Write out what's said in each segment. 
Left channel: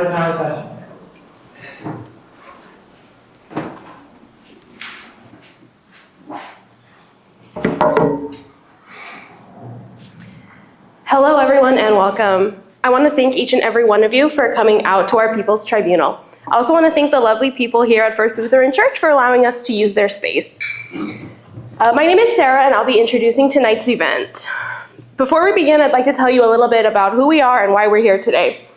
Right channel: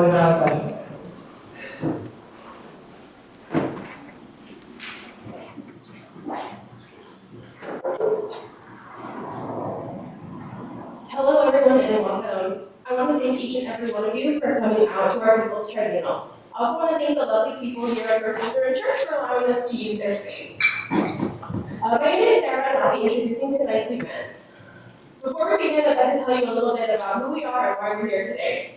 Court is now in session. Hello everyone and welcome. I want to thank each and every one of you for coming out to our People's Tribunal. I also want to thank the lovely people here at First Lutheran Church for allowing us to use their space. My name is Sarah and I'll be introducing tonight's event. Before we begin, I'd like to tell you a little bit about who we are and why we're here today.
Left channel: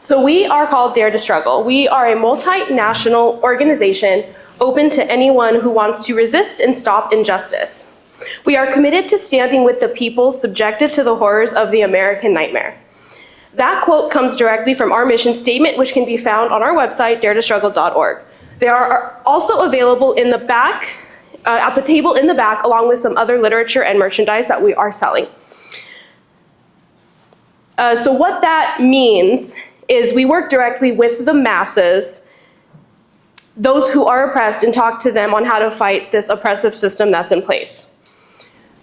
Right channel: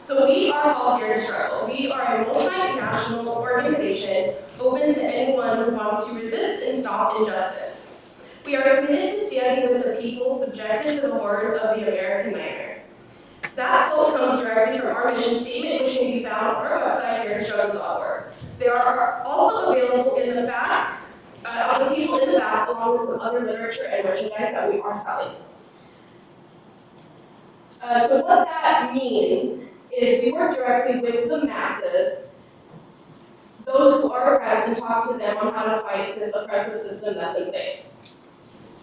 So we are called Dare to Struggle. We are a multinational organization open to anyone who wants to resist and stop injustice. We are committed to standing with the people subjected to the horrors of the American nightmare. That quote comes directly from our mission statement, which can be found on our website, daretostruggle.org. They are also available in the back, at the table in the back, along with some other literature and merchandise that we are selling. So what that means is we work directly with the masses, those who are oppressed, and talk to them on how to fight this oppressive system that's in place.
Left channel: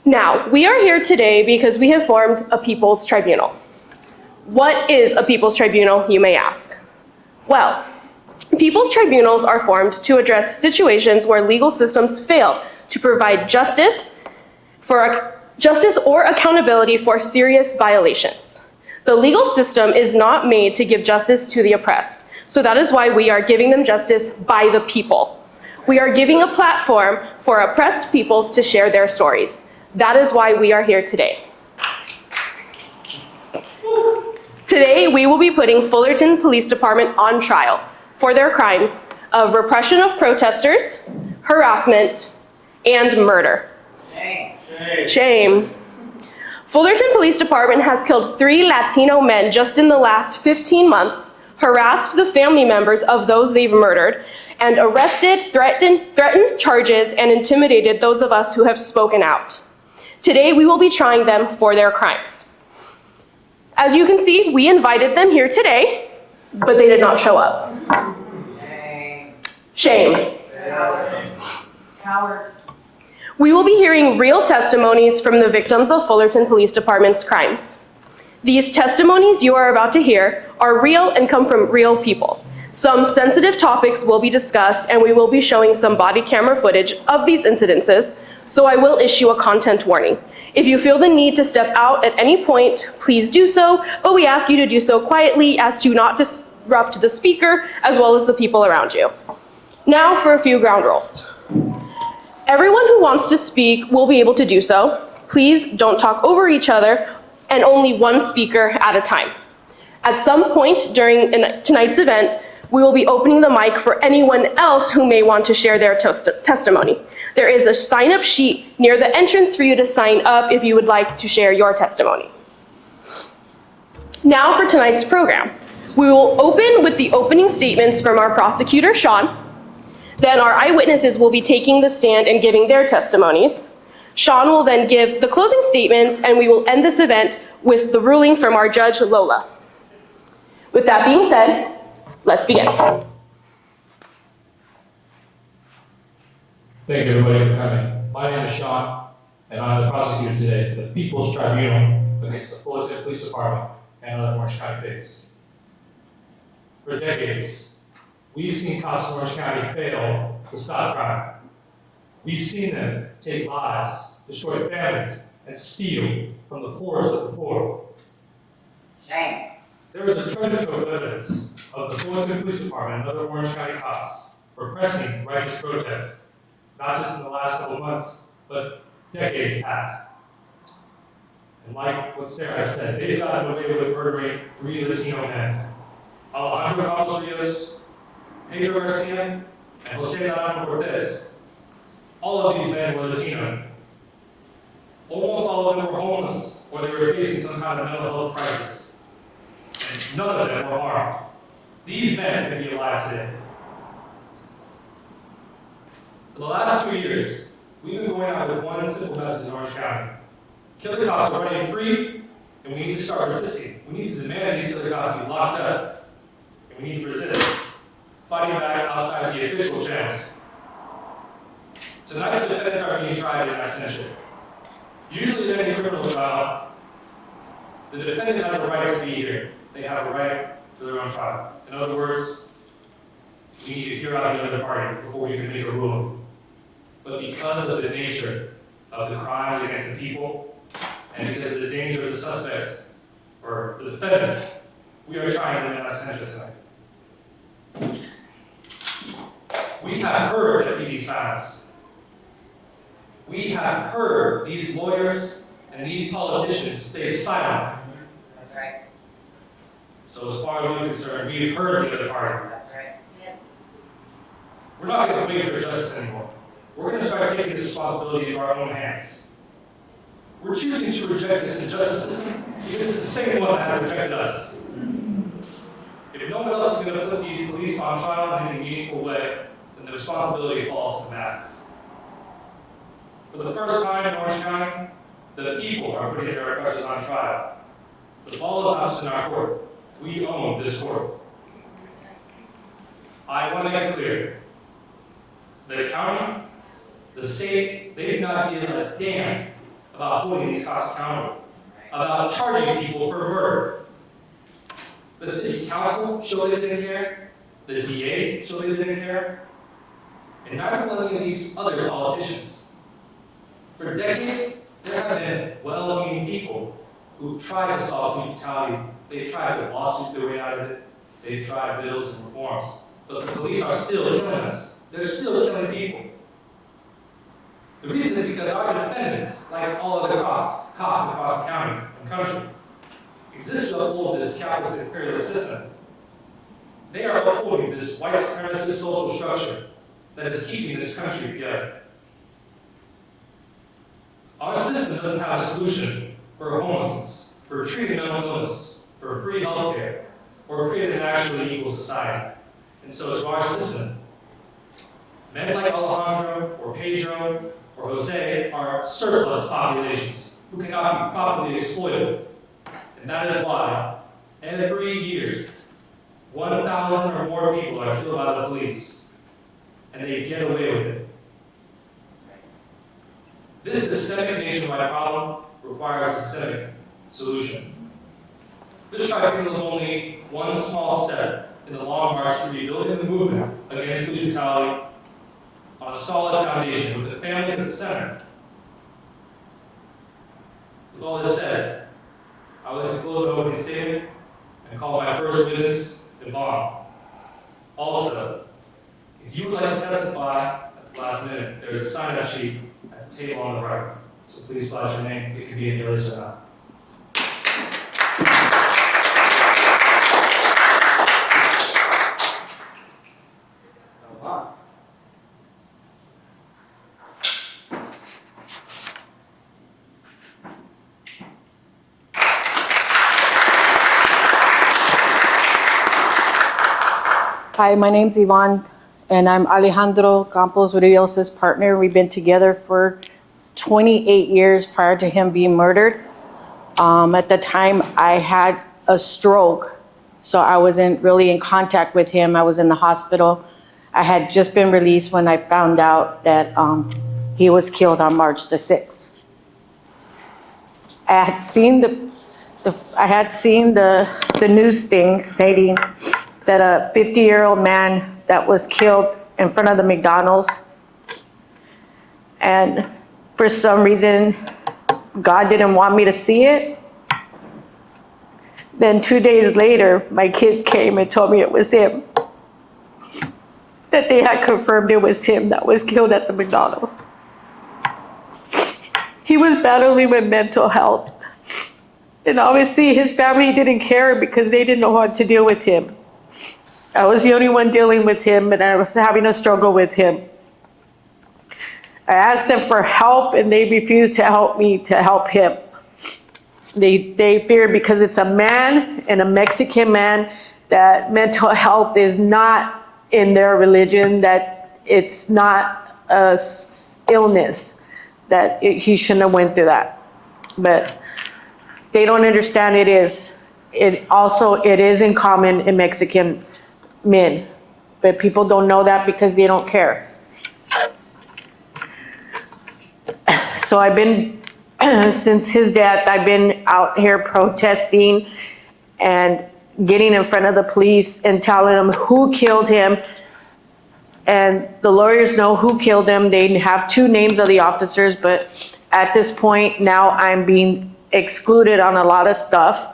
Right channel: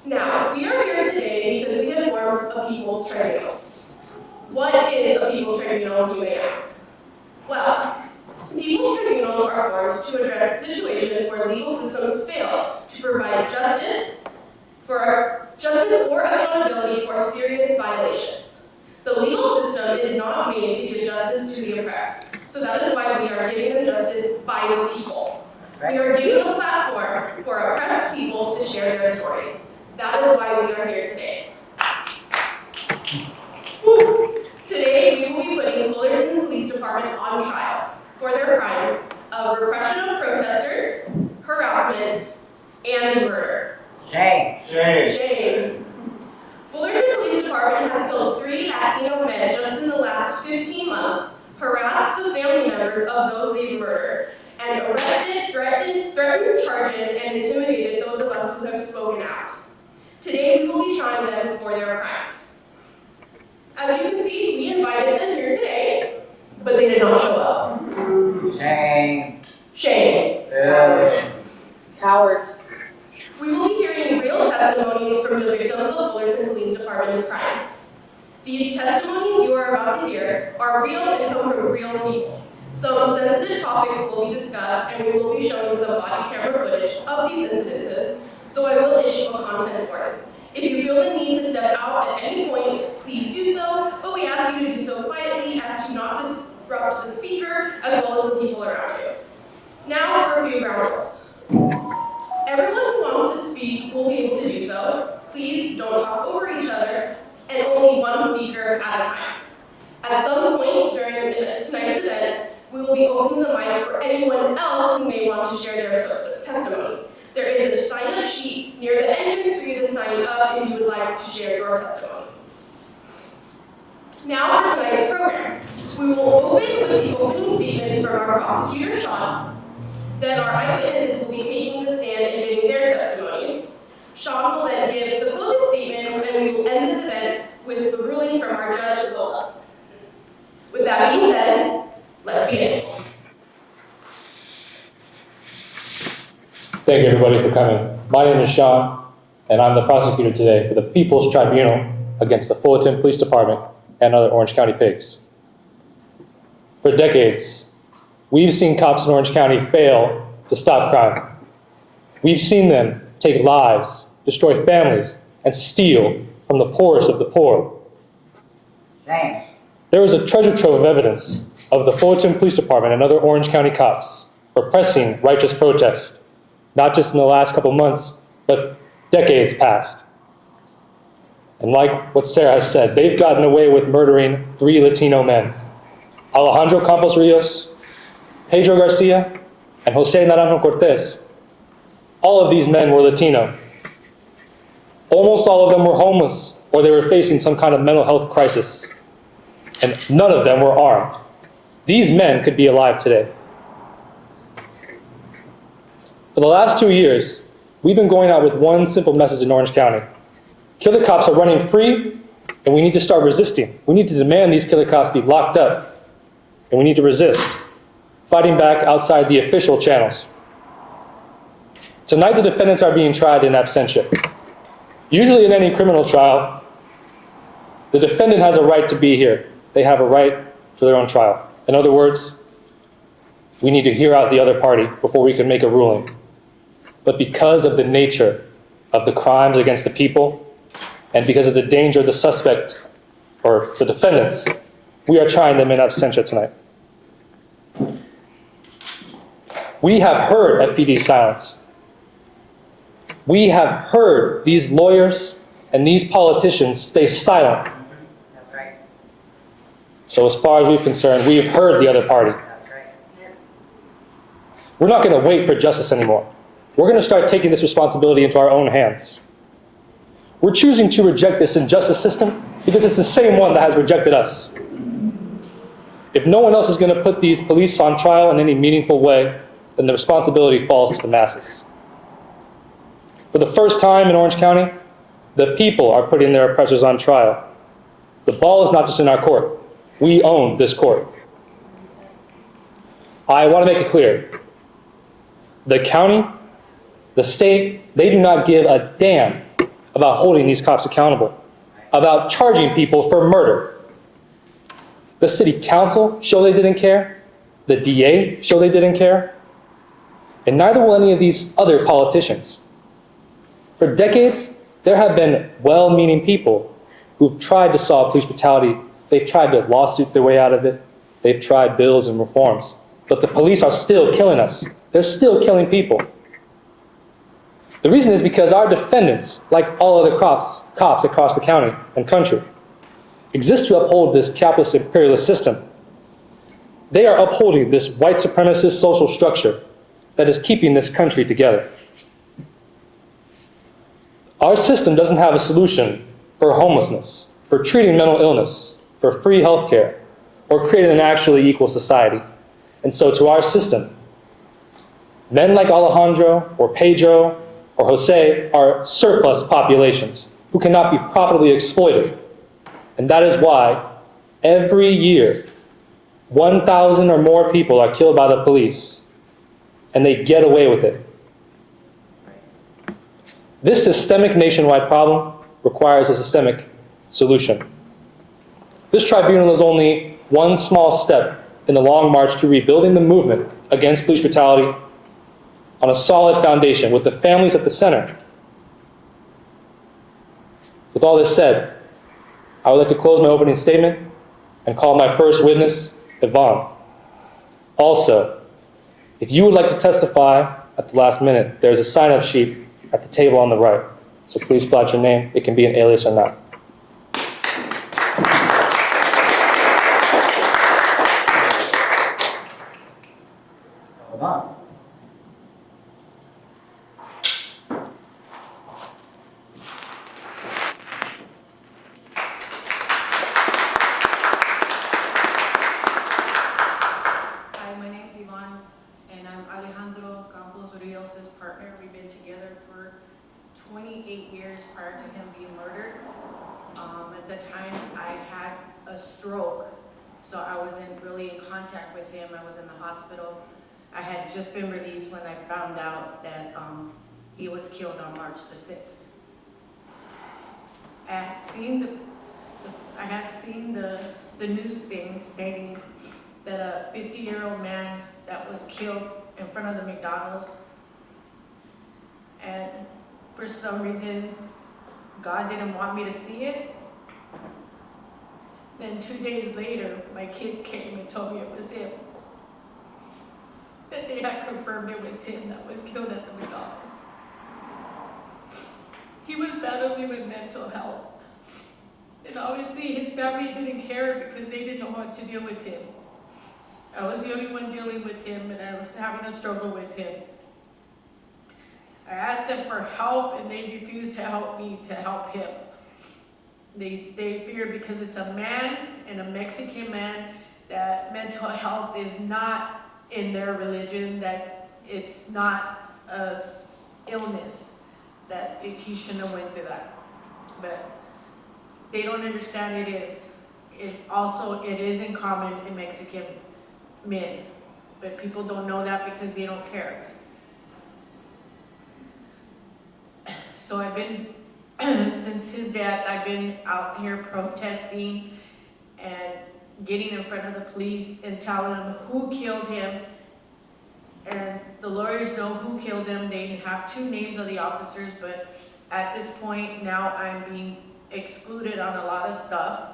Now, we are here today because we have formed a People's Tribunal. What is a People's Tribunal, you may ask? Well, People's Tribunals are formed to address situations where legal systems fail to provide justice or accountability for serious violations. The legal system is not made to give justice to the oppressed, so that is why we are giving them justice by the people. We are giving a platform for oppressed peoples to share their stories. That is why we are here today. Today, we will be putting Fullerton Police Department on trial for their crimes of repression of protesters, harassment, and murder. Shame. Shame. Shame. Fullerton Police Department has killed 3 Latino men just in the last 15 months, harassed the family members of those they've murdered, and arrested, threatened charges, and intimidated those of us who have spoken out. Today, we will be trying them for their crimes. As you can see, we invited them here today, but they did not show up. Shame. Shame. Cowards. We will be hearing real testimonies from the victims of Fullerton Police Department's crimes. These testimonies you are about to hear are real and come from real people. Some sensitive topics will be discussed, and we will be showing some body camera footage of these incidences, so I will issue a content warning. If you feel the need to step out at any point, please do so, but we ask you to do so quietly as to not disrupt the speaker as well as the people around you. Now for a few ground rules. Everyone who wants to speak will be able to do so. Please don't talk over each other, and only one speaker at a time. At some point during tonight's event, we will be opening the mic for anyone else who may want to share their testimony. There is a sign-up sheet near the entrance for you to sign up if you would like to share your testimony. Now for tonight's program. We will open with the opening statements from our prosecutor, Sean. Then our eyewitnesses will be taking the stand and giving their testimonies. Sean will then give the closing statements, and we will end this event with the ruling from our judge, Lola. With that being said, let's begin. Thank you, everybody, for coming. My name is Sean, and I'm the prosecutor today for the People's Tribunal against the Fullerton Police Department and other Orange County pigs. For decades, we've seen cops in Orange County fail to stop crime. We've seen them take lives, destroy families, and steal from the poorest of the poor. Shame. There is a treasure trove of evidence of the Fullerton Police Department and other Orange County cops repressing righteous protests, not just in the last couple months, but decades past. And like what Sarah has said, they've gotten away with murdering 3 Latino men: Alejandro Campos Rios, Pedro Garcia, and Jose Naranjo-Cortez. All of these men were Latino. Almost all of them were homeless, or they were facing some kind of mental health crisis. And none of them were armed. These men could be alive today. For the last 2 years, we've been going out with one simple message in Orange County. Killer cops are running free, and we need to start resisting. We need to demand these killer cops be locked up, and we need to resist, fighting back outside the official channels. Tonight, the defendants are being tried in absentia. Usually in any criminal trial, the defendant has a right to be here. They have a right to their own trial. In other words, we need to hear out the other party before we can make a ruling. But because of the nature of the crimes against the people, and because of the danger of the suspect or the defendants, we are trying them in absentia tonight. We have heard FPD's silence. We have heard these lawyers and these politicians stay silent. That's right. So as far as we're concerned, we have heard the other party. That's right. We're not going to wait for justice anymore. We're going to start taking this responsibility into our own hands. We're choosing to reject this injustice system because it's the same one that has rejected us. If no one else is going to put these police on trial in any meaningful way, then the responsibility falls to the masses. For the first time in Orange County, the people are putting their oppressors on trial. The ball is not just in our court. We own this court. I want to make it clear. The county, the state, they do not give a damn about holding these cops accountable, about charging people for murder. The city council show they didn't care. The DA show they didn't care. And neither will any of these other politicians. For decades, there have been well-meaning people who've tried to solve police brutality. They've tried to lawsuit their way out of it. They've tried bills and reforms. But the police are still killing us. They're still killing people. The reason is because our defendants, like all other cops across the county and country, exist to uphold this capitalist imperialist system. They are upholding this white supremacist social structure that is keeping this country together. Our system doesn't have a solution for homelessness, for treating mental illness, for free healthcare, or creating an actually equal society. And so to our system, men like Alejandro or Pedro or Jose are surplus populations who cannot be profitably exploited. And that is why every year, 1,000 or more people are killed by the police, and they get away with it. This systemic nationwide problem requires a systemic solution. This tribunal is only one small step in the long march to rebuilding the movement against police brutality on a solid foundation with the families at the center. With all this said, I would like to close my opening statement and call my first witness, Yvonne. Also, if you would like to testify at the last minute, there's a sign-up sheet at the table on the right. So please flash your name. It can be an alias or not. Hold on. Hi, my name's Yvonne, and I'm Alejandro Campos Rios' partner. We've been together for 28 years prior to him being murdered. At the time, I had a stroke, so I wasn't really in contact with him. I was in the hospital. I had just been released when I found out that he was killed on March the 6th. I had seen the news thing stating that a 50-year-old man that was killed in front of the McDonald's. And for some reason, God didn't want me to see it. Then 2 days later, my kids came and told me it was him. That they had confirmed it was him that was killed at the McDonald's. He was battling with mental health. And obviously his family didn't care because they didn't know how to deal with him. I was the only one dealing with him, and I was having a struggle with him. I asked them for help, and they refused to help me to help him. They feared because it's a man and a Mexican man that mental health is not in their religion, that it's not a illness, that he shouldn't have went through that. But they don't understand it is. It is in common in Mexican men, but people don't know that because they don't care. So I've been, since his death, I've been out here protesting, and getting in front of the police and telling them who killed him. And the lawyers know who killed him. They have 2 names of the officers, but at this point now I'm being excluded on a lot of stuff.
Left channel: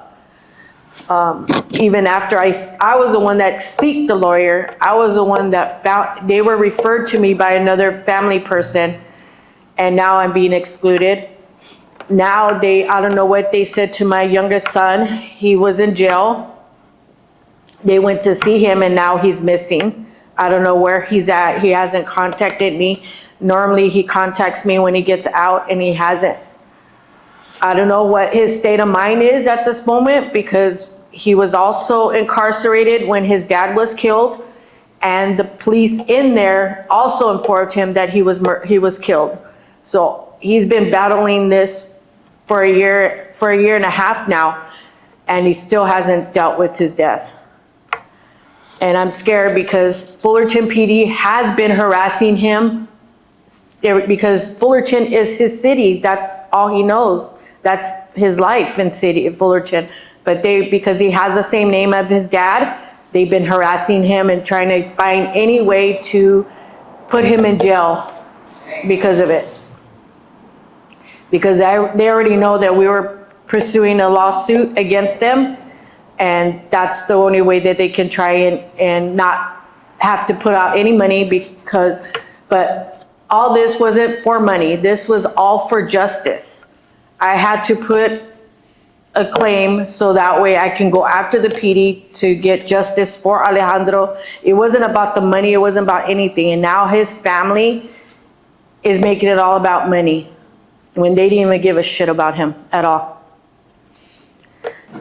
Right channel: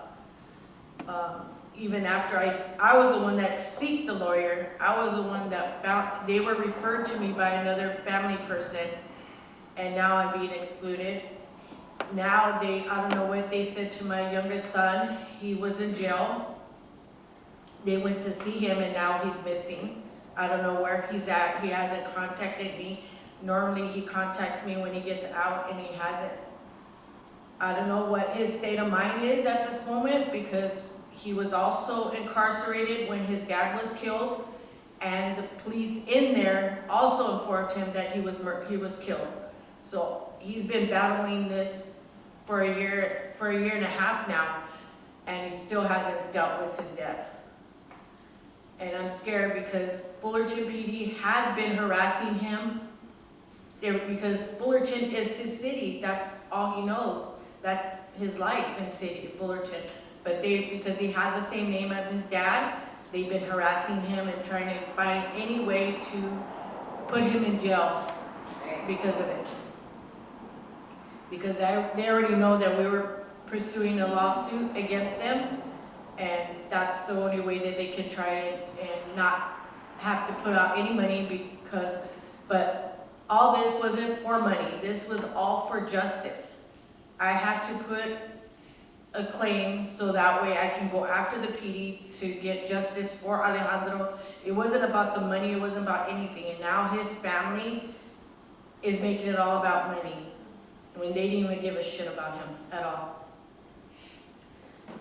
Even after I was the one that sought the lawyer. I was the one that found, they were referred to me by another family person, and now I'm being excluded. Now I don't know what they said to my youngest son. He was in jail. They went to see him and now he's missing. I don't know where he's at. He hasn't contacted me. Normally he contacts me when he gets out, and he hasn't. I don't know what his state of mind is at this moment, because he was also incarcerated when his dad was killed, and the police in there also informed him that he was killed. So he's been battling this for a year and a half now, and he still hasn't dealt with his death. And I'm scared because Fullerton PD has been harassing him, because Fullerton is his city. That's all he knows. That's his life in city of Fullerton. But because he has the same name as his dad, they've been harassing him and trying to find any way to put him in jail because of it. Because they already know that we were pursuing a lawsuit against them, and that's the only way that they can try and not have to put out any money, but all this wasn't for money. This was all for justice. I had to put a claim so that way I can go after the PD to get justice for Alejandro. It wasn't about the money, it wasn't about anything. And now his family is making it all about money, when they didn't even give a shit about him at all.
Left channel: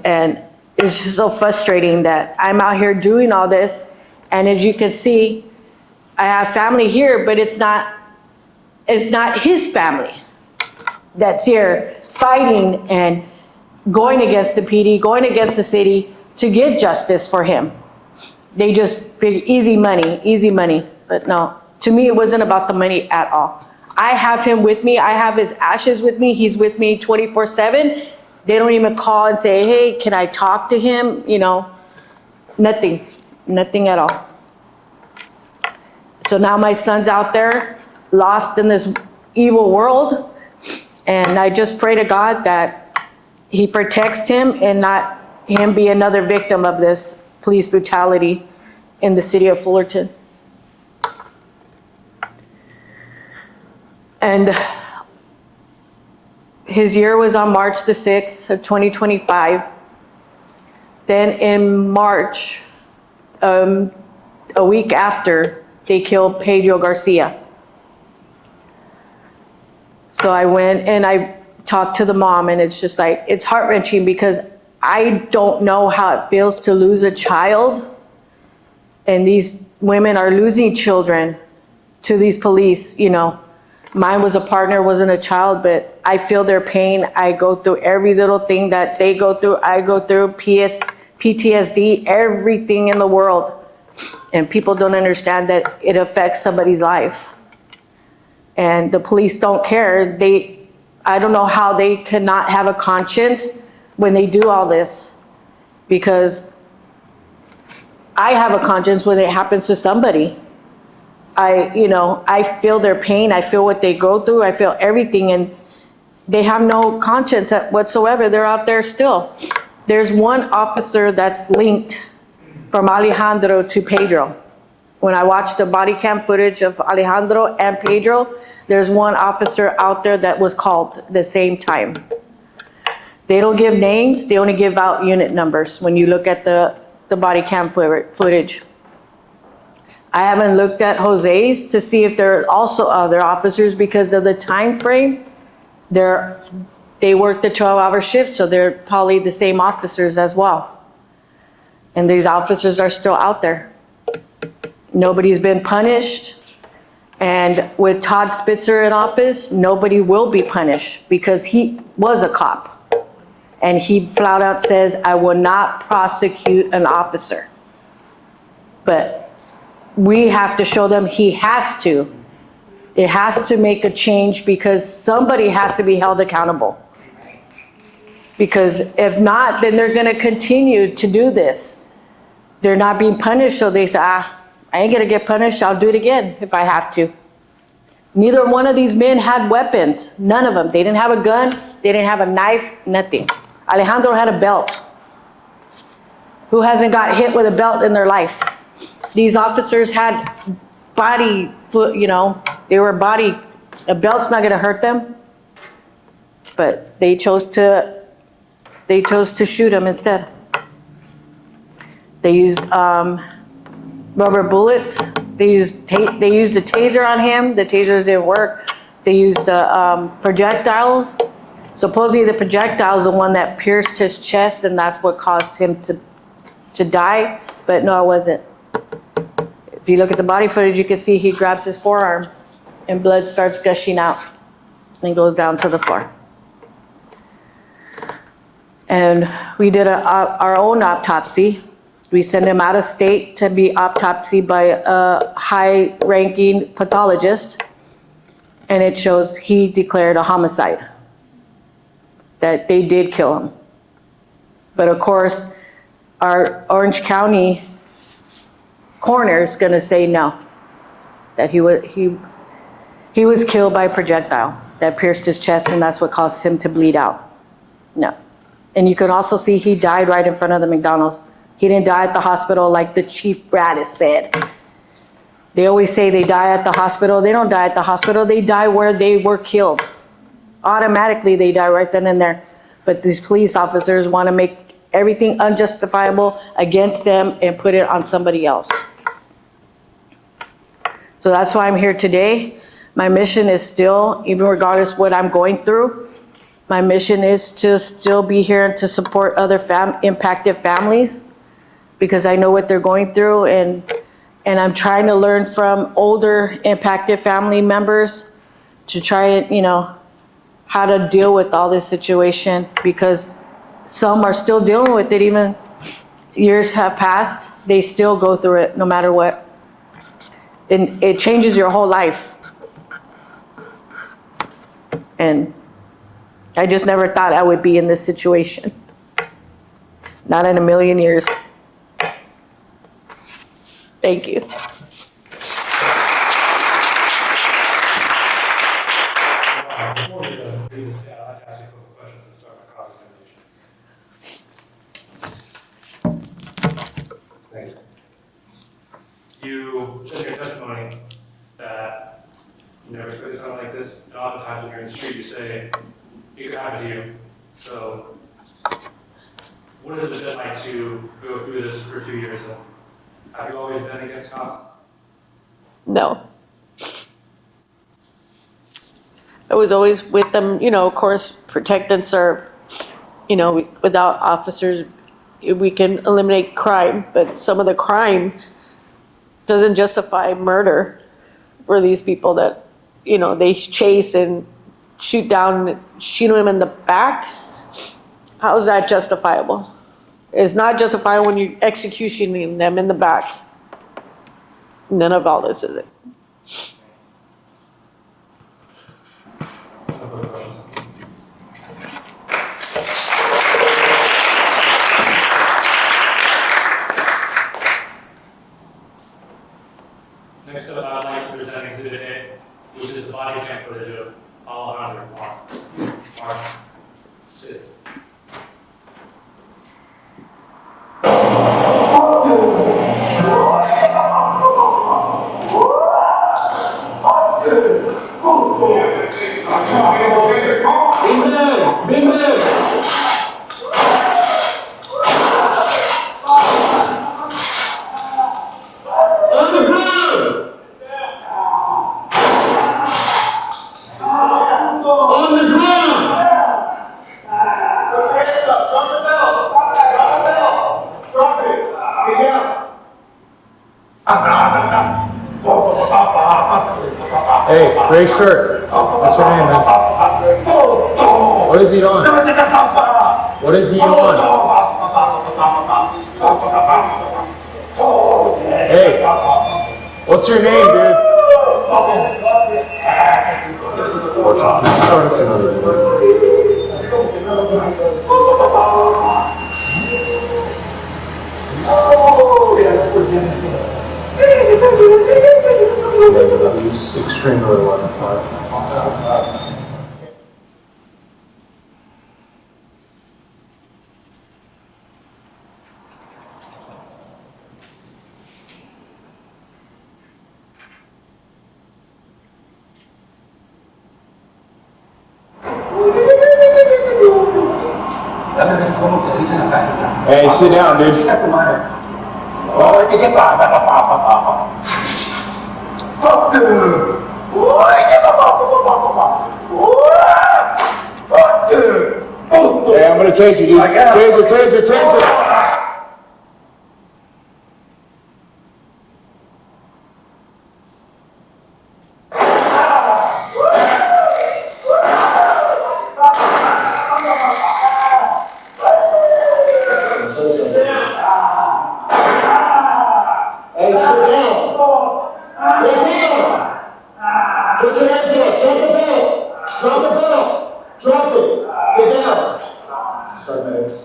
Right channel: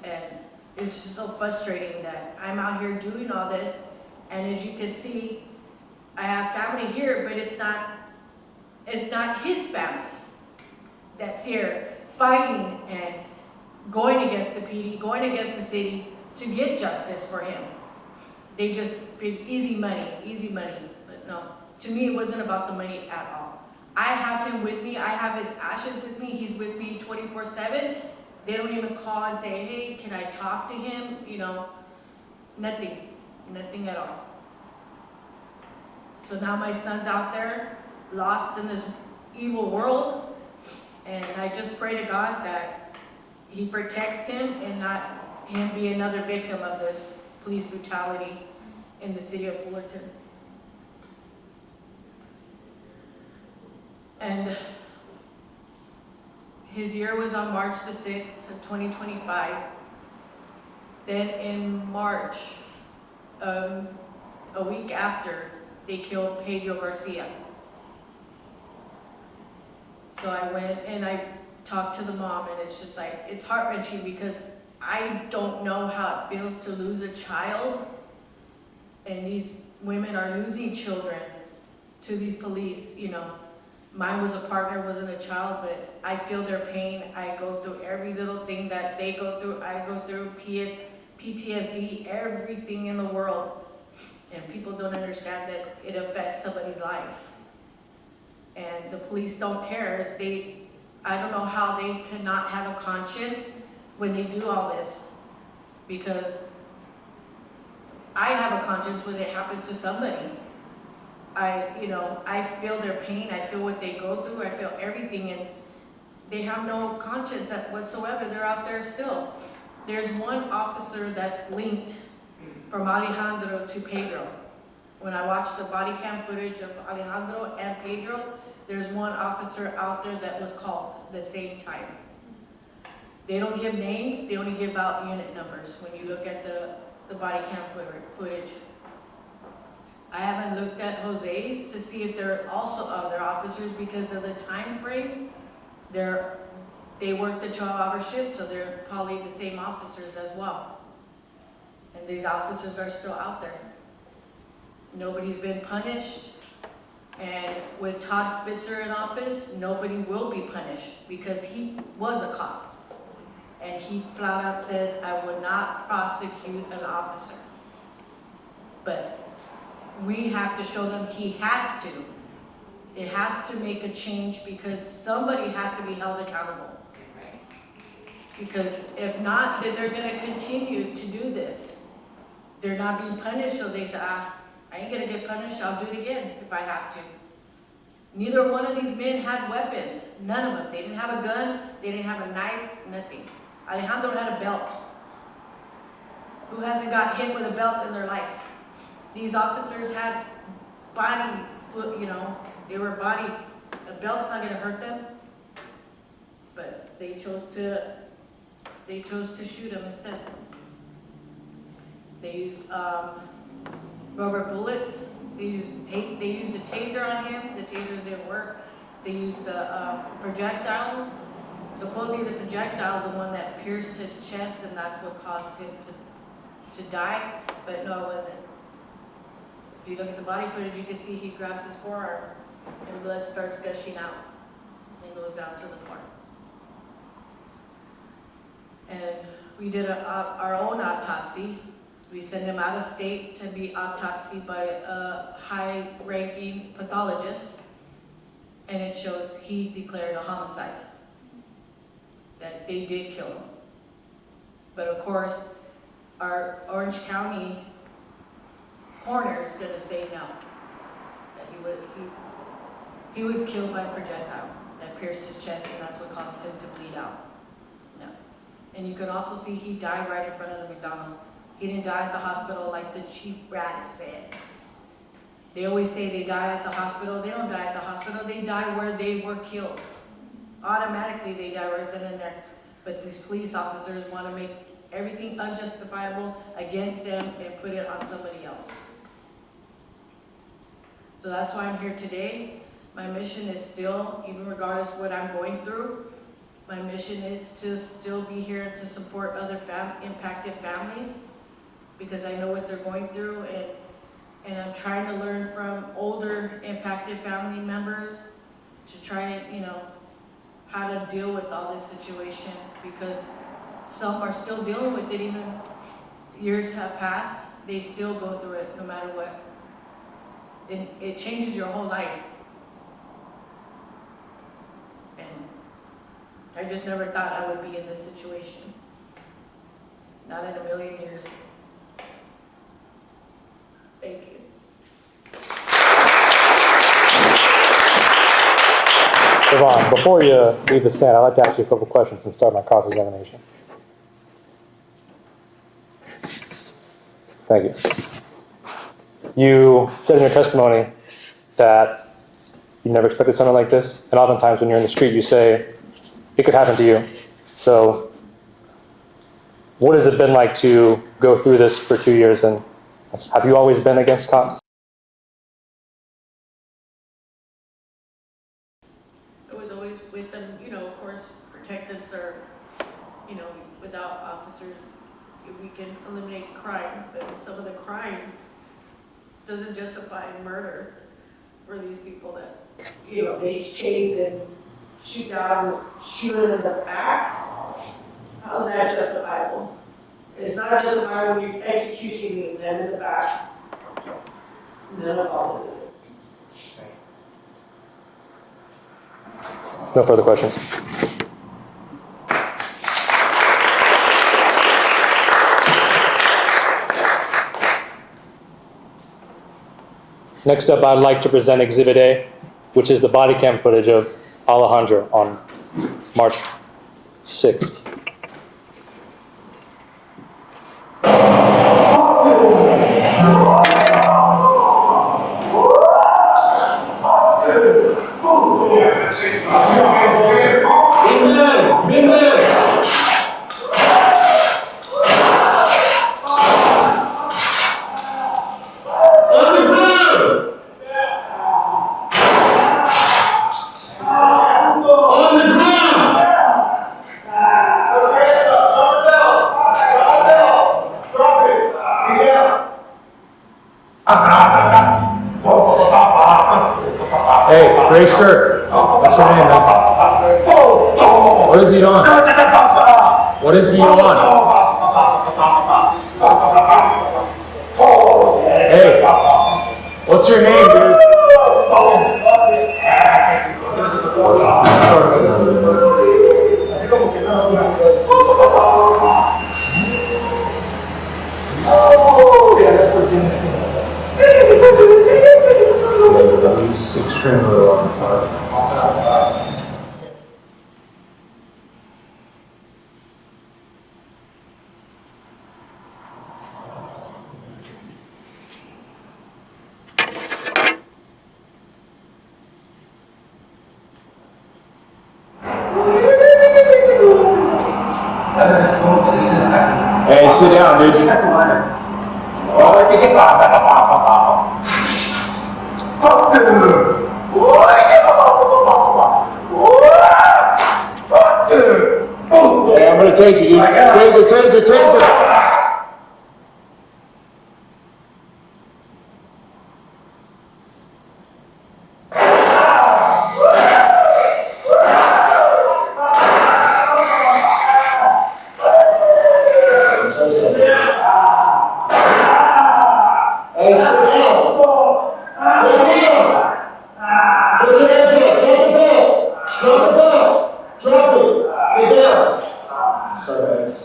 And it's just so frustrating that I'm out here doing all this, and as you can see, I have family here, but it's not his family that's here fighting and going against the PD, going against the city to get justice for him. They just big easy money. But no, to me, it wasn't about the money at all. I have him with me. I have his ashes with me. He's with me 24/7. They don't even call and say, hey, can I talk to him? You know, nothing at all. So now my son's out there lost in this evil world. And I just pray to God that he protects him and not him be another victim of this police brutality in the city of Fullerton. And his year was on March the 6th of 2025. Then in March, a week after, they killed Pedro Garcia. So I went and I talked to the mom, and it's just like, it's heart-wrenching because I don't know how it feels to lose a child. And these women are losing children to these police, you know. Mine was a partner, wasn't a child, but I feel their pain. I go through every little thing that they go through. I go through PTSD, everything in the world. And people don't understand that it affects somebody's life. And the police don't care. I don't know how they cannot have a conscience when they do all this, because I have a conscience when it happens to somebody. I feel their pain. I feel what they go through. I feel everything, and they have no conscience whatsoever. They're out there still. There's one officer that's linked from Alejandro to Pedro. When I watched the body cam footage of Alejandro and Pedro, there's one officer out there that was called the same time. They don't give names. They only give out unit numbers when you look at the body cam footage. I haven't looked at Jose's to see if there are also other officers because of the time frame. They work the 12-hour shift, so they're probably the same officers as well. And these officers are still out there. Nobody's been punished. And with Todd Spitzer in office, nobody will be punished because he was a cop. And he flat out says, I will not prosecute an officer. But we have to show them he has to. It has to make a change because somebody has to be held accountable. Because if not, then they're gonna continue to do this. They're not being punished, so they say, I ain't gonna get punished, I'll do it again if I have to. Neither one of these men had weapons, none of them. They didn't have a gun, they didn't have a knife, nothing. Alejandro had a belt. Who hasn't got hit with a belt in their life? These officers had body, they were body, a belt's not gonna hurt them. But they chose to shoot him instead. They used rubber bullets. They used a taser on him. The taser didn't work. They used the projectiles. Supposedly the projectile is the one that pierced his chest, and that's what caused him to die. But no, it wasn't. If you look at the body footage, you can see he grabs his forearm, and blood starts gushing out, and goes down to the floor. And we did our own autopsy. We sent him out of state to be autopsied by a high-ranking pathologist, and it shows he declared a homicide, that they did kill him. But of course, our Orange County coroner is gonna say no, that he was killed by a projectile that pierced his chest, and that's what caused him to bleed out. No. And you can also see he died right in front of the McDonald's. He didn't die at the hospital like the Chief Bradis said. They always say they die at the hospital. They don't die at the hospital. They die where they were killed. Automatically, they die right then and there. But these police officers want to make everything unjustifiable against them and put it on somebody else. So that's why I'm here today. My mission is still, even regardless of what I'm going through, my mission is to still be here and to support other impacted families, because I know what they're going through, and I'm trying to learn from older impacted family members to try and, how to deal with all this situation, because some are still dealing with it. Even years have passed, they still go through it no matter what. And it changes your whole life. And I just never thought I would be in this situation. Not in a million years. Thank you. Yvonne, before you leave the stand, I'd like to ask you a couple questions and start my cross-examination. Thank you. You said in your testimony that you never expected something like this, and oftentimes when you're in the street, you say, it could happen to you. So what has it been like to go through this for 2 years, and have you always been against cops? No. I was always with them, of course, protect and serve. Without officers, we can eliminate crime, but some of the crime doesn't justify murder for these people that, they chase and shoot down, shoot them in the back. How is that justifiable? It's not justifiable when you're executing them in the back. None of all this is it. No further questions. Next up, I'd like to present Exhibit A, which is the body cam footage of Alejandro on March 6th. Hey, gray shirt. What's your name, man? What is he on? What is he on? Hey, what's your name, dude? Hey, sit down, dude. Hey, I'm gonna tase you, dude. Taser. Hey, sit down. Hey, Dino. Put your hands up. Drop the ball. Drop it. Get down. Start medics.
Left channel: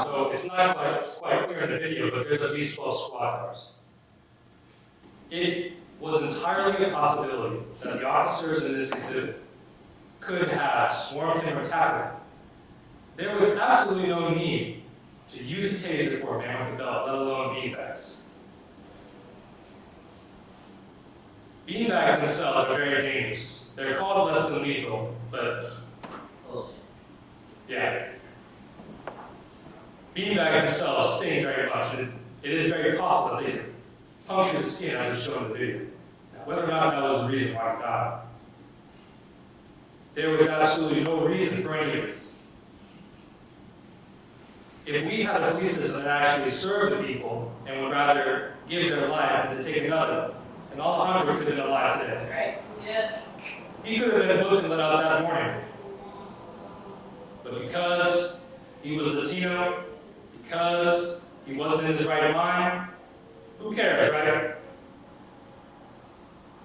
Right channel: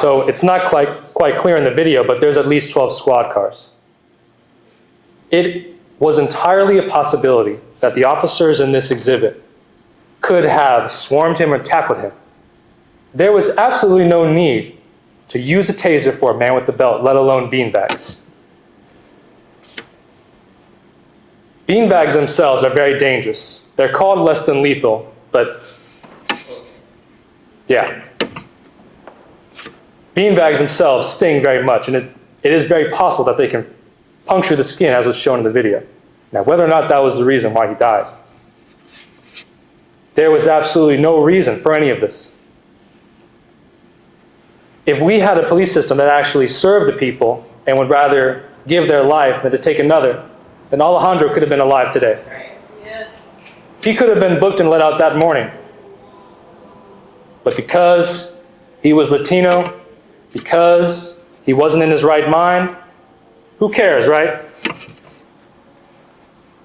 So it's not quite clear in the video, but there's at least 12 squad cars. It was entirely a possibility that the officers in this exhibit could have swarmed him or tackled him. There was absolutely no need to use a taser for a man with the belt, let alone beanbags. Beanbags themselves are very dangerous. They're called less than lethal, but yeah. Beanbags themselves sting very much, and it is very possible that they can puncture the skin, as was shown in the video. Now, whether or not that was the reason why he died, there was absolutely no reason for any of this. If we had a police system that actually served the people and would rather give their life than to take another, then Alejandro could have been alive today. Right. Yes. He could have been booked and let out that morning. But because he was Latino, because he wasn't in his right mind, who cares, right?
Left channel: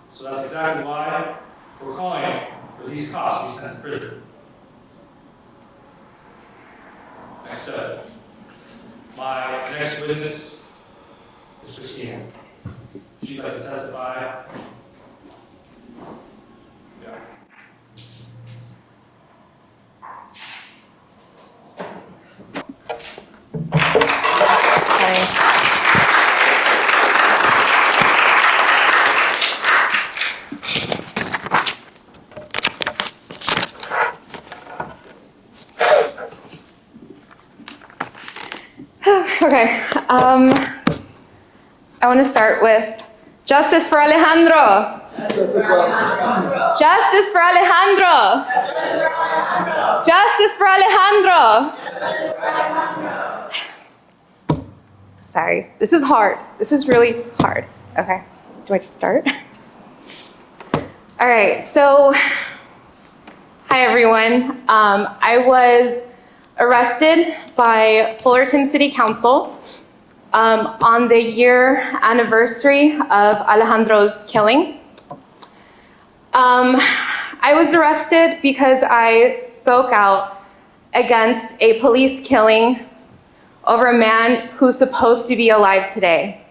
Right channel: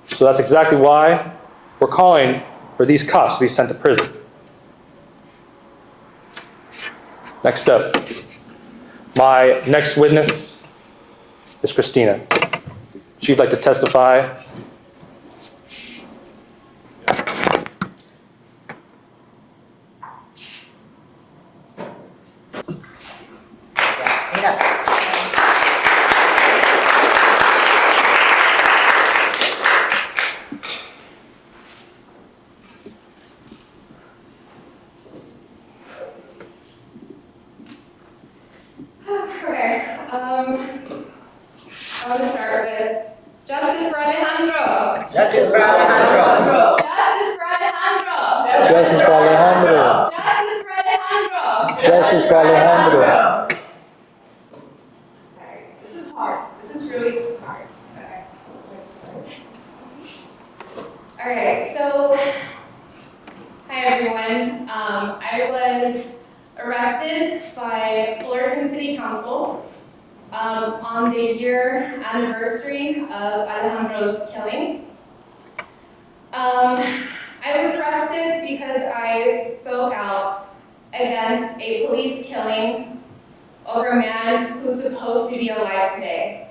So that's exactly why we're calling for these cops to be sent to prison. Next up, my next witness is Christina. She'd like to testify. Okay, I want to start with justice for Alejandro. Justice for Alejandro. Justice for Alejandro. Justice for Alejandro. Justice for Alejandro. Justice for Alejandro. Sorry, this is hard. This is really hard. Okay, do I just start? All right, so hi everyone. I was arrested by Fullerton City Council on the year anniversary of Alejandro's killing. I was arrested because I spoke out against a police killing over a man who's supposed to be alive today.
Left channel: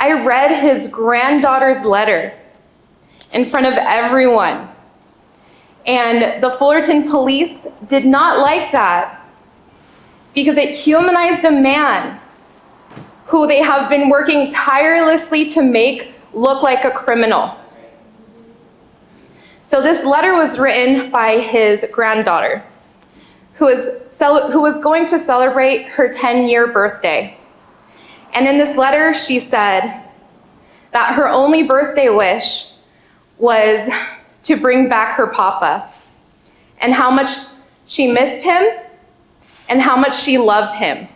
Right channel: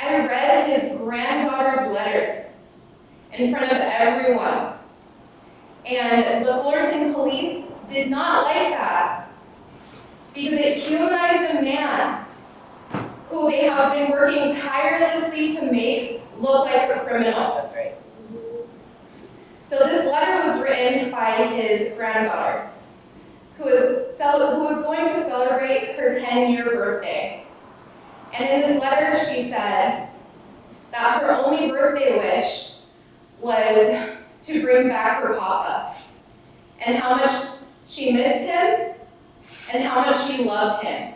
I read his granddaughter's letter in front of everyone. And the Fullerton police did not like that because it humanized a man who they have been working tirelessly to make look like a criminal. That's right. So this letter was written by his granddaughter, who was going to celebrate her 10-year birthday. And in this letter, she said that her only birthday wish was to bring back her papa, and how much she missed him, and how much she loved him.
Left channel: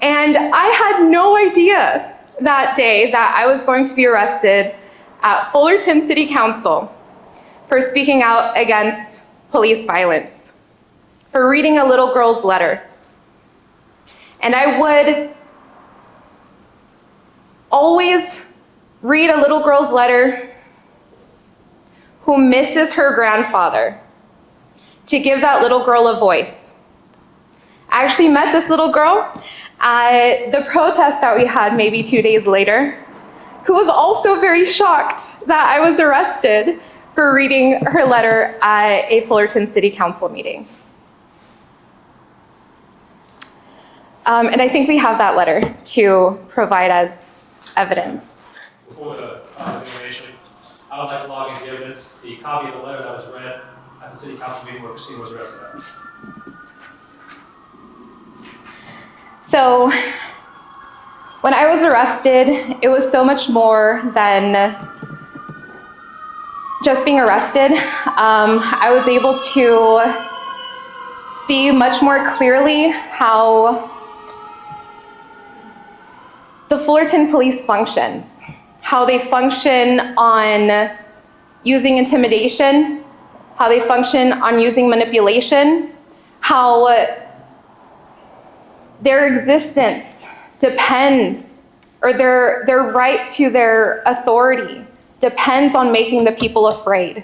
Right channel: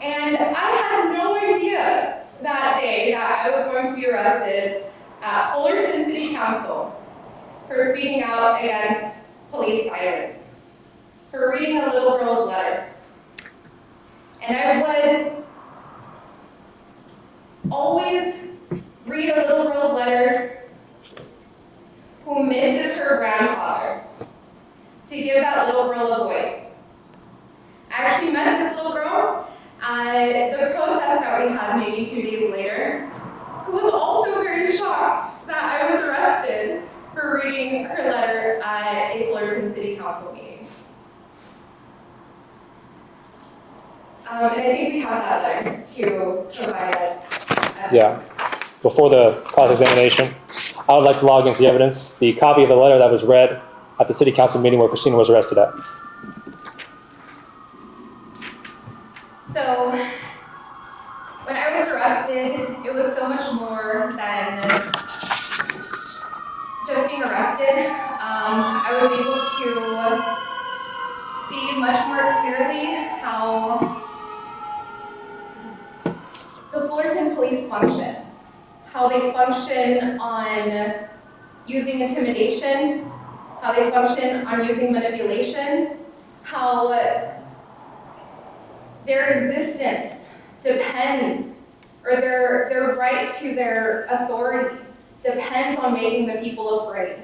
And I had no idea that day that I was going to be arrested at Fullerton City Council for speaking out against police violence, for reading a little girl's letter. And I would always read a little girl's letter who misses her grandfather, to give that little girl a voice. I actually met this little girl at the protest that we had maybe 2 days later, who was also very shocked that I was arrested for reading her letter at a Fullerton City Council meeting. And I think we have that letter to provide as evidence. Before the cross-examination, I would like to log into the evidence the copy of the letter that was read at the city council meeting where Christina was arrested at. So when I was arrested, it was so much more than just being arrested. I was able to see much more clearly how the Fullerton police functions, how they function on using intimidation, how they function on using manipulation, how their existence depends, or their right to their authority depends on making the people afraid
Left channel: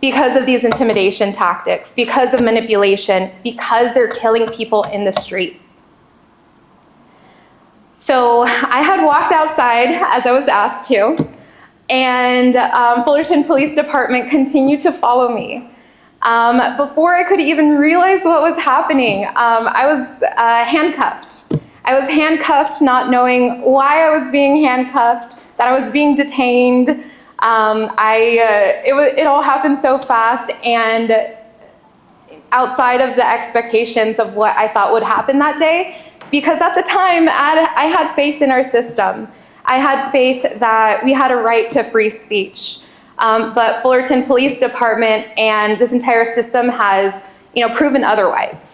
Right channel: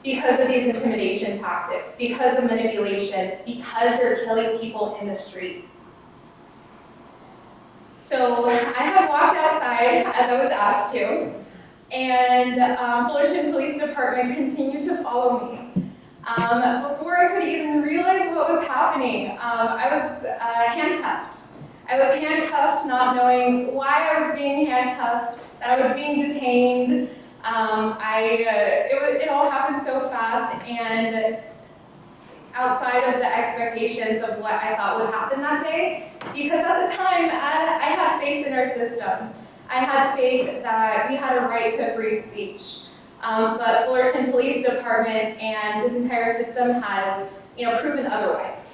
because of these intimidation tactics, because of manipulation, because they're killing people in the streets. So I had walked outside as I was asked to, and Fullerton Police Department continued to follow me. Before I could even realize what was happening, I was handcuffed. I was handcuffed, not knowing why I was being handcuffed, that I was being detained. It all happened so fast and outside of the expectations of what I thought would happen that day. Because at the time, I had faith in our system. I had faith that we had a right to free speech. But Fullerton Police Department and this entire system has, proven otherwise.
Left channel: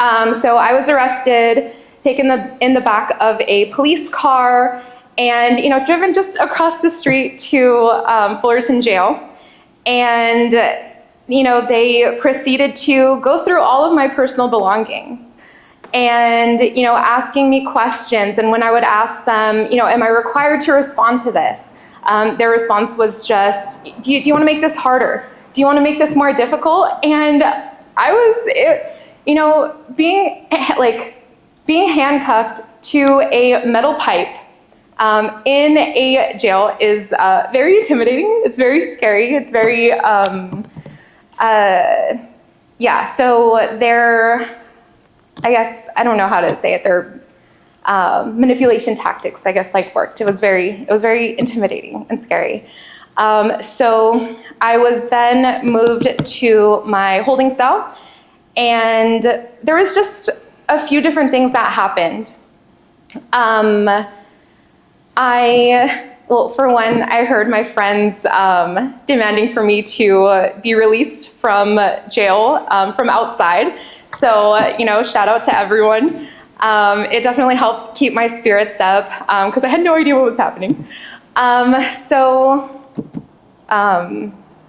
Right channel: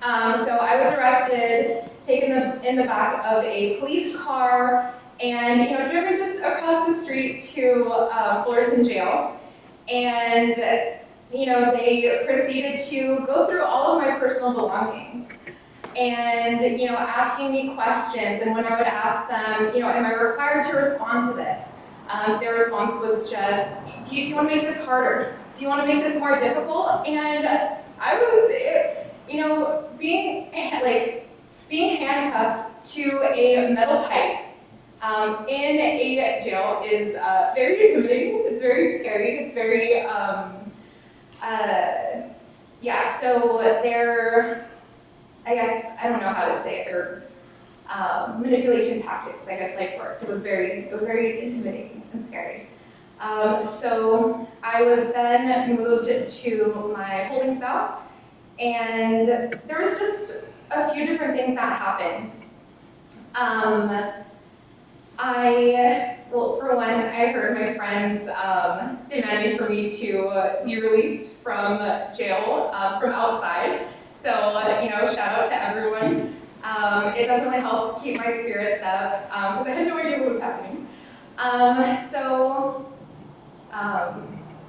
So I was arrested, taken in the back of a police car, and driven just across the street to Fullerton Jail. And they proceeded to go through all of my personal belongings. And asking me questions, and when I would ask them, am I required to respond to this? Their response was just, do you want to make this harder? Do you want to make this more difficult? And I was, being handcuffed to a metal pipe in a jail is very intimidating. It's very scary. It's very, so they're, I don't know how to say it. Their manipulation tactics, worked. It was very intimidating and scary. So I was then moved to my holding cell, and there was just a few different things that happened. For one, I heard my friends demanding for me to be released from jail from outside. So, shout out to everyone. It definitely helped keep my spirits up because I had no idea what was happening.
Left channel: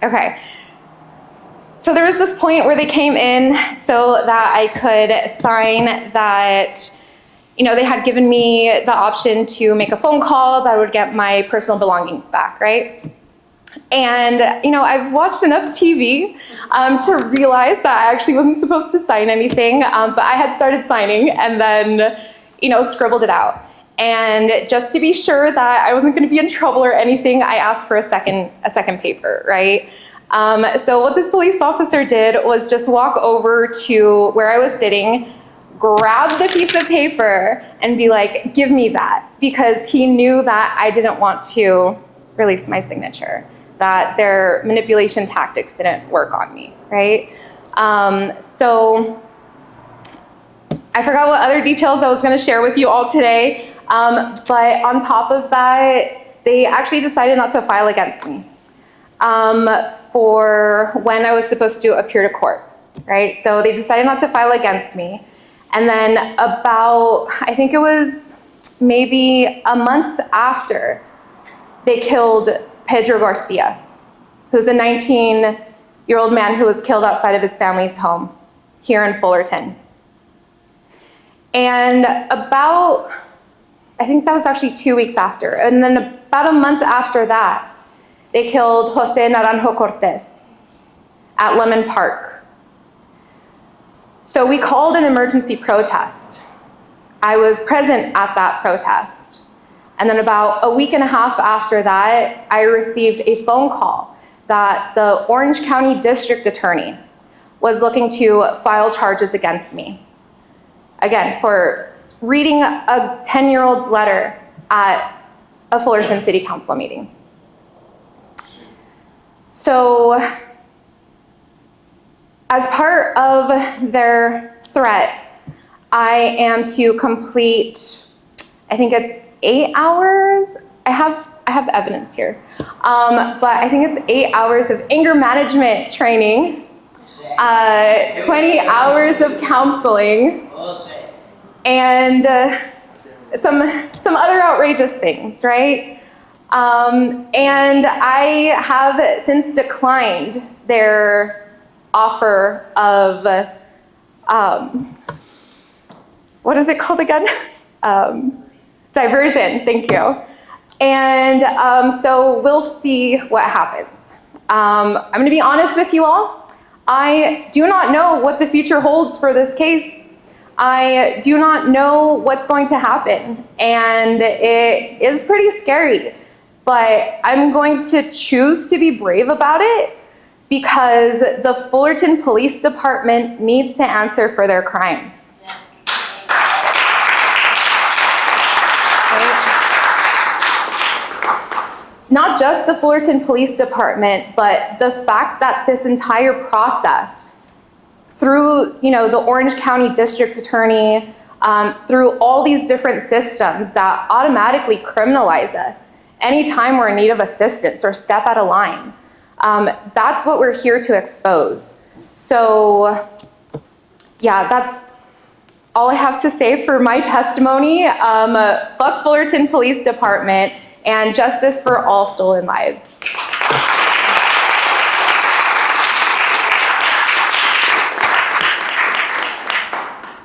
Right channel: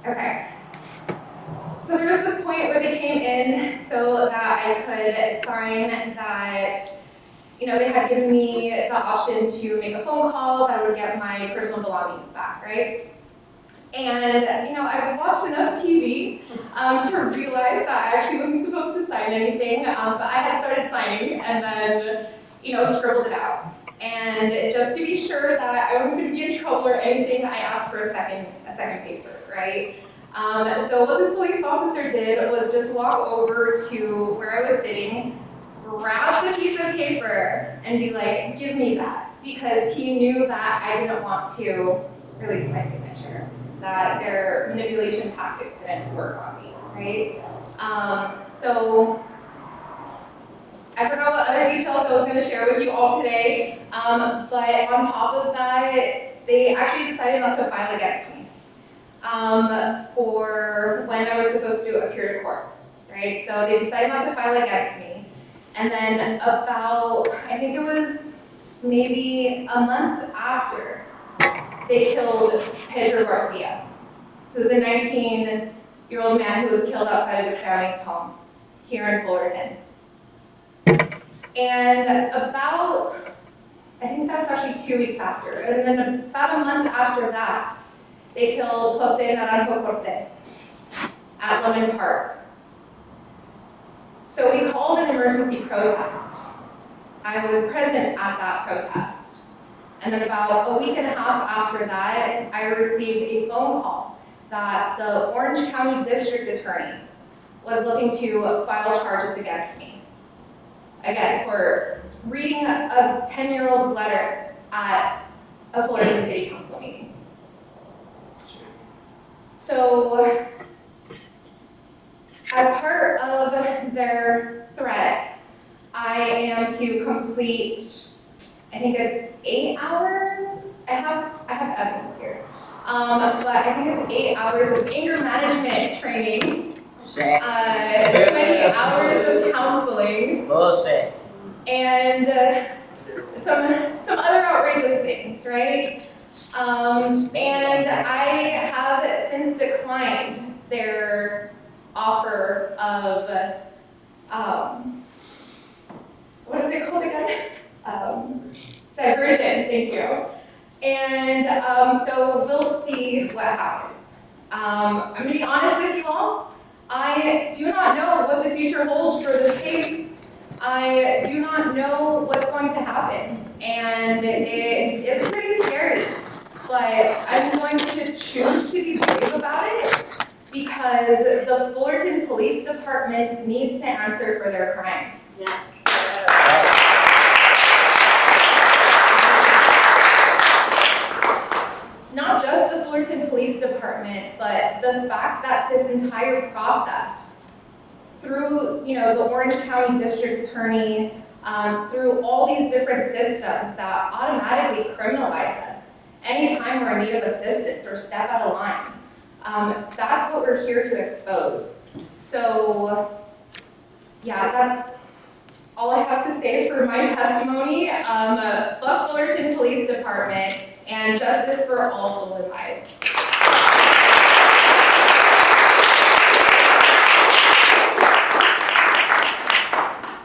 Okay. So there was this point where they came in so that I could sign that, they had given me the option to make a phone call that would get my personal belongings back, right? And, I've watched enough TV to realize that I actually wasn't supposed to sign anything, but I had started signing and then, scribbled it out. And just to be sure that I wasn't going to be in trouble or anything, I asked for a second paper, right? So what this police officer did was just walk over to where I was sitting, grab the piece of paper, and be like, give me that, because he knew that I didn't want to release my signature, that their manipulation tactics didn't work on me, right? So I forgot what other details I was going to share with you all today, but on top of that, they actually decided not to file against me for when I was supposed to appear to court, right? So they decided not to file against me. And then about, I think it was maybe a month after, they killed Pedro Garcia, who's a 19-year-old man who was killed outside of his family's home here in Fullerton. And about, I think that was actually 2 weeks after, and then about a month after that, they killed Jose Naranjo-Cortez at Lemon Park. So we called an emergency protest. I was present at that protest. And then about a week and a half after that, I received a phone call that the Orange County District Attorney was looking to file charges against me again, for reading a 10-year-old's letter at a Fullerton City Council meeting. So, as part of their threat, I am to complete, I think it's 8 hours. I have evidence here, but I think it's 8 hours of anger management training, 20 hours of counseling, and some other outrageous things, right? And I have since declined their offer of, what is it called again? Diversion, thank you. And so we'll see what happens. I'm gonna be honest with you all. I do not know what the future holds for this case. I do not know what's going to happen, and it is pretty scary, but I'm going to choose to be brave about it because the Fullerton Police Department needs to answer for their crimes. Not just the Fullerton Police Department, but the fact that this entire process, through the Orange County District Attorney, through all these different systems that automatically criminalize us anytime we're in need of assistance or step out of line. That's what we're here to expose. So, yeah, that's all I have to say for my testimony. Fuck Fullerton Police Department, and justice for all stolen lives.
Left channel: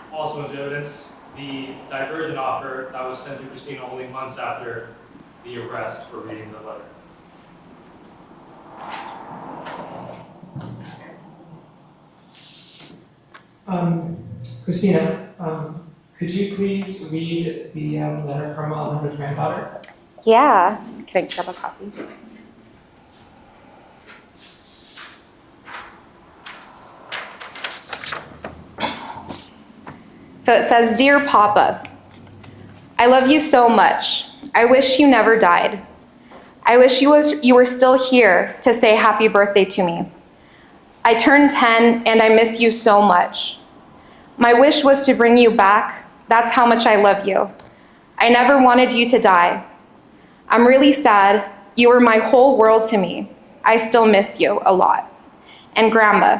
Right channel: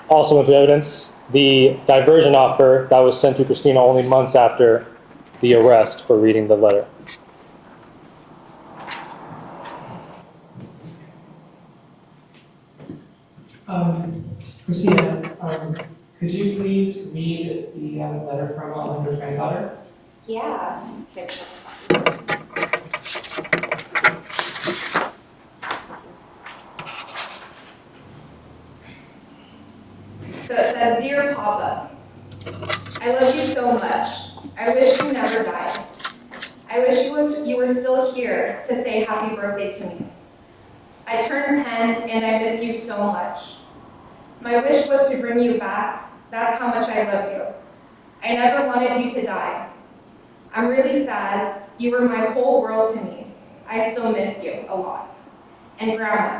Also with the evidence, the diversion offer that was sent to Christina only months after the arrest for reading the letter. Christina, could you please read the letter from Alejandra's granddaughter? Yeah, can I grab a copy? So it says, "Dear Papa, I love you so much. I wish you never died. I wish you were still here to say happy birthday to me. I turned 10 and I miss you so much. My wish was to bring you back. That's how much I love you. I never wanted you to die. I'm really sad. You were my whole world to me. I still miss you a lot. And Grandma,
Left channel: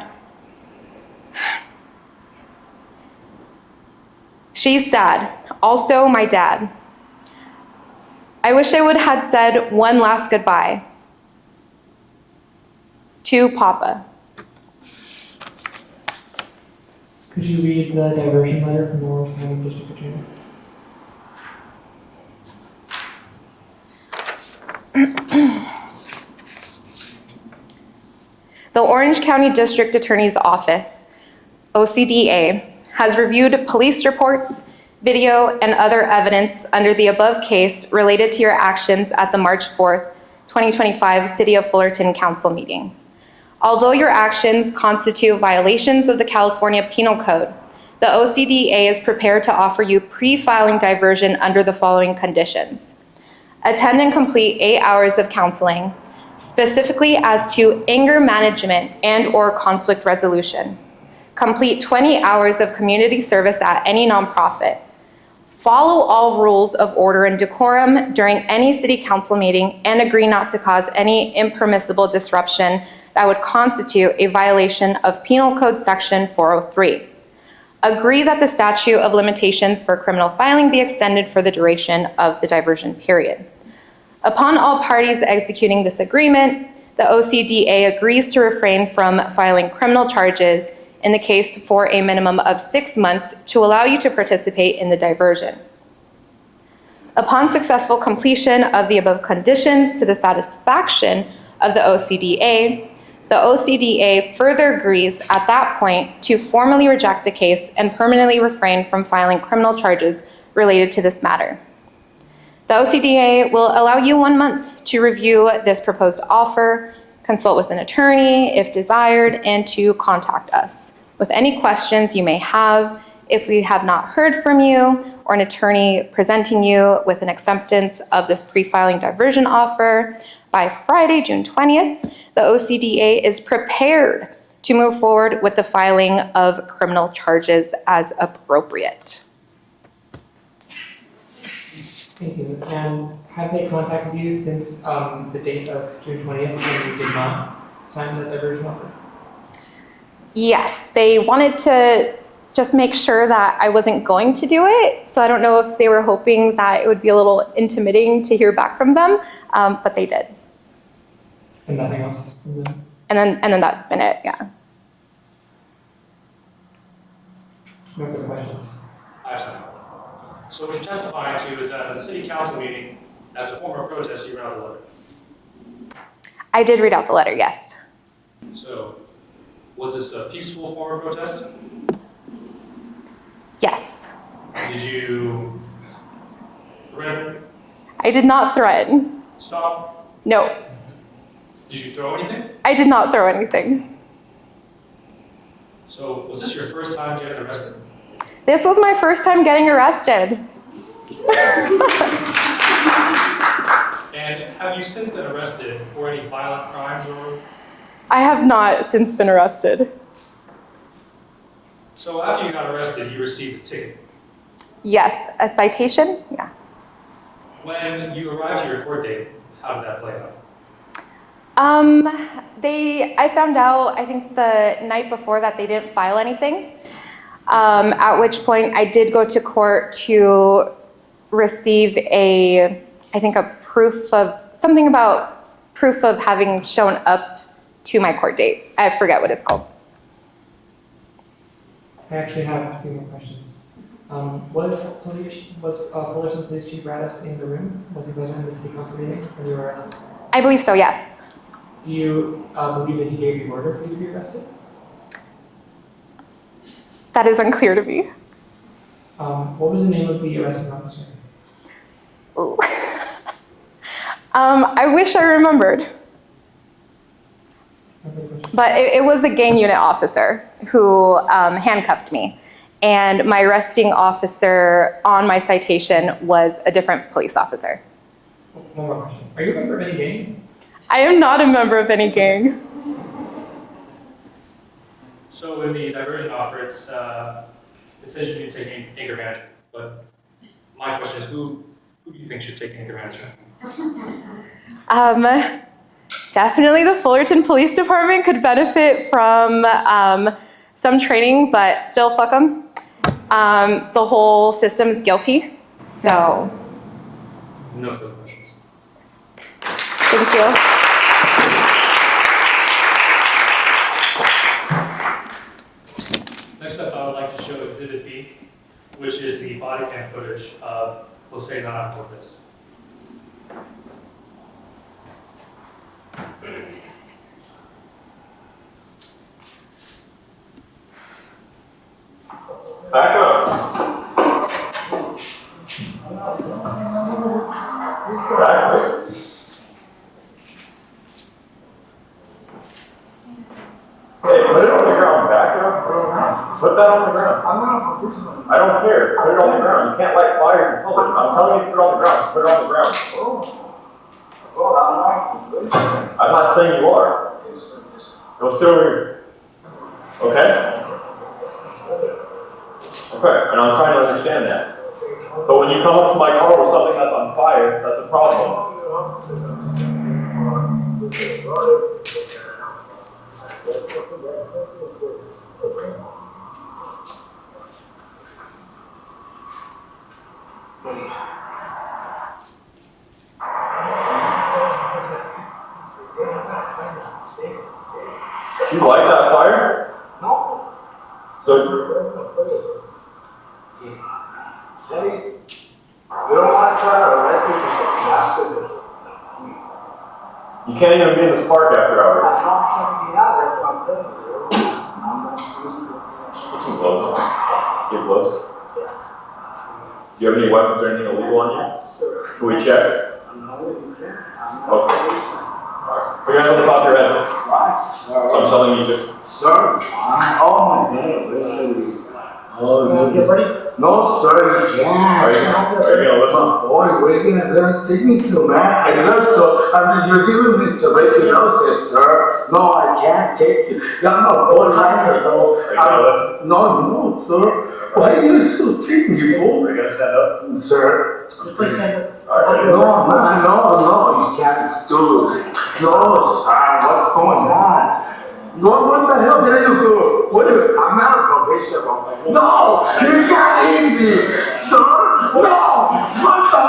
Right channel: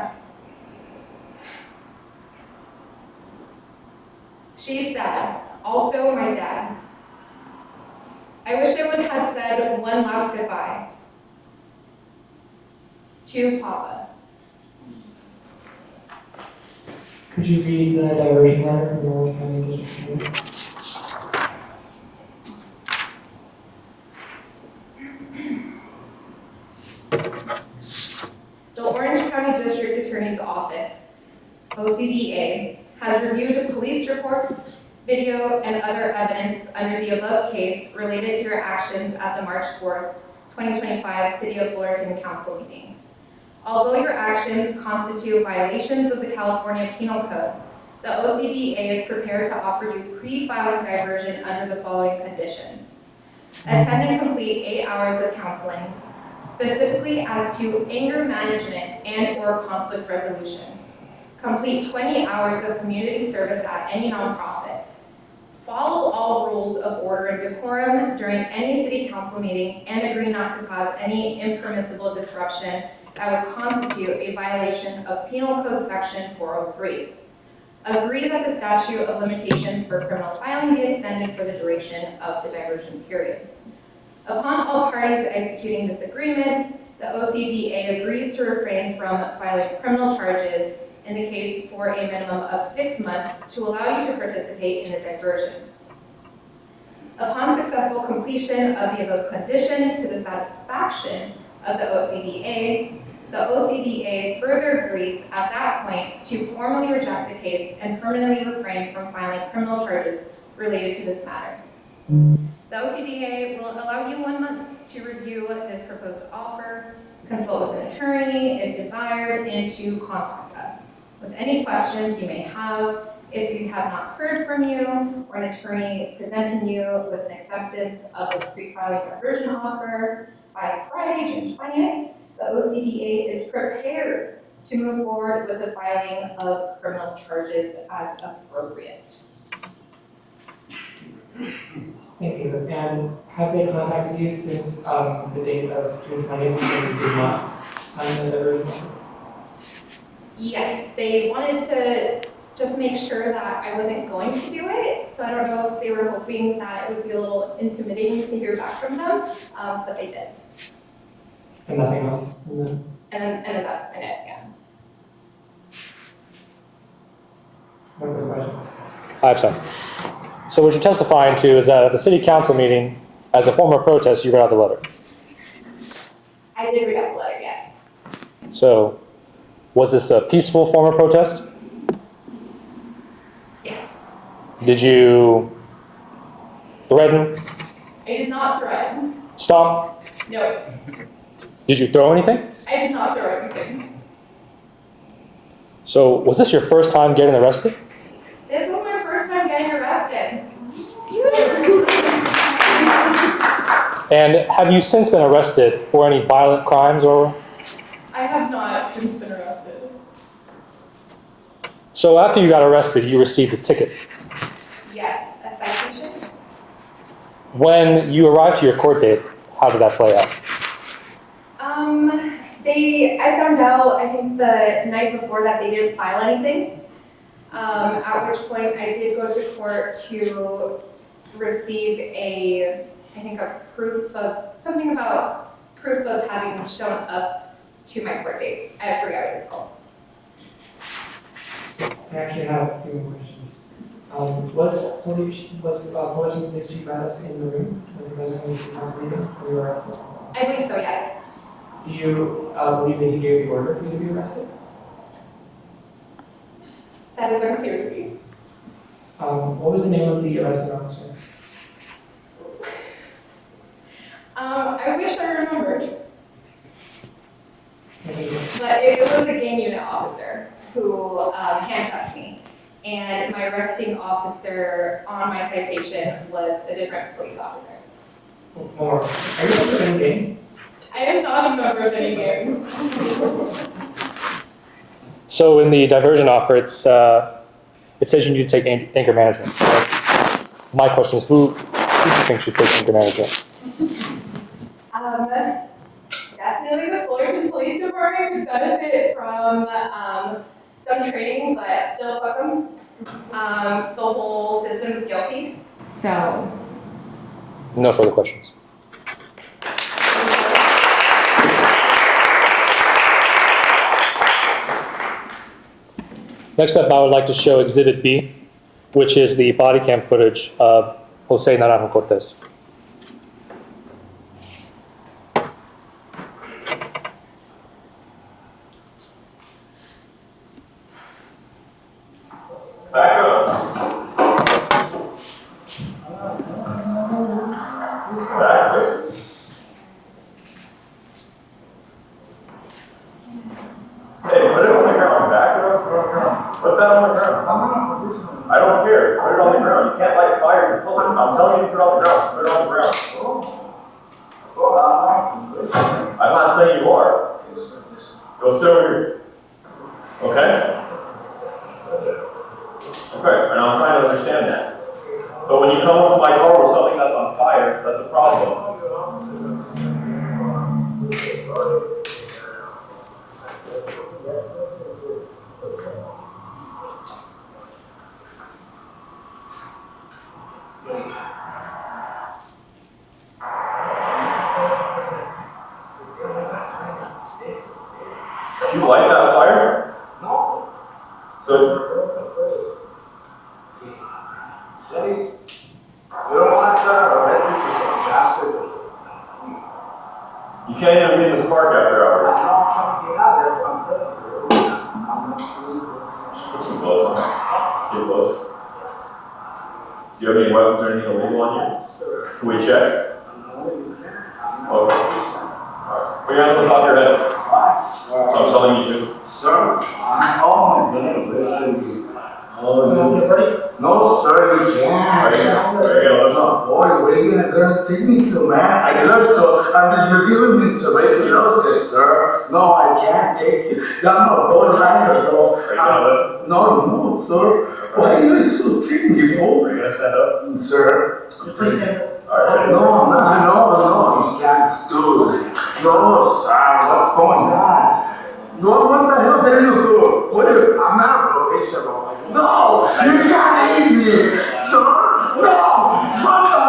she's sad. Also, my dad. I wish I would have said one last goodbye. To Papa." Could you read the diversion letter from the Orange County District Attorney? The Orange County District Attorney's Office, OCDA, has reviewed police reports, video, and other evidence under the above case related to your actions at the March 4th, 2025 City of Fullerton Council meeting. Although your actions constitute violations of the California Penal Code, the OCDA is prepared to offer you pre-filing diversion under the following conditions. Attend and complete 8 hours of counseling, specifically as to anger management and/or conflict resolution. Complete 20 hours of community service at any nonprofit. Follow all rules of order and decorum during any city council meeting and agree not to cause any impermissible disruption that would constitute a violation of Penal Code Section 403. Agree that the statute of limitations for criminal filing be extended for the duration of the diversion period. Upon all parties executing this agreement, the OCDA agrees to refrain from filing criminal charges in the case for a minimum of 6 months to allow you to participate in the diversion. Upon successful completion of the above conditions to the satisfaction of the OCDA further agrees at that point to formally reject the case and permanently refrain from filing criminal charges related to this matter. The OCDA will allow you 1 month to review this proposed offer, consult with an attorney if desired, and to contact us with any questions you may have if we have not heard from you or an attorney presenting you with an acceptance of this pre-filing diversion offer by Friday, June 20th, the OCDA is prepared to move forward with the filing of criminal charges as appropriate. Thank you. And have they contacted you since the date of June 20th when you did not sign the diversion offer? Yes, they wanted to just make sure that I wasn't going to do it. So I don't know if they were hoping that it would be a little intimidating to hear back from them, but they did. And nothing else? And then that's been it, yeah. No further questions? I have some. So what you're testifying to is that at the city council meeting, as a form of protest, you read out the letter. I did read out the letter, yes. So was this a peaceful form of protest? Yes. Did you threaten? I did not threaten. Stop? No, Did you throw anything? I did not throw anything. So was this your first time getting arrested? This was my first time getting arrested. And have you since been arrested for any violent crimes or? I have not since been arrested. So after you got arrested, you received a ticket. Yes, a citation? Yeah. When you arrived to your court date, how did that play out? I found out, I think the night before that they didn't file anything. At which point I did go to court to receive a proof of having shown up to my court date. I forget what it's called. I actually have a few more questions. Was Fullerton Police Chief Radis in the room? Was he present at the city council meeting when you were arrested? I believe so, yes. Do you believe that he gave the order for you to be arrested? That is unclear to me. What was the name of the arresting officer? Ooh. I wish I remembered. But it was a gang unit officer who handcuffed me. And my arresting officer on my citation was a different police officer. More. Are you a member of any gang? I am not a member of any gang. So in the diversion offer, it says you need to take anger management. My question is, who do you think should take anger management? Definitely the Fullerton Police Department could benefit from some training, but still fuck them. The whole system is guilty, so. No further questions. Thank you. Next up, I would like to show Exhibit B, which is the body cam footage of Jose Naranjo-Cortez. Back up. Back up. Hey, put it on the ground. Back up. Put it on the ground. Put that on the ground. I don't care. Put it on the ground. You can't light fires in public. I'm telling you to put it on the ground. Put it on the ground. I'm not saying you are. Go sit over here. Okay? Okay, and I'm trying to understand that. But when you come up to my car with something that's on fire, that's a problem. Did you light that fire? No. So. You can't even be in this park after hours. Put some gloves on. Get gloves. Do you have any weapons or anything illegal on you? Can we check? Okay. Alright. Put your hands on the top of your head. So I'm telling you to. Sir, oh my God, listen. Oh, You ready? no, sir, you can't. Are you gonna listen? Boy, where you gonna take me to, man? I look so, you're giving me tuberculosis, sir. No, I can't take you. I'm a borderliner, though. Are you gonna listen? No, sir. Why you take me, fool? Are you gonna stand up? Sir. Please stand up. Alright. No, you can't do it. No, sir, what's going on? What the hell did you do? I'm not a probation officer. No, you can't leave me, sir. No, what the hell?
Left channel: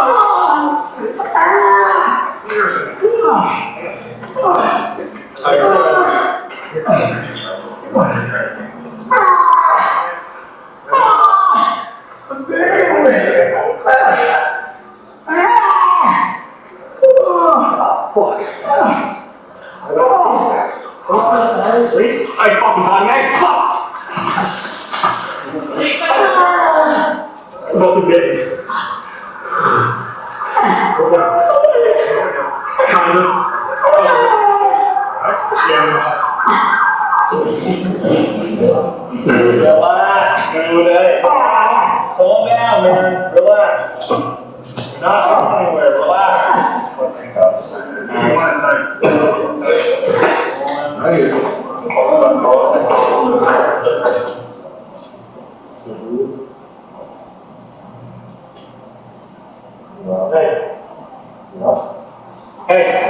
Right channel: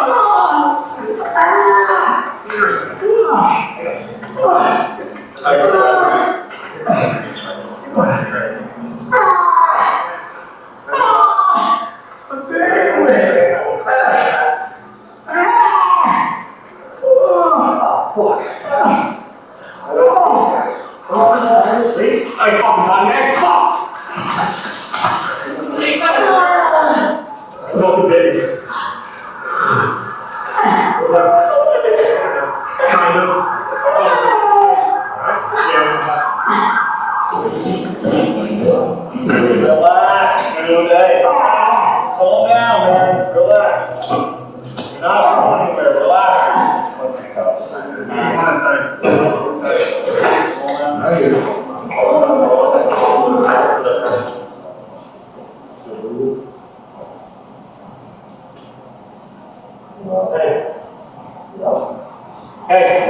I fucking got man. Fuck! Welcome, baby. Kind of. Relax, dude. Hey, calm down, man. Relax. You're not going anywhere. Relax. You want to say? Hey.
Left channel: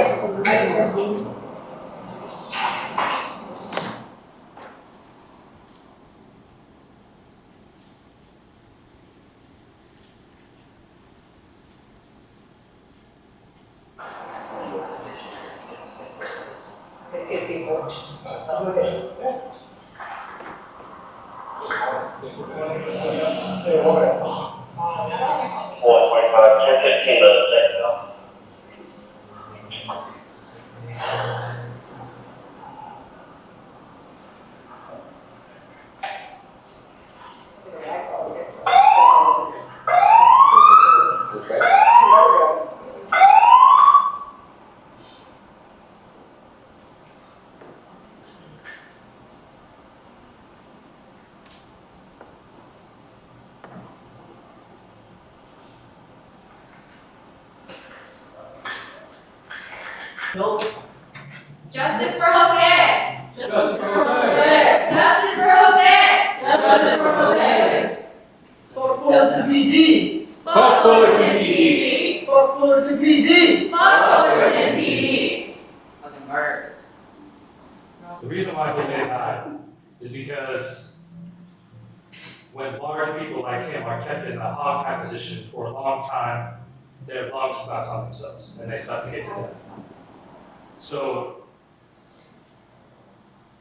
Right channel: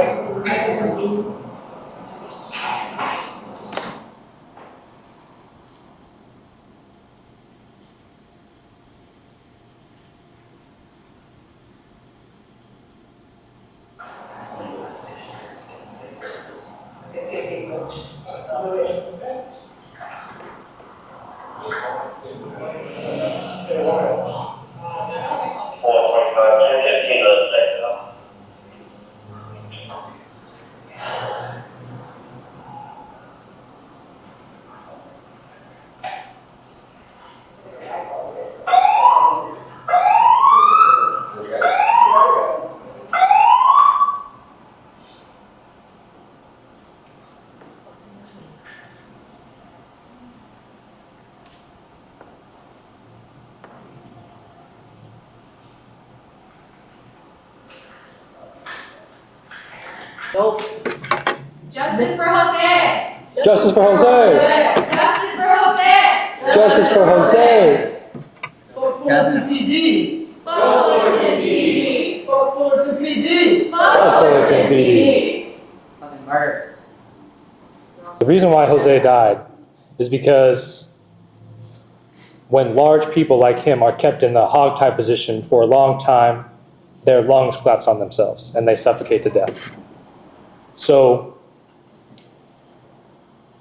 Justice for Jose! Justice for Jose! Justice for Jose! Justice for Jose! Fuck Fullerton PD! Fuck Fullerton PD! Fuck Fullerton PD! Fuck Fullerton PD! Nothing murders. The reason why Jose died is because when large people like him are kept in the hog-tie position for a long time, their lungs collapse on themselves and they suffocate to death. So,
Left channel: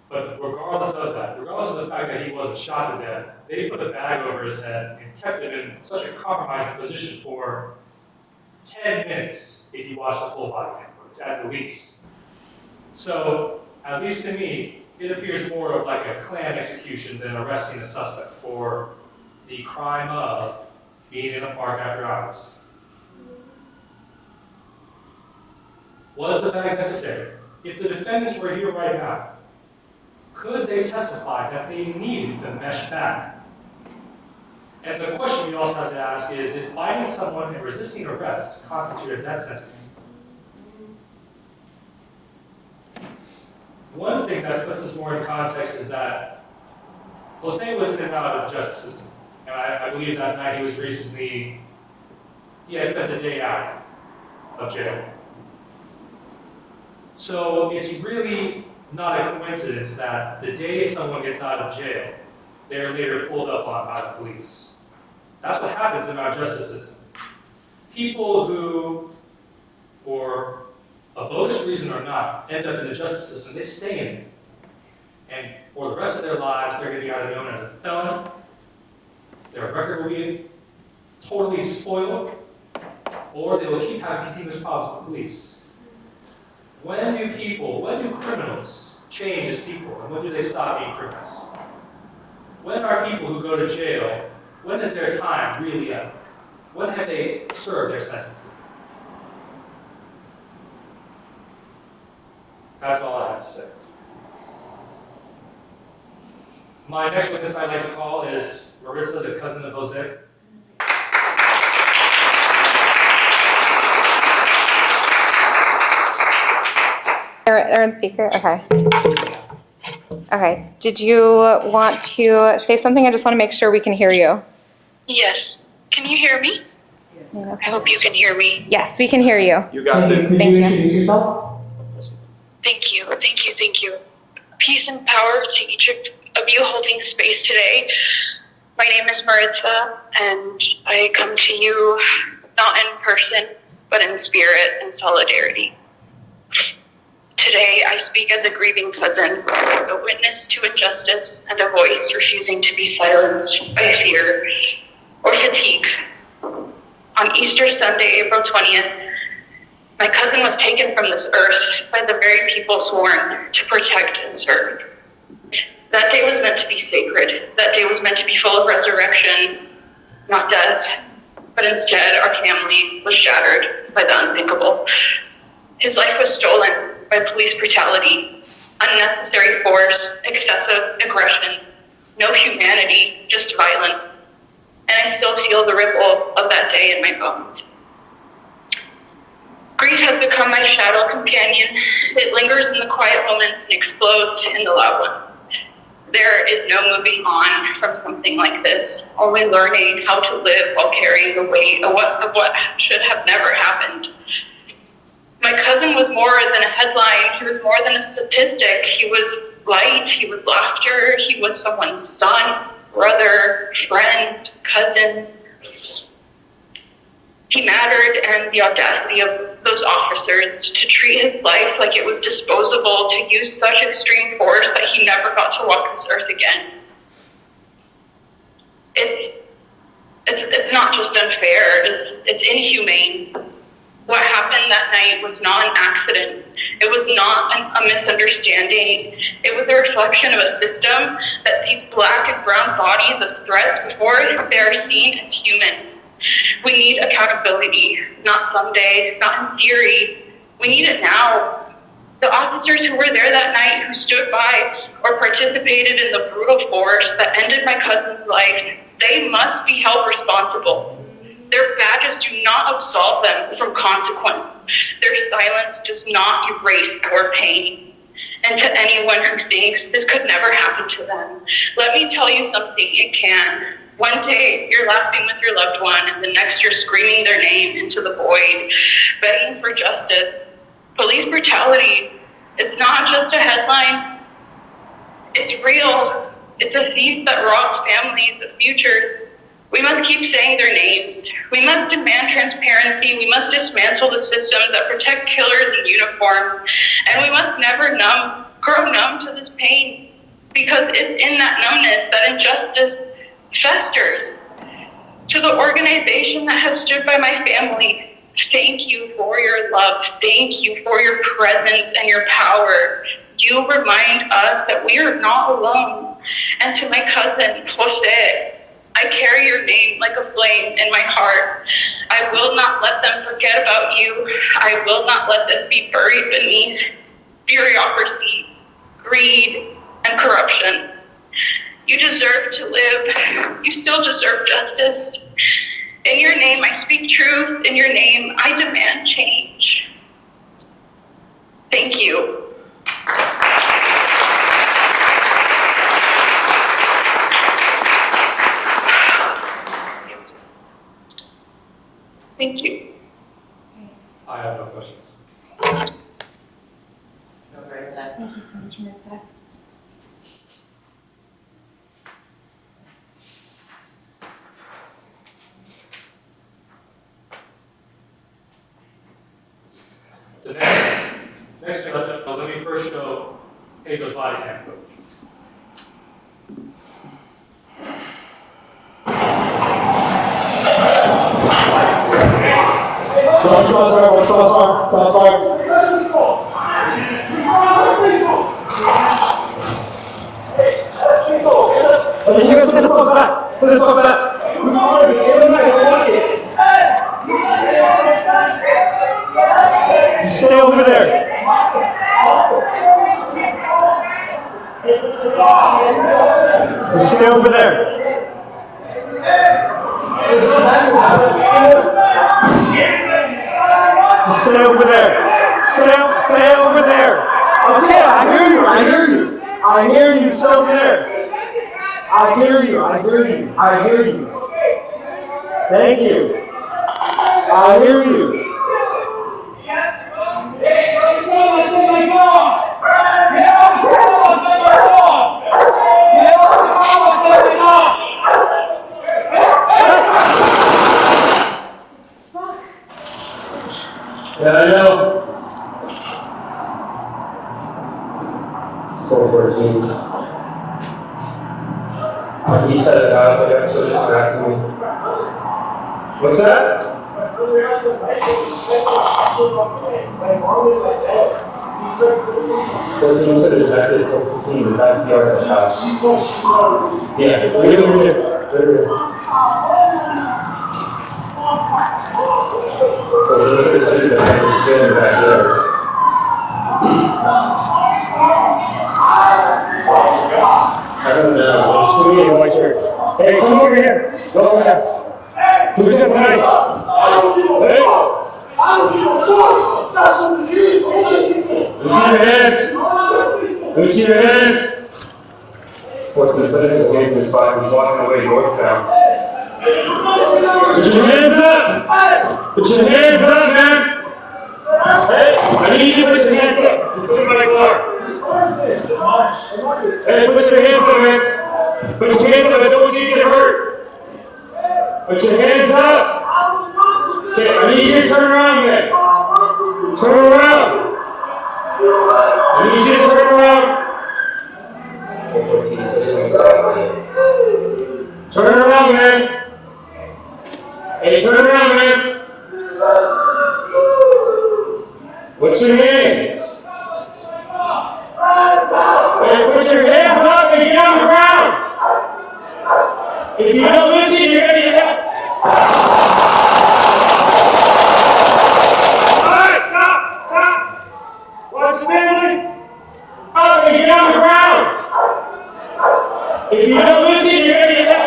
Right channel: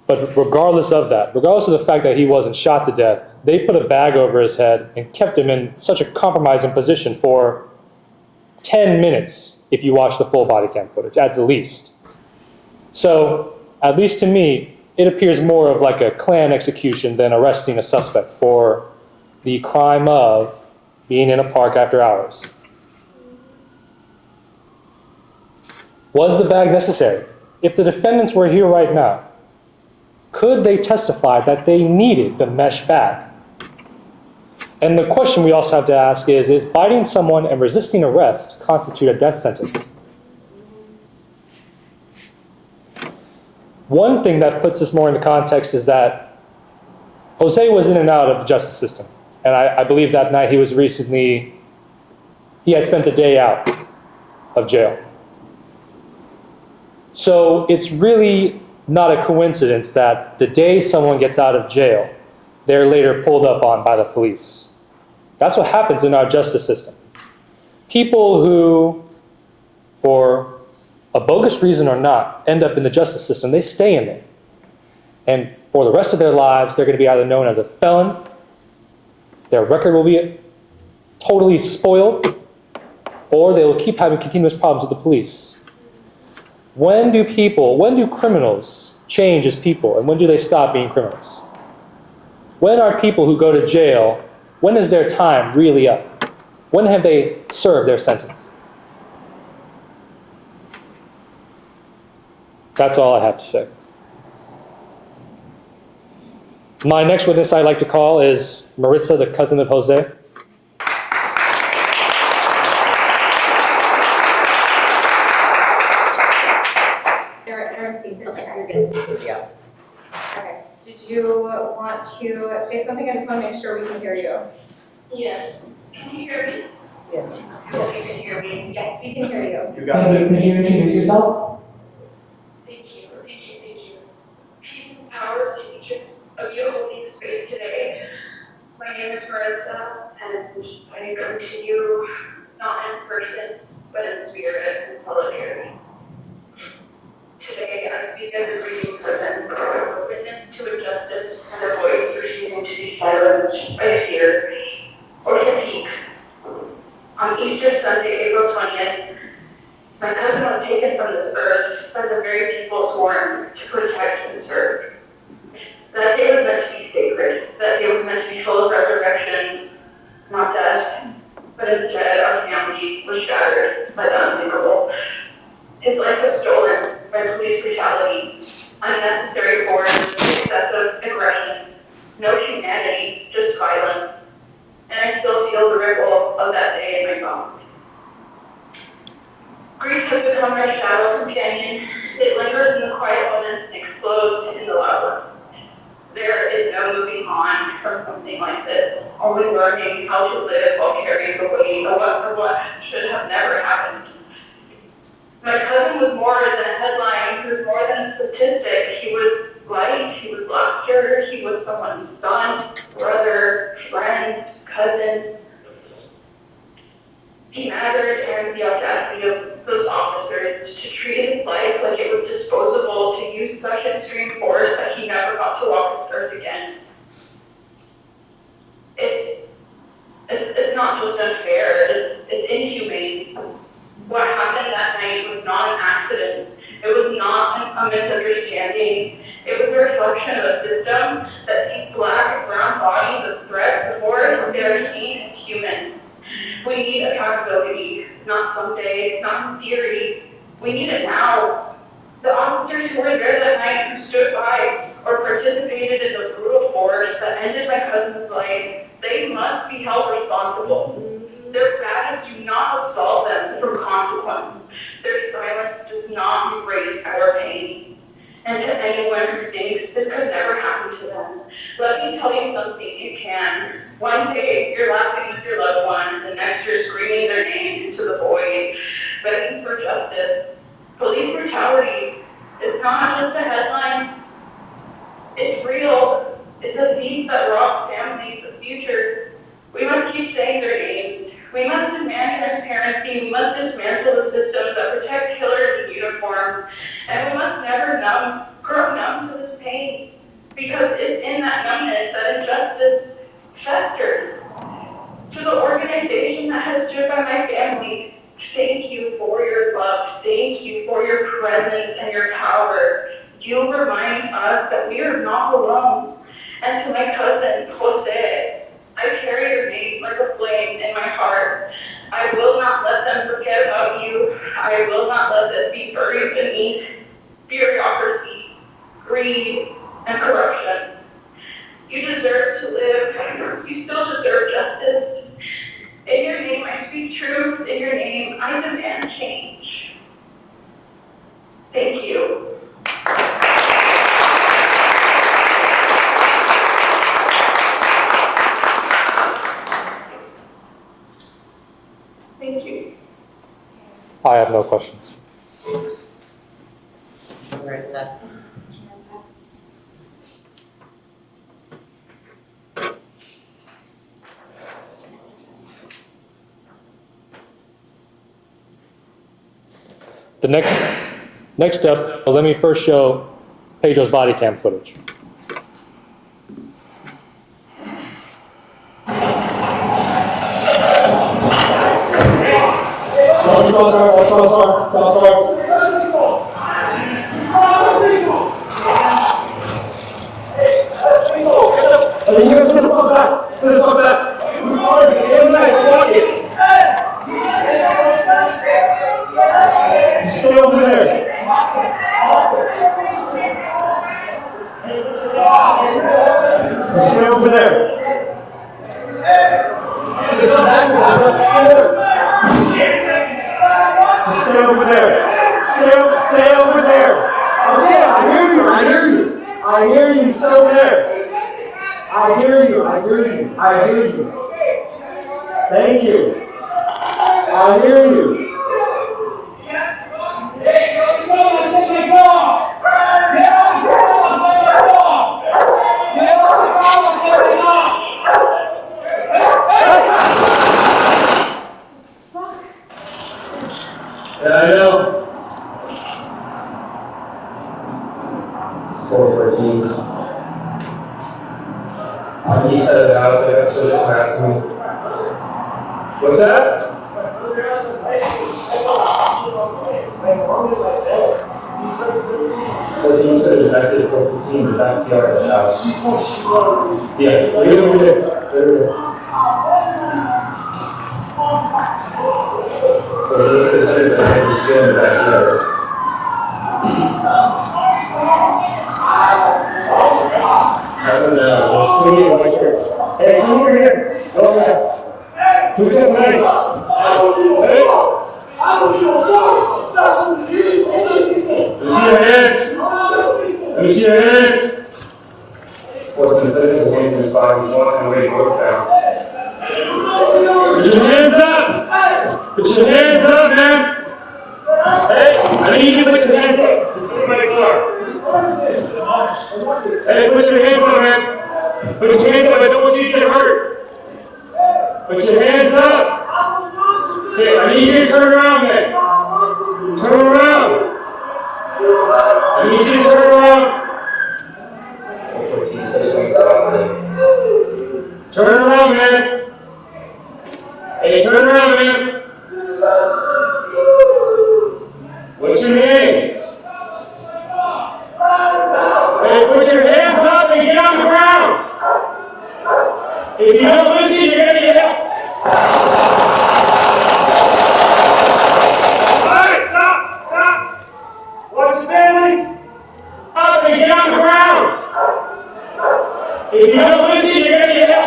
but regardless of that, regardless of the fact that he wasn't shot to death, they put a bag over his head and kept him in such a compromising position for 10 minutes if you watch the full body cam footage, at the least. So, at least to me, it appears more of like a Klan execution than arresting a suspect for the crime of being in a park after hours. Was the bag necessary? If the defendants were here right now, could they testify that they needed the mesh bag? And the question we also have to ask is biting someone and resisting arrest constitute a death sentence? One thing that puts this more into context is that Jose was in and out of the justice system. And I believe that night he had spent the day out of jail. So it's really not a coincidence that the day someone gets out of jail, they're later pulled up on by the police. That's what happens in our justice system. People who, for a bogus reason or not, end up in the justice system, they stay in there. And for the rest of their lives, they're going to be either known as a felon, their record will be totally spoiled, or they will keep having continuous problems with the police. When do criminals change as people, and when do they stop being criminals? When are people who go to jail, when is their time really up? When have they served their sentence? That's all I have to say. My next witness I'd like to call is Maritza, the cousin of Jose. They're on speaker? Okay. Okay. Did you want to say something? I just want to make sure we can hear you. Yes. Can you hear me? I hope you can hear me. Yes, we can hear you. You got this. Could you introduce yourself? Thank you. Thank you. Thank you. Peace and power to each of you holding space today. My name is Maritza, and I come to you not in person, but in spirit and solidarity. Today, I speak as a grieving cousin, a witness to injustice, and a voice refusing to be silenced by fear or fatigue. On Easter Sunday, April 20th, my cousin was taken from this earth by the very people sworn to protect and serve. That day was meant to be sacred. That day was meant to be full of resurrection, not death. But instead, our family was shattered by the unthinkable. His life was stolen by police brutality, unnecessary force, excessive aggression, no humanity, just violence. And I still feel the ripple of that day in my bones. Grief has become my shadow companion. It lingers in the quiet moments and explodes in the loud ones. There is no moving on from something like this, only learning how to live while carrying the weight of what should have never happened. My cousin was more than a headline. He was more than a statistic. He was light, he was laughter, he was someone's son, brother, friend, cousin. He mattered, and the audacity of those officers to treat his life like it was disposable, to use such extreme force that he never got to walk this earth again. It's not just unfair, it's inhumane. What happened that night was not an accident. It was not a misunderstanding. It was a reflection of a system that sees black and brown bodies as threats before they are seen as human. We need accountability, not someday, not in theory. We need it now. The officers who were there that night, who stood by or participated in the brutal force that ended my cousin's life, they must be held responsible. Their badges do not absolve them from consequence. Their silence does not erase our pain. And to anyone who thinks this could never happen to them, let me tell you something, it can. One day you're laughing with your loved one, and the next you're screaming their name into the void, begging for justice. Police brutality, it's not just a headline. It's real. It's a thief that robs families of futures. We must keep saying their names. We must demand transparency. We must dismantle the systems that protect killers in uniform. And we must never grow numb to this pain, because it's in that numbness that injustice festers. To the organization that has stood by my family, thank you for your love. Thank you for your presence and your power. You remind us that we are not alone. And to my cousin, Jose, I carry your name like a flame in my heart. I will not let them forget about you. I will not let this be buried beneath bureaucracy, greed, and corruption. You deserve to live. You still deserve justice. In your name, I speak truth. In your name, I demand change. Thank you. Thank you. I have no questions. Maritza. Thank you so much, Maritza. The next step, let me first show Pedro's body cam footage. Watch crossfire, watch crossfire, crossfire. Hey, you guys sit the fuck back. Sit the fuck back. Stay over there. Just stay over there. Stay over there. Okay, I hear you. I hear you. Stay over there. I hear you. Thank you. I hear you. Yeah, I know. 414. On the east side of the house, I got somebody come out to me. What's that? He said it's back at 415 in the backyard of the house. Yeah, right over there. Right over there. So he said that I was in the backyard. I don't know. There's too many white shirts. Hey, come over here. Go over here. Who's up, man? Hey. Let me see your hands. What's the sense of hands in his body? He's walking away north town. Put your hands up! Put your hands up, man! Hey, I need you to put your hands up. This is my car. Hey, put your hands up, man. Put your hands up. I don't want you to get hurt. Put your hands up. Okay, I need you to turn around, man. Turn around. I need you to turn around. Turn around, man. Hey, turn around, man. What's your name? Hey, put your hands up and get on the ground. If you don't listen, you're gonna get hit. Alright, stop. Watch your family. Up and get on the ground. If you don't listen, you're gonna get hit.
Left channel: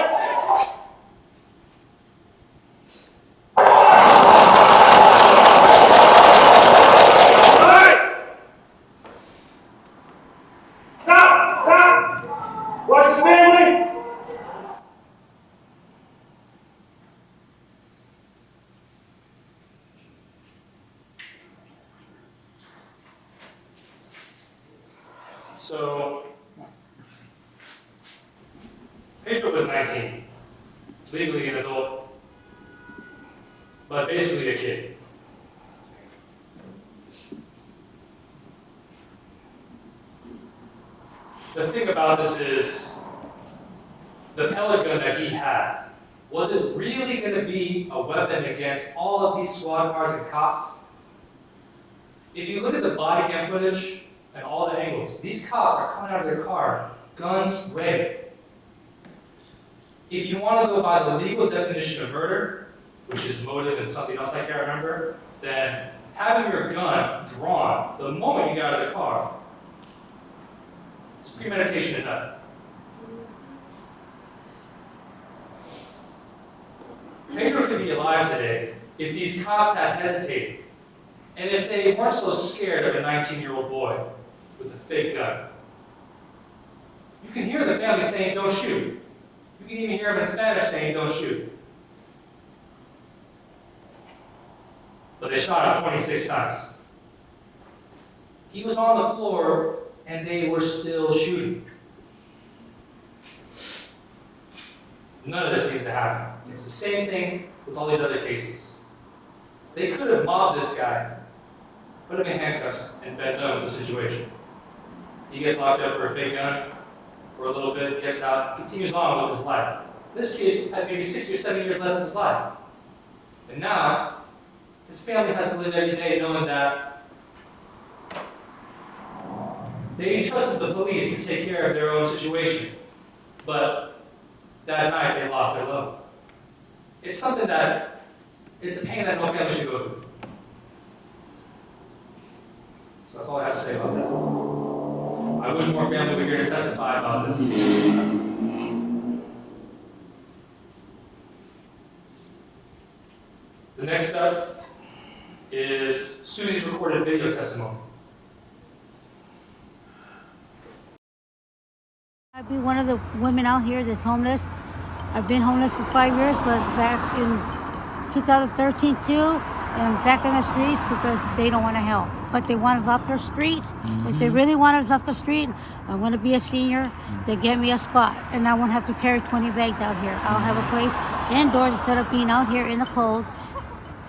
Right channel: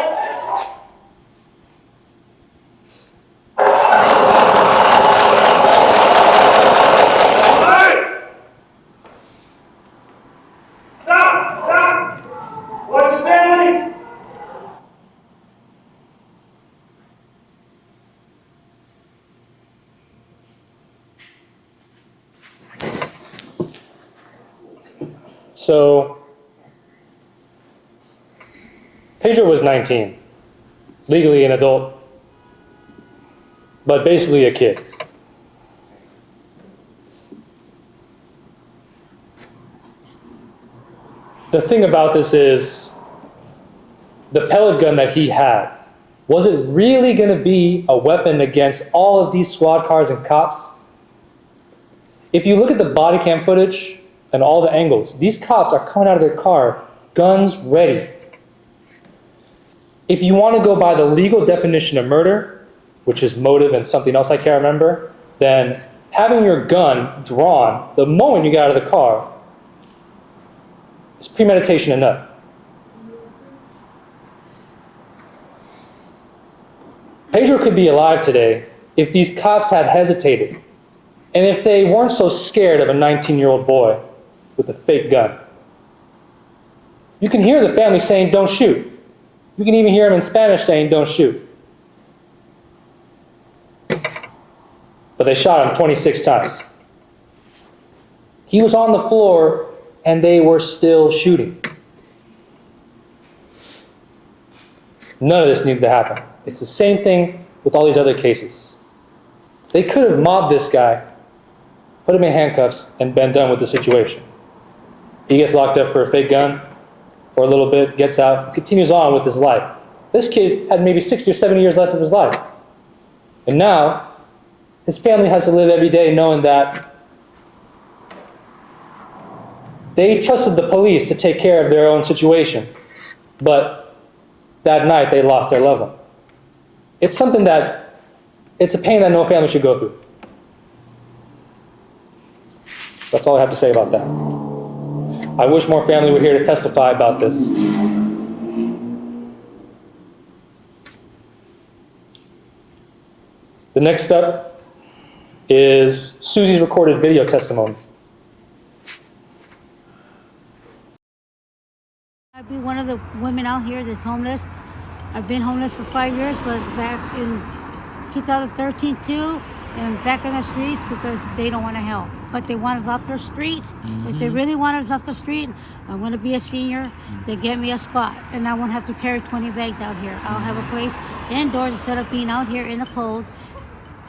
So, Pedro was 19, legally an adult, but basically a kid. The thing about this is, the pellet gun that he had, was it really going to be a weapon against all of these squad cars and cops? If you look at the body cam footage and all the angles, these cops are coming out of their car, guns ready. If you want to go by the legal definition of murder, which is motive and something else I can't remember, then having your gun drawn the moment you get out of the car is premeditation enough. Pedro could be alive today if these cops had hesitated, and if they weren't so scared of a 19-year-old boy with a fake gun. You can hear the family saying, "Don't shoot." You can even hear them in Spanish saying, "Don't shoot." But they shot him 26 times. He was on the floor, and they were still shooting. None of this needed to happen. It's the same thing with all these other cases. They could have mobbed this guy, put him in handcuffs, and been done with the situation. He gets locked up for a fake gun for a little bit, gets out, continues on with his life. This kid had maybe 60 or 70 years left of his life. And now, his family has to live every day knowing that they trusted the police to take care of their own situation, but that night they lost their loved one. It's something that, it's a pain that no family should go through. That's all I have to say about that. I wish more family were here to testify about this. The next step is Susie's recorded video testimony. I'd be one of the women out here that's homeless. I've been homeless for 5 years, but back in 2013 too, and back in the streets because they don't want to help. But they want us off their streets. If they really want us off the street, I want to be a senior, they get me a spot. And I won't have to carry 20 bags out here. I'll have a place indoors instead of being out here in the cold,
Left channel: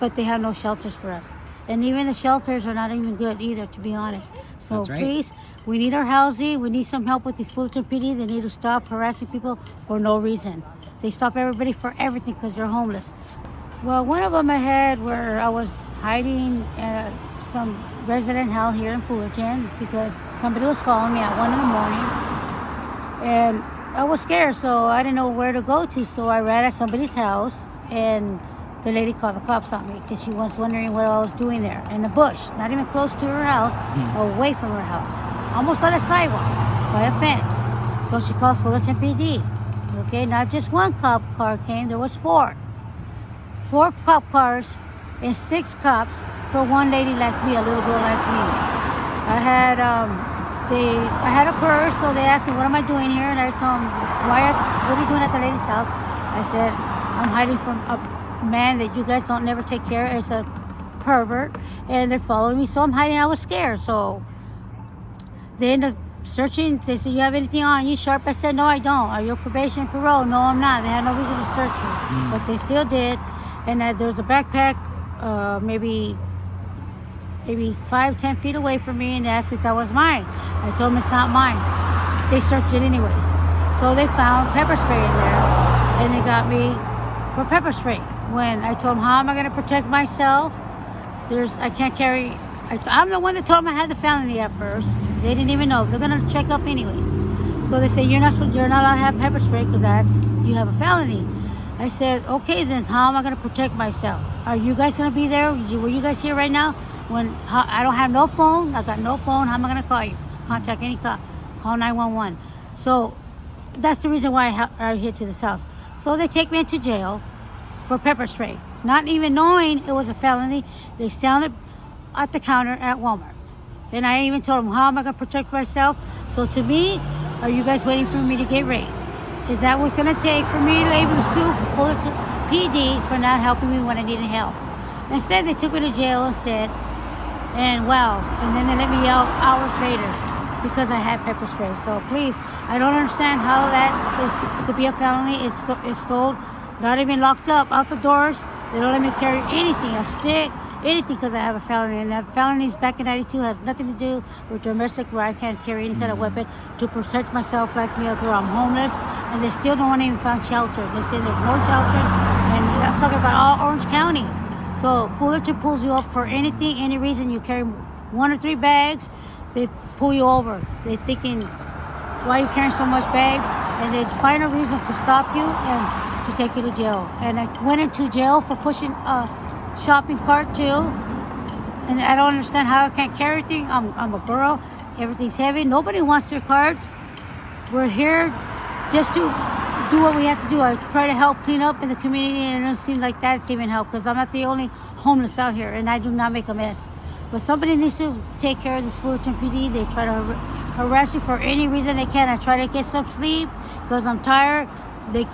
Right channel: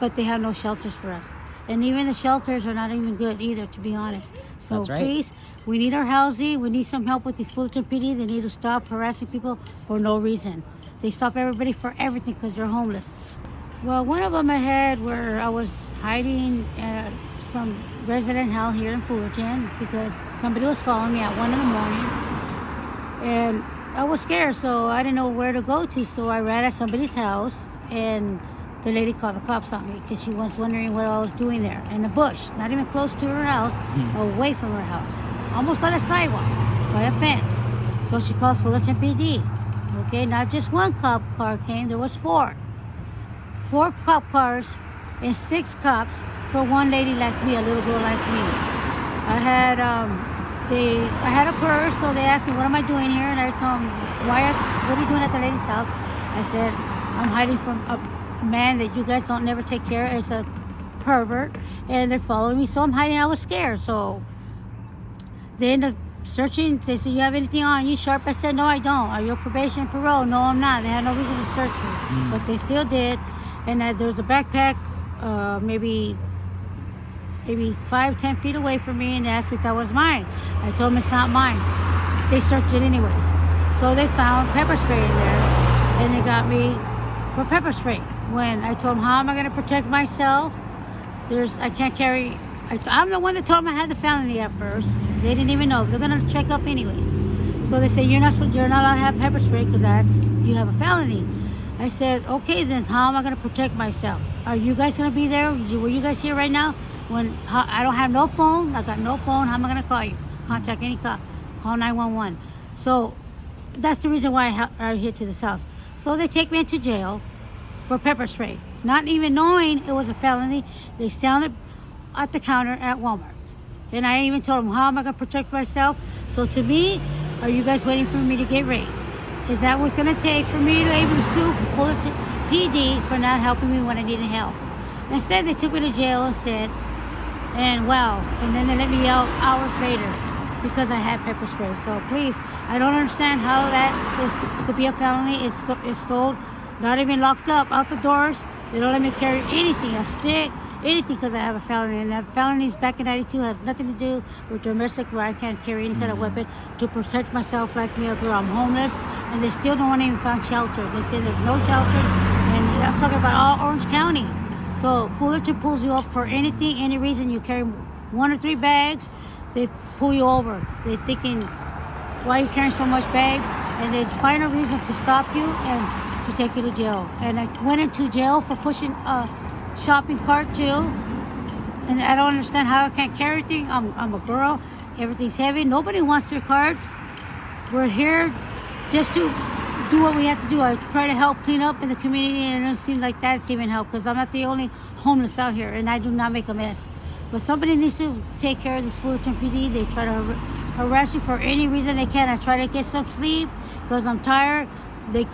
but they have no shelters for us. And even the shelters are not even good either, to be honest. So That's right. Please, we need our housing. We need some help with these Fullerton PD. They need to stop harassing people for no reason. They stop everybody for everything because they're homeless. Well, one of them I had where I was hiding at some resident house here in Fullerton because somebody was following me at 1 in the morning. And I was scared, so I didn't know where to go to. So I ran at somebody's house, and the lady called the cops on me because she was wondering what I was doing there in the bush, not even close to her house, away from her house, almost by the sidewalk, by a fence. So she calls Fullerton PD. Okay, not just one cop car came, there was 4. 4 cop cars and 6 cops for one lady like me, a little girl like me. I had a purse, so they asked me, what am I doing here? And I told them, what are you doing at the lady's house? I said, I'm hiding from a man that you guys don't never take care of. It's a pervert, and they're following me, so I'm hiding. I was scared, so they ended up searching. They said, you have anything on you, Sharp? I said, no, I don't. Are you on probation, parole? No, I'm not. They had no reason to search me, but they still did. And there was a backpack maybe 5-10 feet away from me, and they asked me if that was mine. I told them it's not mine. They searched it anyways. So they found pepper spray in there, and they got me for pepper spray. When I told them, how am I going to protect myself? I can't carry. I'm the one that told them I had the felony at first. They didn't even know. They're going to check up anyways. So they say, you're not allowed to have pepper spray because you have a felony. I said, okay, then how am I going to protect myself? Are you guys going to be there? Were you guys here right now? When I don't have no phone, I got no phone, how am I going to call you? Contact any cop. Call 911. So that's the reason why I hit to this house. So they take me into jail for pepper spray. Not even knowing it was a felony, they sounded at the counter at Walmart. And I even told them, how am I going to protect myself? So to me, are you guys waiting for me to get raped? Is that what's going to take for me to be able to sue Fullerton PD for not helping me when I needed help? Instead, they took me to jail instead. And wow, and then they let me out hours later because I had pepper spray. So please, I don't understand how that could be a felony. It's sold, not even locked up, out the doors. They don't let me carry anything, a stick, anything, because I have a felony. And that felonies back in 92 has nothing to do with domestic, where I can't carry any kind of weapon to protect myself like me, a girl. I'm homeless, and they still don't want to even find shelter. They say there's no shelter, and I'm talking about all Orange County. So Fullerton pulls you up for anything, any reason. You carry 1 or 3 bags, they pull you over. They're thinking, why are you carrying so much bags? And they find a reason to stop you and to take you to jail. And I went into jail for pushing a shopping cart too. And I don't understand how I can't carry anything. I'm a girl, everything's heavy. Nobody wants your carts. We're here just to do what we have to do. I try to help clean up in the community, and it doesn't seem like that's even help, because I'm not the only homeless out here, and I do not make a mess. But somebody needs to take care of this Fullerton PD. They try to harass you for any reason they can. I try to get some sleep because I'm tired. They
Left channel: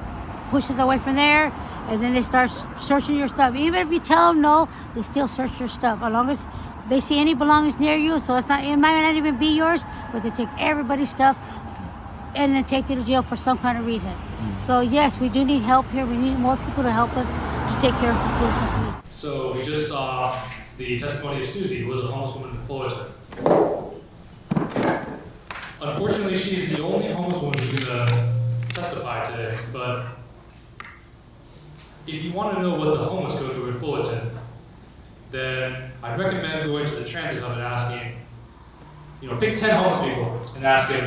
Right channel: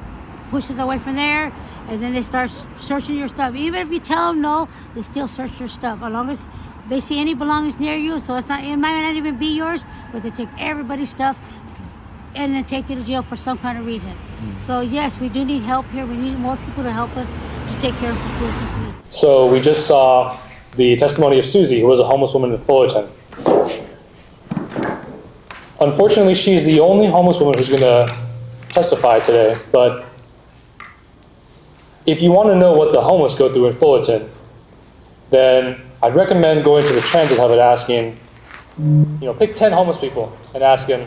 push us away from there, and then they start searching your stuff. Even if you tell them no, they still search your stuff. As long as they see any belongings near you, so it might not even be yours, but they take everybody's stuff and then take you to jail for some kind of reason. So yes, we do need help here. We need more people to help us to take care of the Fullerton Police. So we just saw the testimony of Susie, who was a homeless woman in Fullerton. Unfortunately, she's the only homeless woman who's going to testify today, but if you want to know what the homeless go through in Fullerton, then I'd recommend going to the transit hub and asking, pick 10 homeless people and ask them,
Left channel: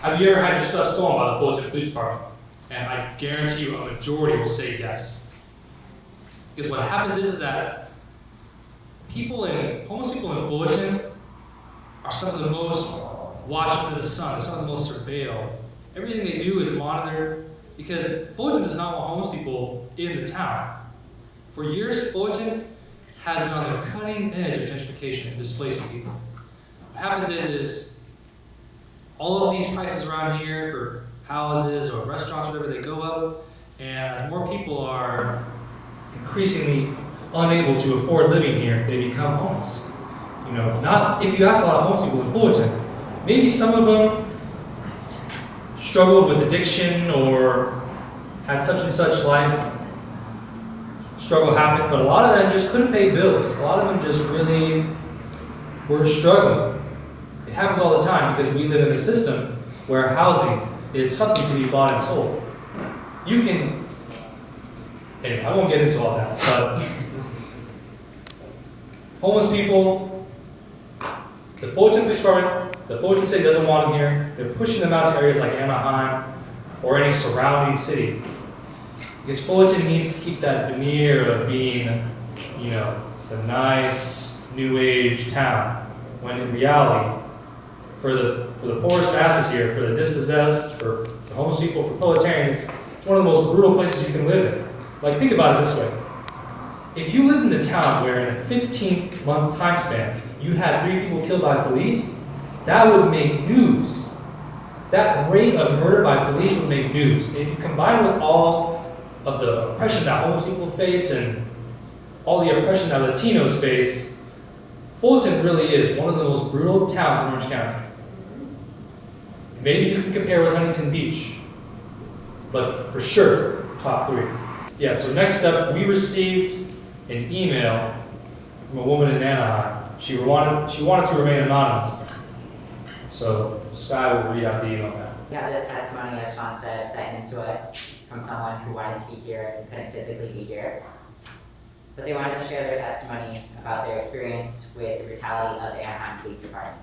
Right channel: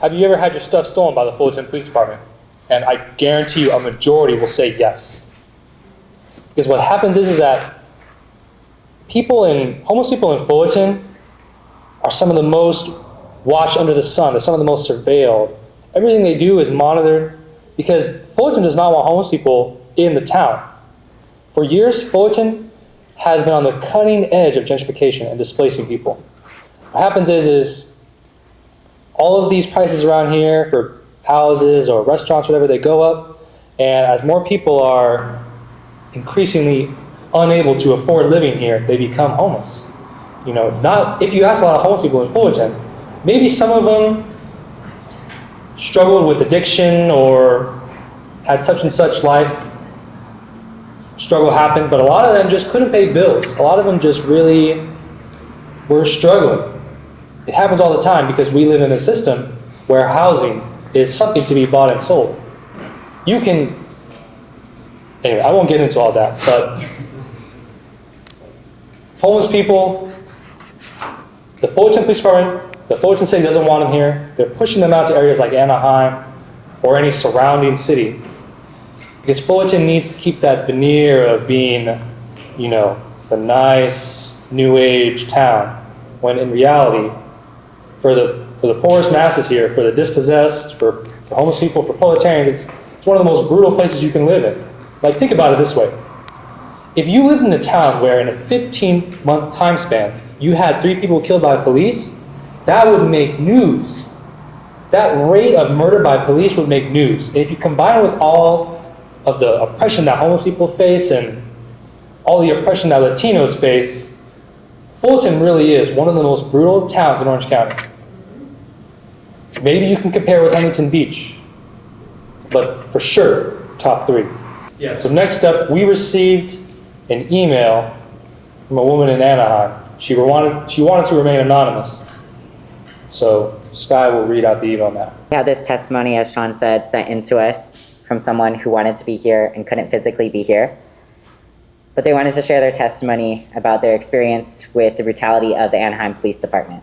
have you ever had your stuff stolen by the Fullerton Police Department? And I guarantee you a majority will say yes. Because what happens is that homeless people in Fullerton are some of the most watched under the sun. They're some of the most surveilled. Everything they do is monitored, because Fullerton does not want homeless people in the town. For years, Fullerton has been on the cutting edge of gentrification and displacing people. What happens is all of these prices around here for houses or restaurants, whatever, they go up, and as more people are increasingly unable to afford living here, they become homeless. You know, not if you ask a lot of homeless people in Fullerton, maybe some of them struggled with addiction or had such and such life struggle happen, but a lot of them just couldn't pay bills. A lot of them just really were struggling. It happens all the time because we live in a system where housing is something to be bought and sold. You can, anyway, I won't get into all that, but homeless people, the Fullerton Police Department, the Fullerton City doesn't want them here. They're pushing them out to areas like Anaheim or any surrounding city. Because Fullerton needs to keep that veneer of being, you know, the nice, new age town, when in reality, for the poorest masses here, for the dispossessed, for the homeless people, for proletarians, it's one of the most brutal places you can live in. Like, think about it this way. If you lived in a town where in a 15-month time span, you had 3 people killed by police, that would make news. That rate of murder by police would make news. And if you combine it with all of the oppression that homeless people face and all the oppression that Latinos face, Fullerton really is one of the most brutal towns in Orange County. Maybe you can compare with Huntington Beach, but for sure, top 3. Yeah, so next up, we received an email from a woman in Anaheim. She wanted to remain anonymous. So Sky will read out the email now. We had this testimony, as Sean said, sent in to us from someone who wanted to be here and couldn't physically be here. But they wanted to share their testimony about their experience with the brutality of the Anaheim Police Department.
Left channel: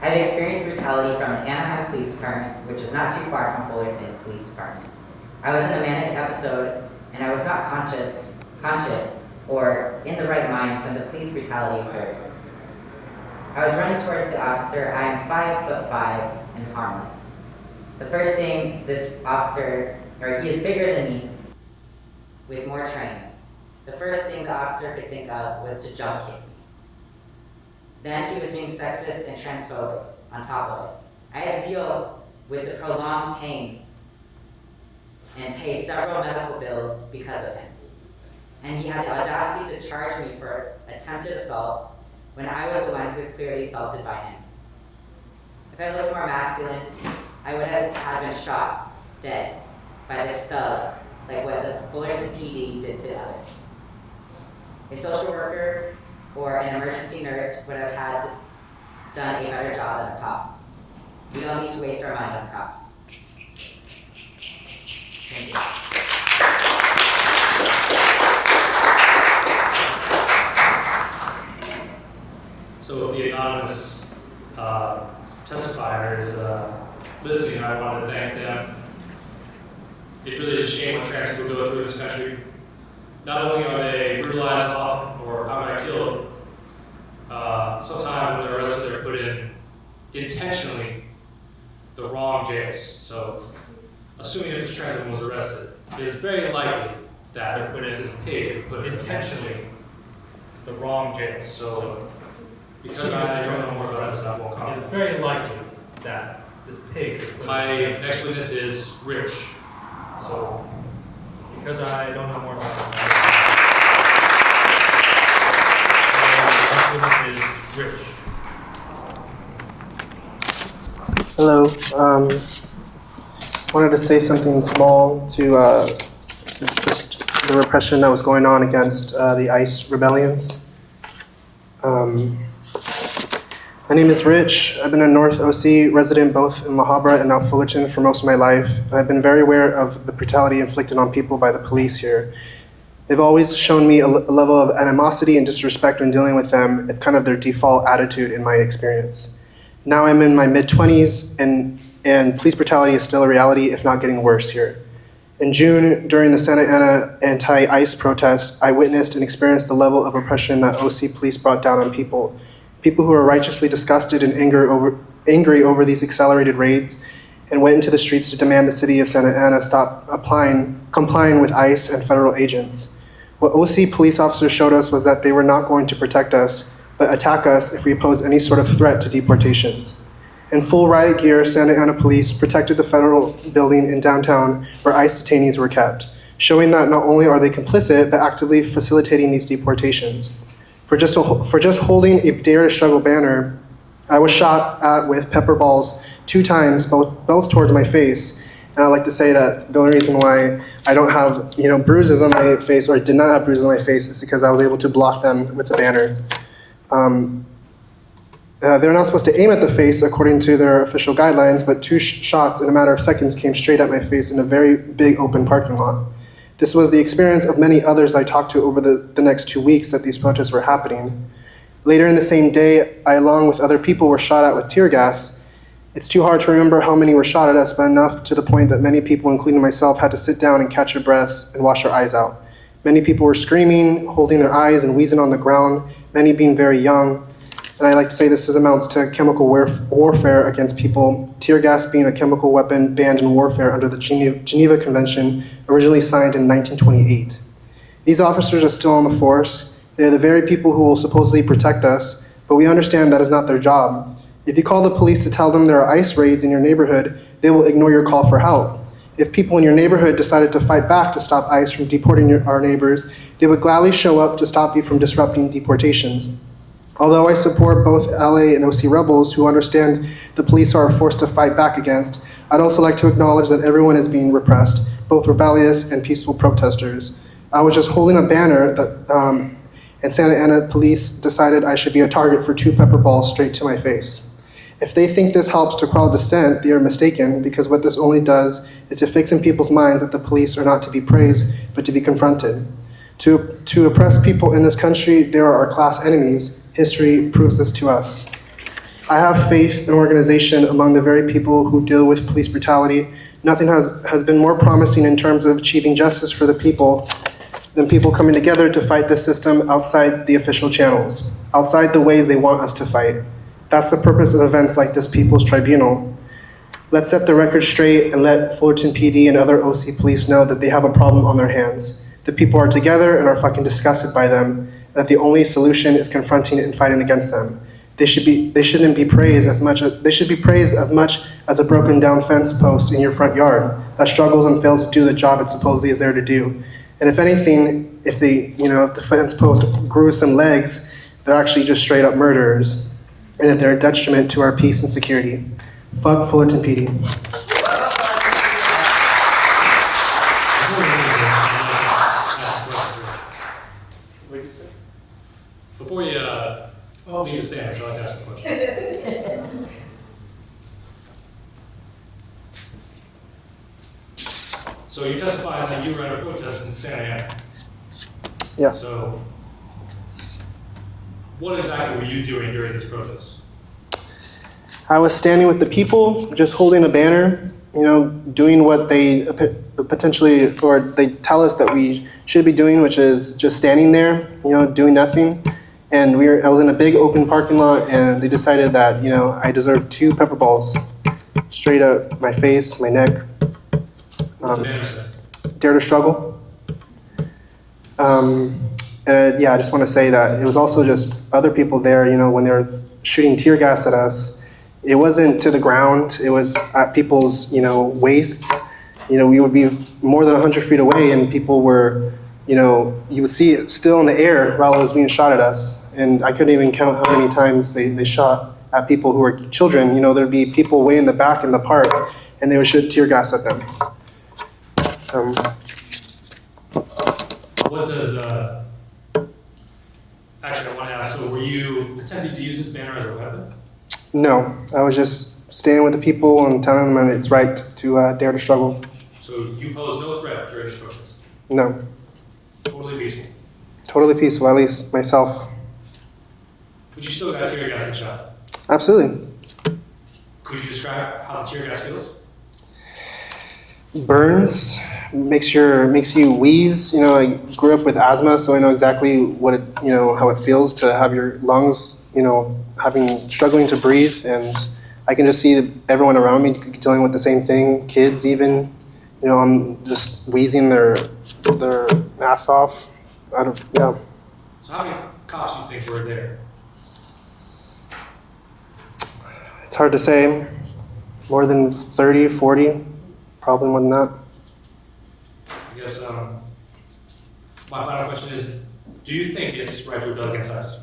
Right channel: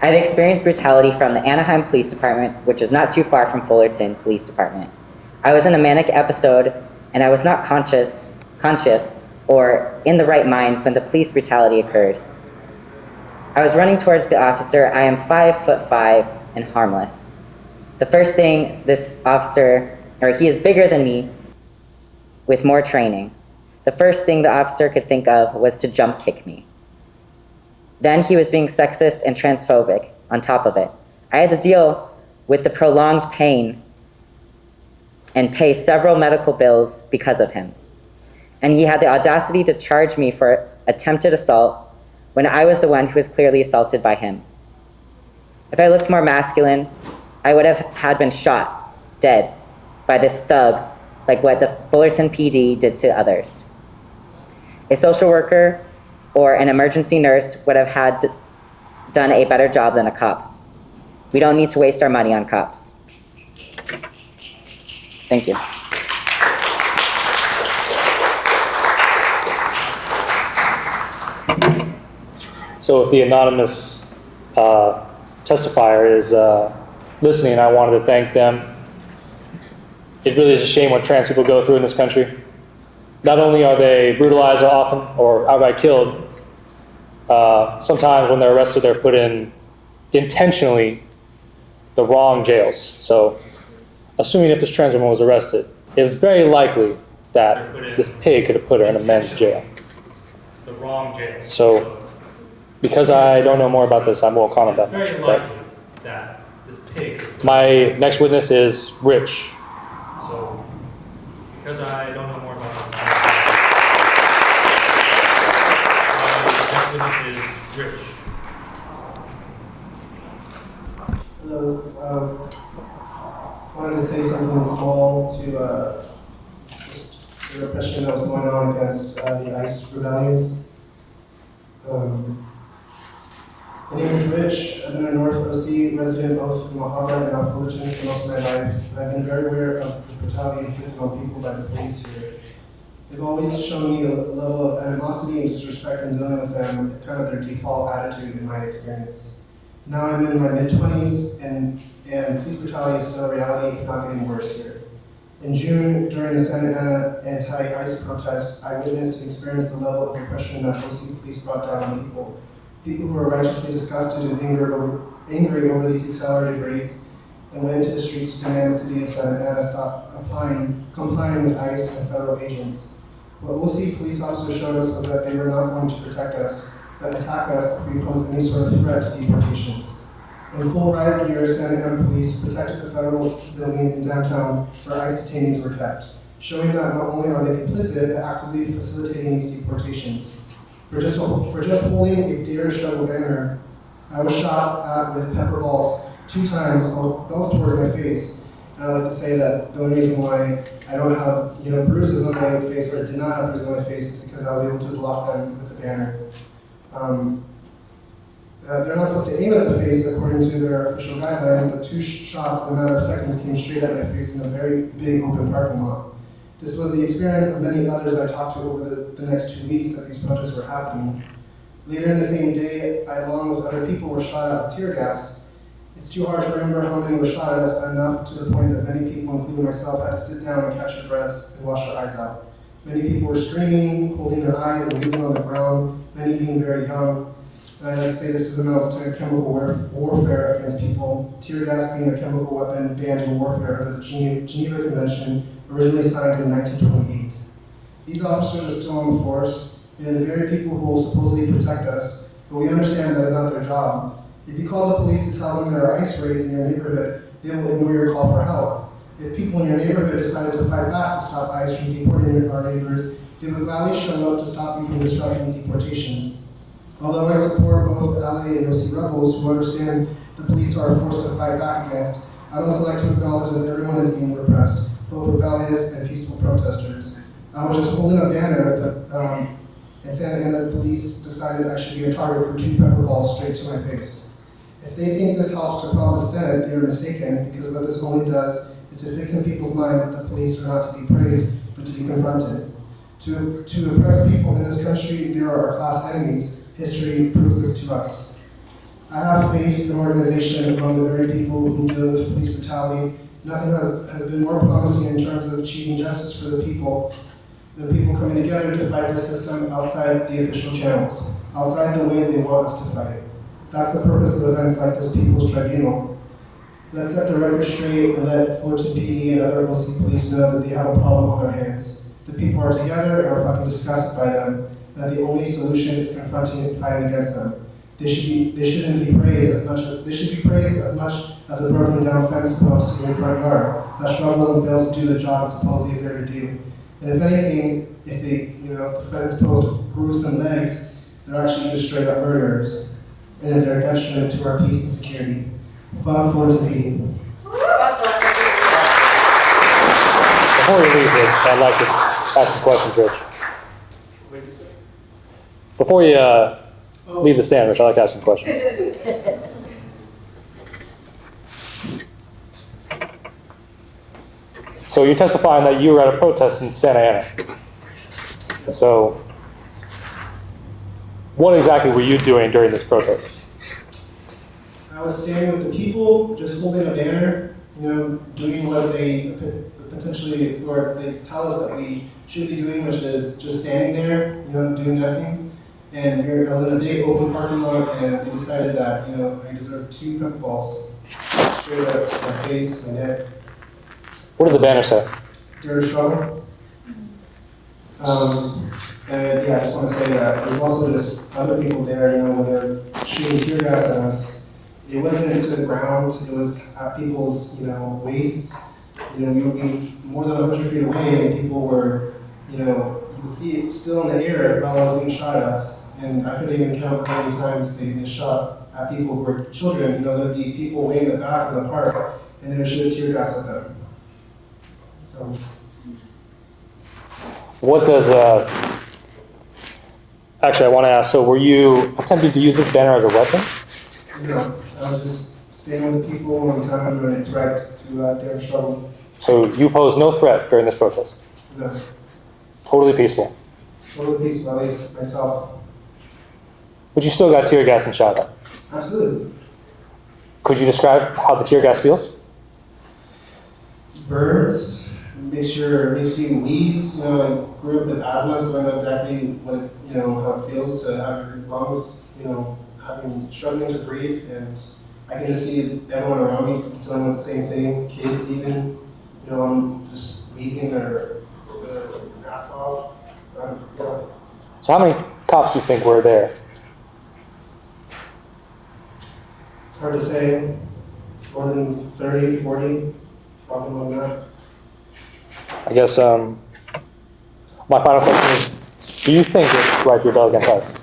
I have experienced brutality from the Anaheim Police Department, which is not too far from Fullerton Police Department. I was in a manic episode, and I was not conscious or in the right mind when the police brutality occurred. I was running towards the officer. I am 5'5" and harmless. The first thing this officer, or he is bigger than me with more training. The first thing the officer could think of was to jump kick me. Then he was being sexist and transphobic on top of it. I had to deal with the prolonged pain and pay several medical bills because of him. And he had the audacity to charge me for attempted assault when I was the one who was clearly assaulted by him. If I looked more masculine, I would have had been shot, dead, by this thug, like what the Fullerton PD did to others. A social worker or an emergency nurse would have done a better job than a cop. We don't need to waste our money on cops. Thank you. So if the anonymous testifier is listening, I wanted to thank them. It really is a shame what trans people go through in this country. Not only are they brutalized often or outright killed, sometimes when they're arrested, they're put in intentionally the wrong jails. So assuming if this trans woman was arrested, it was very likely that this pig could have put her in a men's jail. The wrong jail. So because I don't know more about this, I won't comment that. It's very likely that this pig. My next witness is Rich. So because I don't know more about this, my next witness is Rich. Hello. Wanted to say something small to just the repression that was going on against the ICE rebellions. My name is Rich. I've been a North OC resident both in La Habra and now Fullerton for most of my life. I've been very aware of the brutality inflicted on people by the police here. They've always shown me a level of animosity and disrespect when dealing with them. It's kind of their default attitude in my experience. Now I'm in my mid-20s and police brutality is still a reality, if not getting worse here. In June, during the Santa Ana anti-ICE protest, I witnessed and experienced the level of oppression that OC police brought down on people. People who are righteously disgusted and angry over these accelerated raids and went into the streets to demand the city of Santa Ana stop complying with ICE and federal agents. What OC police officers showed us was that they were not going to protect us, but attack us if we posed any sort of threat to deportations. In full riot gear, Santa Ana police protected the federal building in downtown where ICE detainees were kept, showing that not only are they complicit, but actively facilitating these deportations. For just holding a Dare to Struggle banner, I was shot at with pepper balls 2 times, both towards my face. And I'd like to say that the only reason why I don't have, bruises on my face, or did not have bruises on my face, is because I was able to block them with the banner. They're not supposed to aim at the face according to their official guidelines, but 2 shots in a matter of seconds came straight at my face in a very big open parking lot. This was the experience of many others I talked to over the next 2 weeks that these protests were happening. Later in the same day, I, along with other people, were shot at with tear gas. It's too hard to remember how many were shot at us, but enough to the point that many people, including myself, had to sit down and catch their breaths and wash their eyes out. Many people were screaming, holding their eyes and wheezing on the ground, many being very young. And I like to say this amounts to chemical warfare against people, tear gas being a chemical weapon banned in warfare under the Geneva Convention, originally signed in 1928. These officers are still on the force. They're the very people who will supposedly protect us, but we understand that is not their job. If you call the police to tell them there are ICE raids in your neighborhood, they will ignore your call for help. If people in your neighborhood decided to fight back to stop ICE from deporting our neighbors, they would gladly show up to stop you from disrupting deportations. Although I support both LA and OC rebels who understand the police are a force to fight back against, I'd also like to acknowledge that everyone is being repressed, both rebellious and peaceful protesters. I was just holding a banner that, and Santa Ana police decided I should be a target for 2 pepper balls straight to my face. If they think this helps to quell dissent, they are mistaken, because what this only does is to fix in people's minds that the police are not to be praised, but to be confronted. To oppress people in this country, they are our class enemies. History proves this to us. I have faith in organization among the very people who deal with police brutality. Nothing has been more promising in terms of achieving justice for the people than people coming together to fight this system outside the official channels, outside the ways they want us to fight. That's the purpose of events like this People's Tribunal. Let's set the record straight and let Fullerton PD and other OC police know that they have a problem on their hands. The people are together and are fucking disgusted by them, that the only solution is confronting and fighting against them. They shouldn't be praised as much as a broken down fence post in your front yard that struggles and fails to do the job it supposedly is there to do. And if anything, if the fence post grew some legs, they're actually just straight up murderers, and that they're a detriment to our peace and security. Fuck Fullerton PD. Before we leave, Rich, I'd like to ask some questions, Rich. What did you say? Before you leave the stand, Rich, I'd like to ask some questions. So you're testifying that you were at a protest in Santa Ana. Yeah. So what exactly were you doing during this protest? I was standing with the people, just holding a banner, doing what they potentially, or they tell us that we should be doing, which is just standing there, doing nothing. And I was in a big open parking lot, and they decided that, I deserved 2 pepper balls straight up my face, my neck. What did the banner say? Dare to struggle. And I just want to say that it was also just other people there, when they were shooting tear gas at us. It wasn't to the ground, it was at people's, waists. We would be more than 100 feet away, and people were, you would see it still in the air while it was being shot at us. And I couldn't even count how many times they shot at people who were children. There'd be people way in the back in the park, and they would shoot tear gas at them. So. What does, actually I want to ask, so were you attempting to use this banner as a weapon? No, I was just standing with the people and telling them it's right to dare to struggle. So you posed no threat during this protest? No. Totally peaceful? Totally peaceful, at least myself. But you still got tear gas and shot at? Absolutely. Could you describe how the tear gas feels? Burns, makes you wheeze. I grew up with asthma, so I know exactly what it, how it feels to have your lungs, struggling to breathe, and I can just see everyone around me dealing with the same thing. Kids even, I'm just wheezing their ass off. Yeah. So how many cops do you think were there? It's hard to say. More than 30, 40, probably more than that. I guess my final question is, do you think it's right to rebel against us?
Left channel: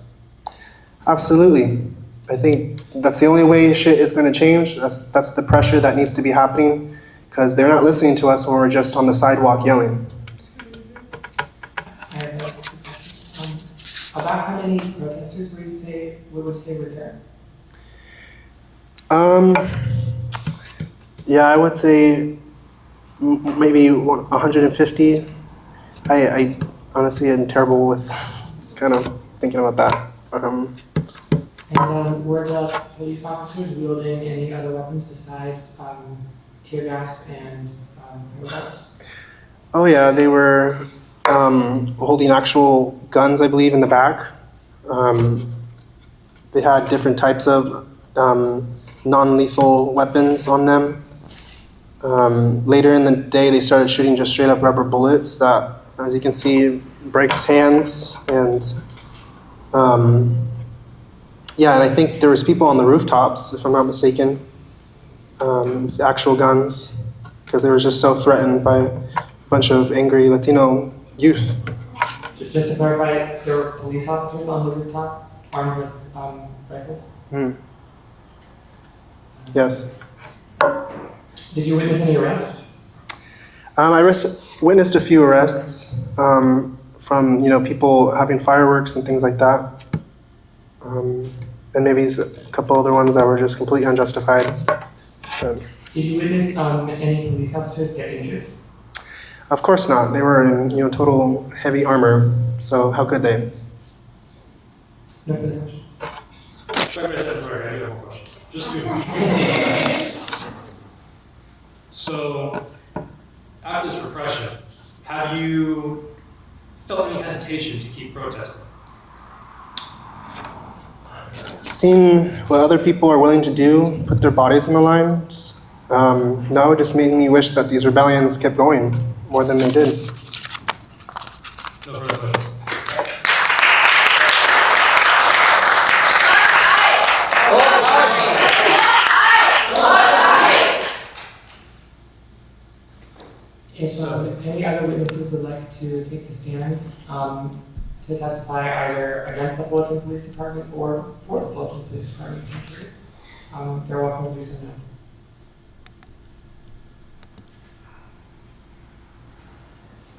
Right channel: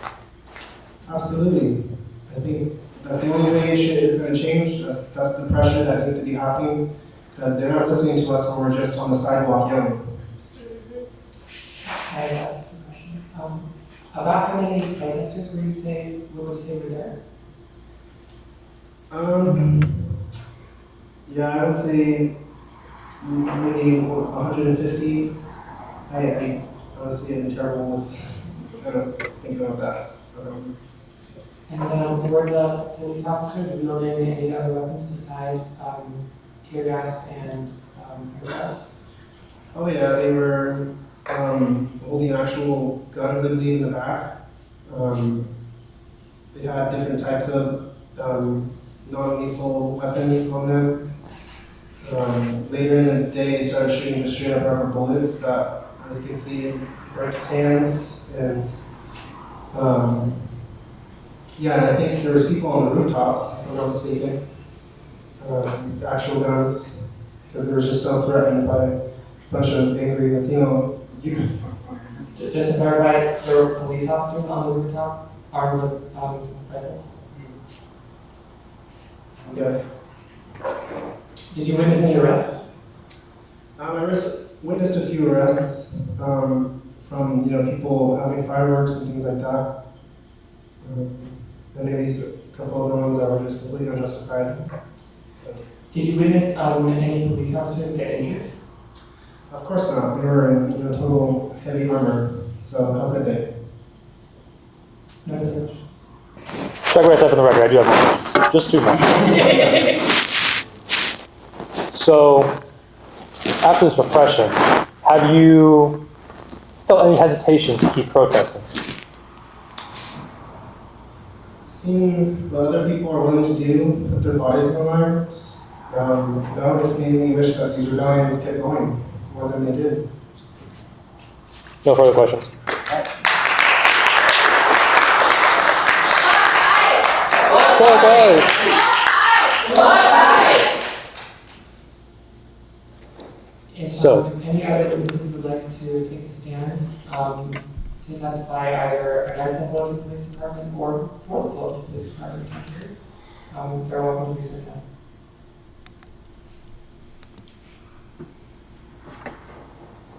Absolutely. I think that's the only way shit is going to change. That's the pressure that needs to be happening, because they're not listening to us when we're just on the sidewalk yelling. About how many protesters would you say were there? Yeah, I would say maybe 150. I honestly am terrible with kind of thinking about that. And were the police officers wielding any other weapons besides tear gas and gas? Oh yeah, they were holding actual guns, I believe, in the back. They had different types of non-lethal weapons on them. Later in the day, they started shooting just straight up rubber bullets that, as you can see, breaks hands. And yeah, and I think there was people on the rooftops, if I'm not mistaken, with actual guns, because they were just so threatened by a bunch of angry Latino youth. Just to clarify, there were police officers on the rooftop armed with rifles? Yes. Did you witness any arrests? I witnessed a few arrests from people having fireworks and things like that, and maybe a couple other ones that were just completely unjustified. But did you witness any police officers get injured? Of course not. They were in total heavy armor. So how could they? No further questions. Strike right up on the record. I do have more questions. Just two more. So, after this repression, have you felt any hesitation to keep protesting? Seeing what other people are willing to do, put their bodies on the line, no, it just made me wish that these rebellions kept going more than they did. No further questions. If any other witnesses would like to take a stand to testify either against the Fullerton Police Department or for the Fullerton Police Department, they're welcome to do so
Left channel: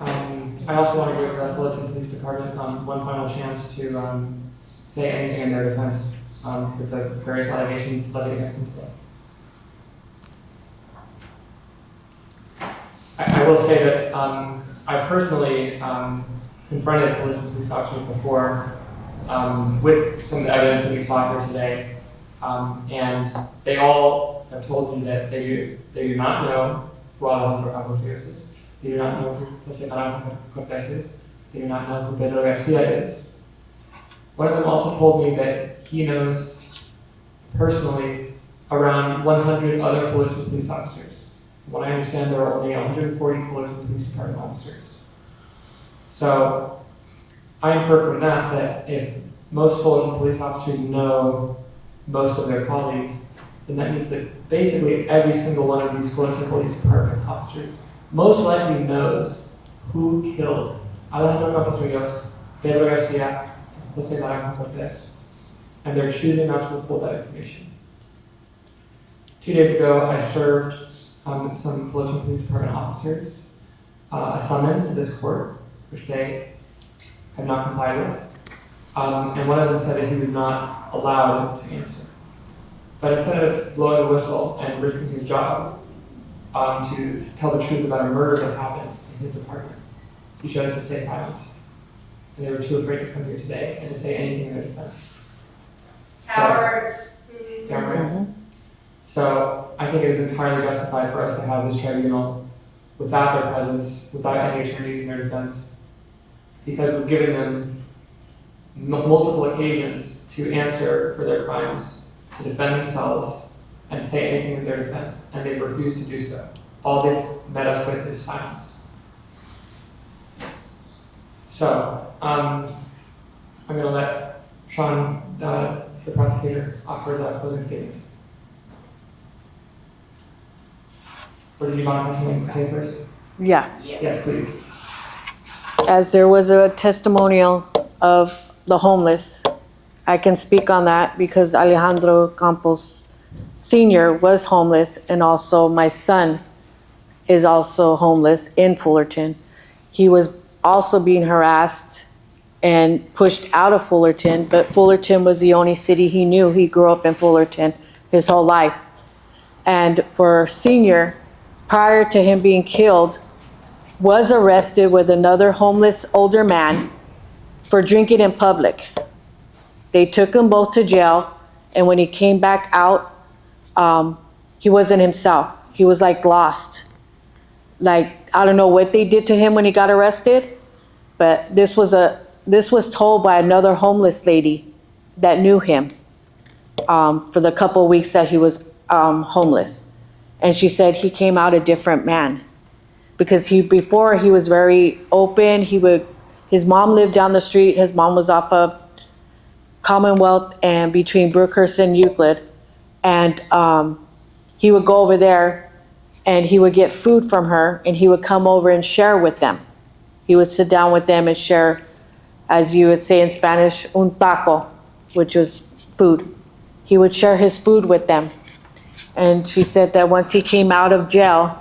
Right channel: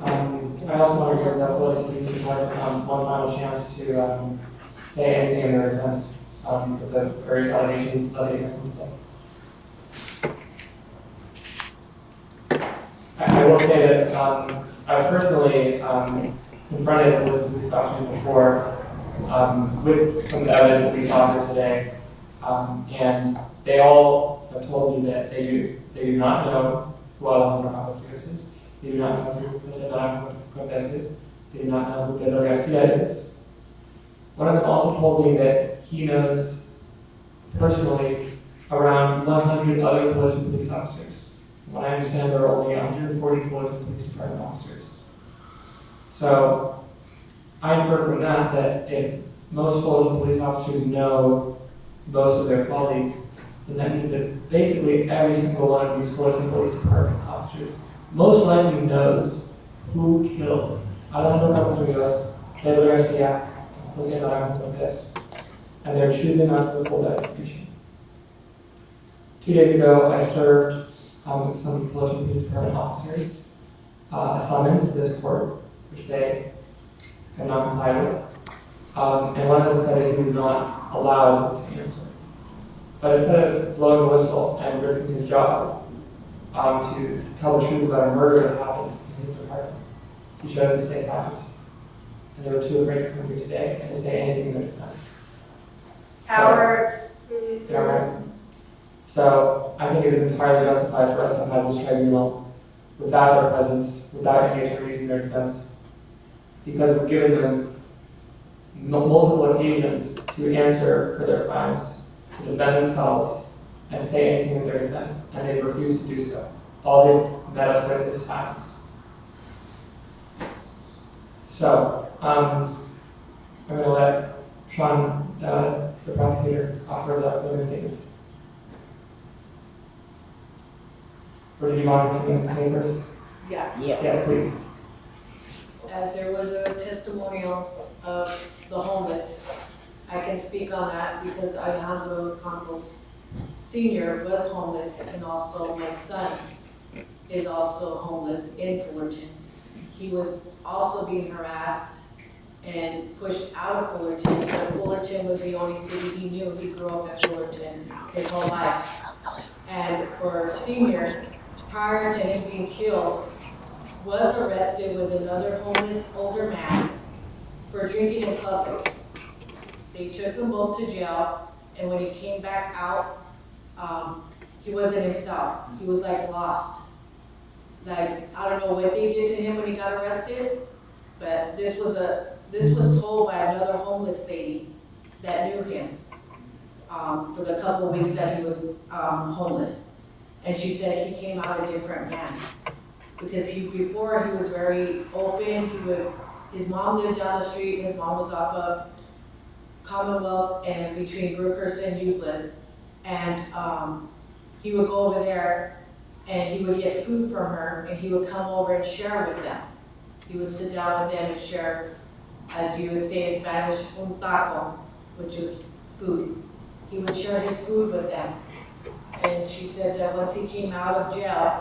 now. I also want to give the Fullerton Police Department one final chance to say anything in their defense with the various allegations levied against them today. I will say that I personally confronted Fullerton police officers before with some of the evidence that we saw here today, and they all have told me that they do not know who Alejandro Campos Rios is. They do not know who Naranjo-Cortez is. They do not know who Pedro Garcia is. One of them also told me that he knows personally around 100 other Fullerton police officers. What I understand, there are only 140 Fullerton Police Department officers. So I infer from that if most Fullerton police officers know most of their colleagues, then that means that basically every single one of these Fullerton Police Department officers most likely knows who killed Alejandro Campos Rios, Pedro Garcia, and Jose Naranjo-Cortez, and they're choosing not to withhold that information. 2 days ago, I served some Fullerton Police Department officers a summons to this court, which they have not complied with. And one of them said that he was not allowed to answer. But instead of blowing the whistle and risking his job to tell the truth about a murder that happened in his department, he chose to stay silent. And they were too afraid to come here today and to say anything in their defense. Cowards. So I think it is entirely justified for us to have this tribunal without their presence, without any attorneys in their defense, because we've given them multiple occasions to answer for their crimes, to defend themselves, and to say anything in their defense, and they refuse to do so. All they've met us with is silence. So, I'm going to let Sean, the prosecutor, offer the closing statement. Or did you want something to say first? Yeah. Yes, please. As there was a testimonial of the homeless, I can speak on that because Alejandro Campos Sr. was homeless, and also my son is also homeless in Fullerton. He was also being harassed and pushed out of Fullerton, but Fullerton was the only city he knew. He grew up in Fullerton his whole life. And for Senior, prior to him being killed, was arrested with another homeless older man for drinking in public. They took them both to jail, and when he came back out, he wasn't himself. He was like lost. Like, I don't know what they did to him when he got arrested, but this was told by another homeless lady that knew him for the couple of weeks that he was homeless. And she said he came out a different man because before he was very open. His mom lived down the street. His mom was off of Commonwealth and between Brookhurst and Euclid. And he would go over there and he would get food from her, and he would come over and share with them. He would sit down with them and share, as you would say in Spanish, un taco, which was food. He would share his food with them. And she said that once he came out of jail,